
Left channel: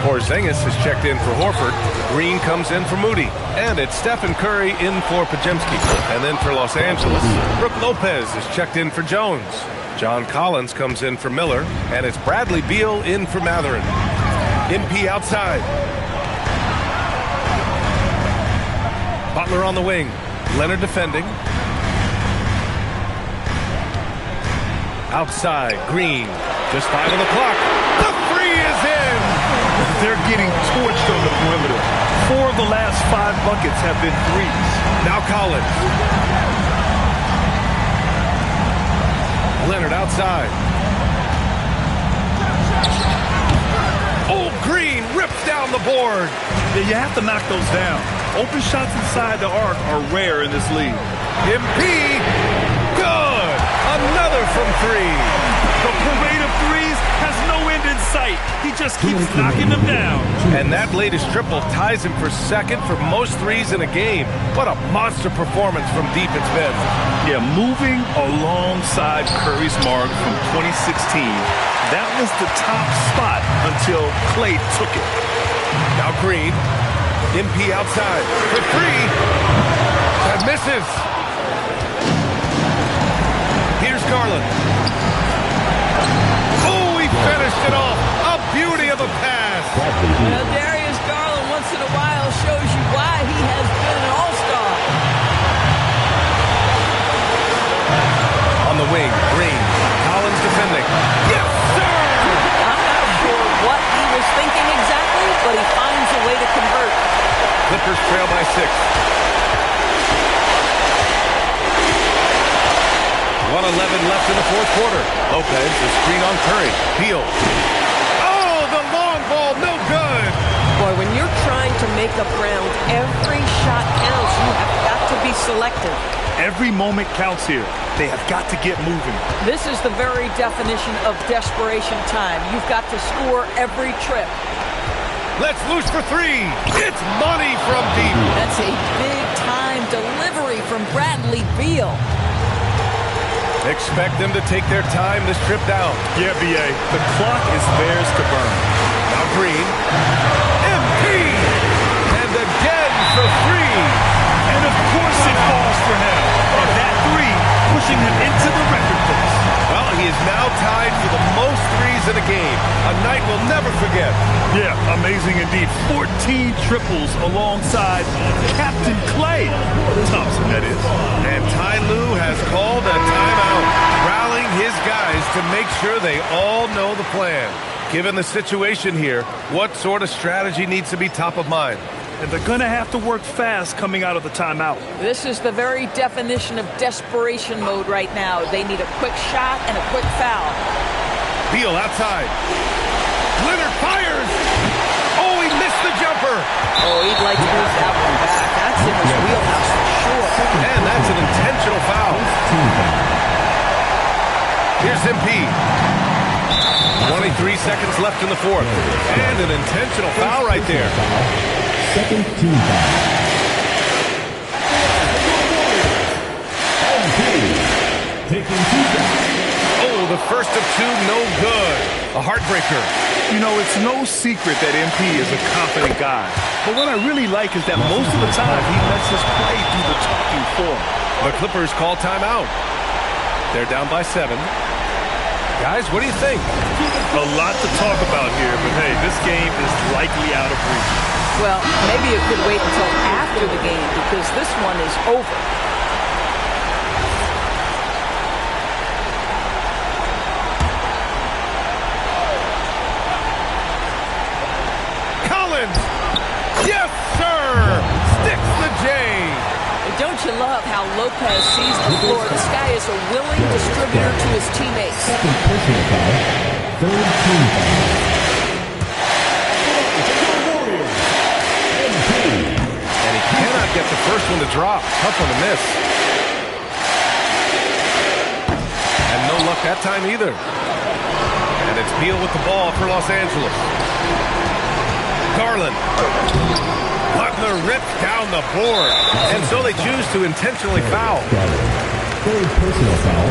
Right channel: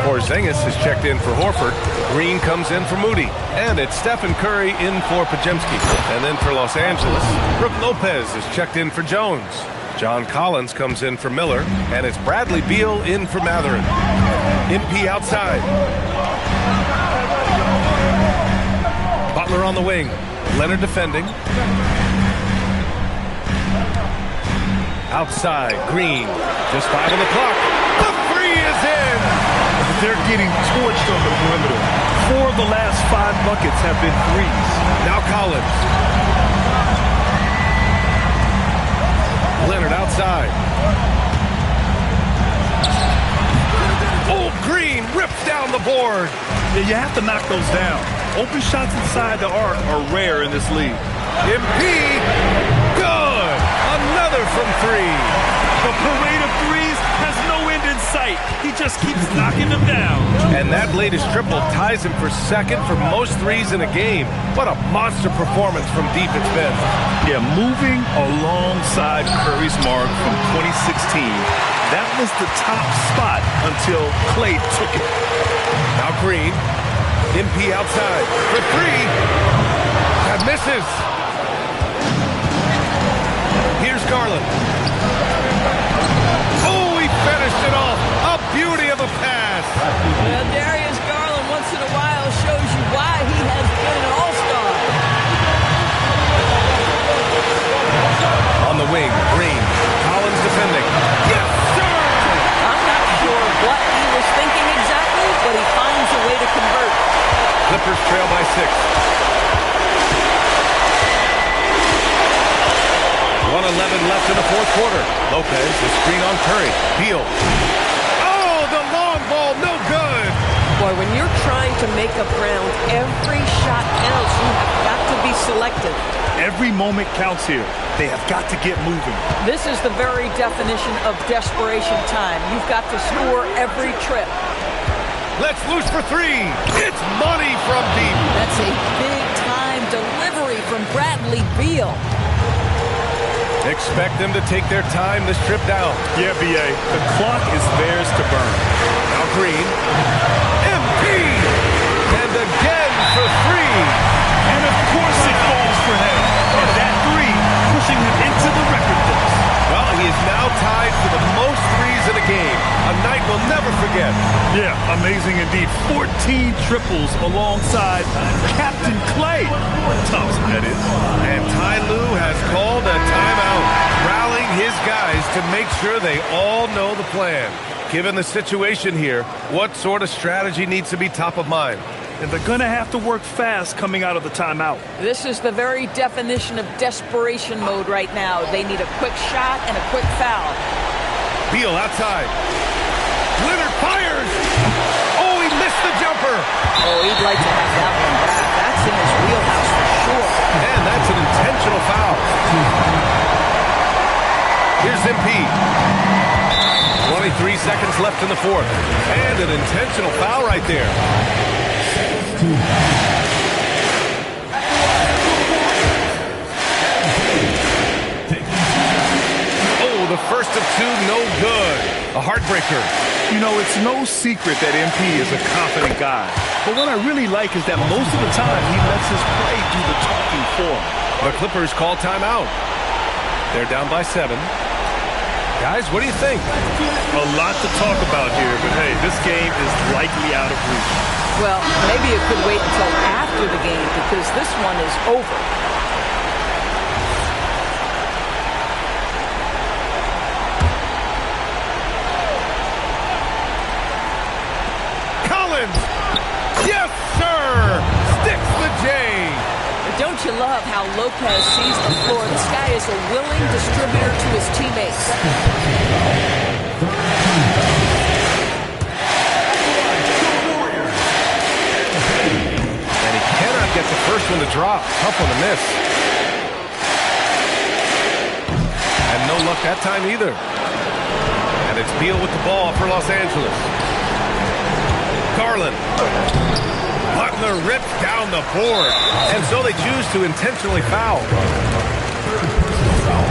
Porzingis is checked in for Horford. Green comes in for Moody. And it's Stephen Curry in for Podziemski. And then for Los Angeles, Brook Lopez is checked in for Jones. John Collins comes in for Miller, and it's Bradley Beal in for Mathurin. MP outside. Butler on the wing. Leonard defending. Outside, Green. Just 5 on the clock. The three is in! They're getting torched on the perimeter. 4 of the last 5 buckets have been threes. Now Collins. Leonard outside. Oh, Green rips down the board. Yeah, you have to knock those down. Open shots inside the arc are rare in this league. MP, good. Another from 3. The parade of threes has no end in sight. He just keeps knocking them down. And that latest triple ties him for second for most threes in a game. What a monster performance from deep it's been. Yeah, moving alongside Curry's mark from 2016. That was the top spot until Clay took it. Now Green. MP outside for 3. That misses. Here's Garland. Oh, he finished it off. A beauty of a pass. Well, Darius Garland once in a while shows you why he has been an all-star. On the wing, Green. Collins defending. Yes, sir! I'm not sure what he was thinking exactly, but he finds a way to convert. Clippers trail by 6. 1:11 left in the fourth quarter. Lopez, the screen on Curry. Beal. Oh, the long ball, no good. Boy, when you're trying to make up ground, every shot counts. You have got to be selective. Every moment counts here. They have got to get moving. This is the very definition of desperation time. You've got to score every trip. Let's loose for 3. It's money from deep. That's a big-time delivery from Bradley Beal. Expect them to take their time this trip down. Yeah, B.A. The clock is theirs to burn. Now Green. MP! And again for 3. And of course it falls for him. And that 3 pushing him into the record books. Well, he is now tied for the most threes in a game. A night we'll never forget. Yeah, amazing indeed. 14 triples alongside Captain Clay Thompson, that is. And Ty Lue has called a timeout, rallying his guys to make sure they all know the plan. Given the situation here, what sort of strategy needs to be top of mind? And they're going to have to work fast coming out of the timeout. This is the very definition of desperation mode right now. They need a quick shot and a quick foul. Beal outside. Leonard fires. Oh, he missed the jumper. Oh, he'd like to have that one back. That's in his wheelhouse for sure. And that's an intentional foul. Here's MP. 23 seconds left in the fourth. And an intentional foul right there. Oh, the first of 2, no good. A heartbreaker. You know, it's no secret that MP is a confident guy. But what I really like is that most of the time he lets his play do the talking for him. The Clippers call timeout. They're down by 7. Guys, what do you think? A lot to talk about here, but hey, this game is likely out of reach. Well, maybe it could wait until after the game because this one is over. Collins! Yes, sir! Sticks the J! Don't you love how Lopez sees the floor? This guy is a willing distributor to his teammates. And he cannot get the first one to drop. Tough one to miss. luck that time either. And it's Beal with the ball for Los Angeles. Garland. Butler ripped down the board. And so they choose to intentionally foul. Third personal foul.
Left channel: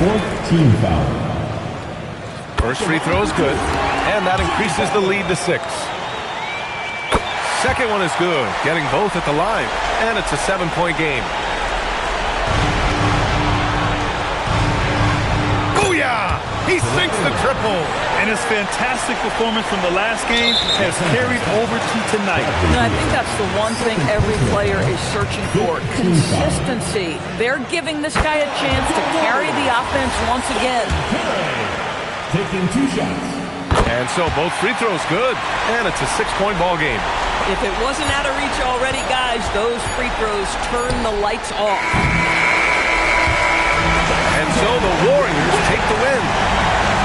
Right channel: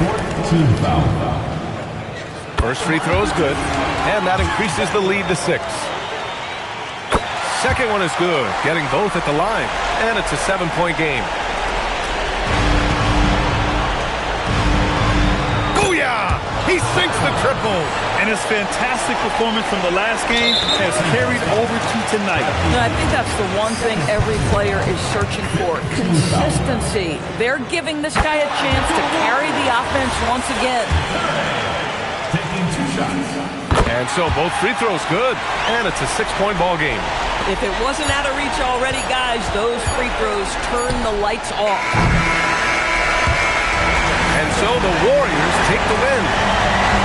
Fourth team foul. First free throw is good. And that increases the lead to 6. Second one is good. Getting both at the line. And it's a 7-point game. Booyah! He sinks the triple. And his fantastic performance from the last game has carried over to tonight. No, I think that's the one thing every player is searching for. Consistency. They're giving this guy a chance to carry the offense once again. Taking 2 shots. And so both free throws good. And it's a 6-point ball game. If it wasn't out of reach already, guys, those free throws turn the lights off. And so the Warriors take the win.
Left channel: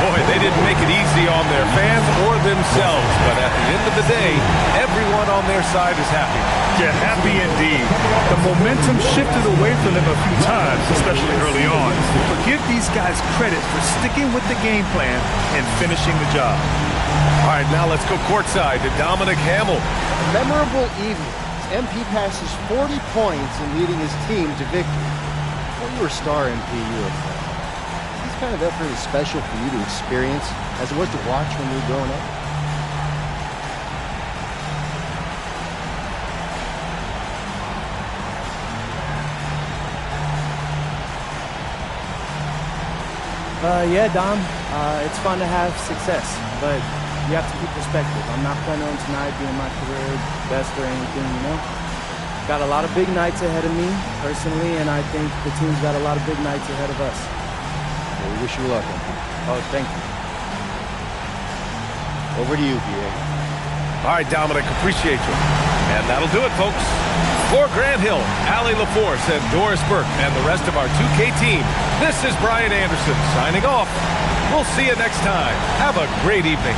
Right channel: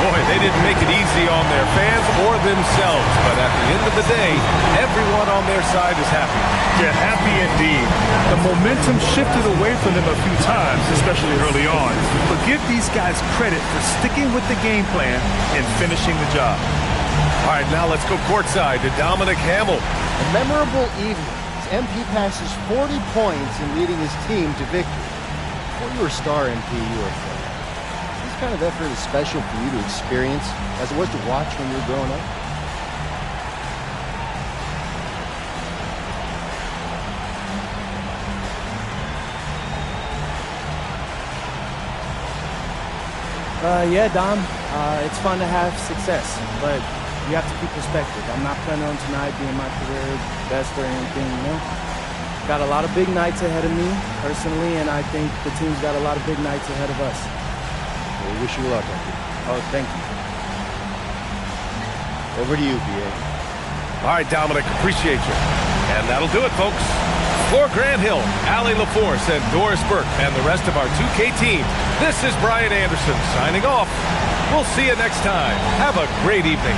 Boy, they didn't make it easy on their fans or themselves, but at the end of the day, everyone on their side is happy. Yeah, happy indeed. The momentum shifted away from them a few times, especially early on. But give these guys credit for sticking with the game plan and finishing the job. All right, now let's go courtside to Dominic Hamill. A memorable evening as MP passes 40 points in leading his team to victory. Before you were a star, MP, you were a friend. This kind of effort is special for you to experience as it was to watch when you were growing up? Yeah, Dom. It's fun to have success, but you have to keep perspective. I'm not planning on tonight being my career best or anything, you know? Got a lot of big nights ahead of me, personally, and I think the team's got a lot of big nights ahead of us. Well, we wish you luck, MP. Oh, thank you. Over to you, BA. All right, Dominic, appreciate you. And that'll do it, folks. For Grant Hill, Allie LaForce, and Doris Burke, and the rest of our 2K team, this is Brian Anderson signing off. We'll see you next time. Have a great evening.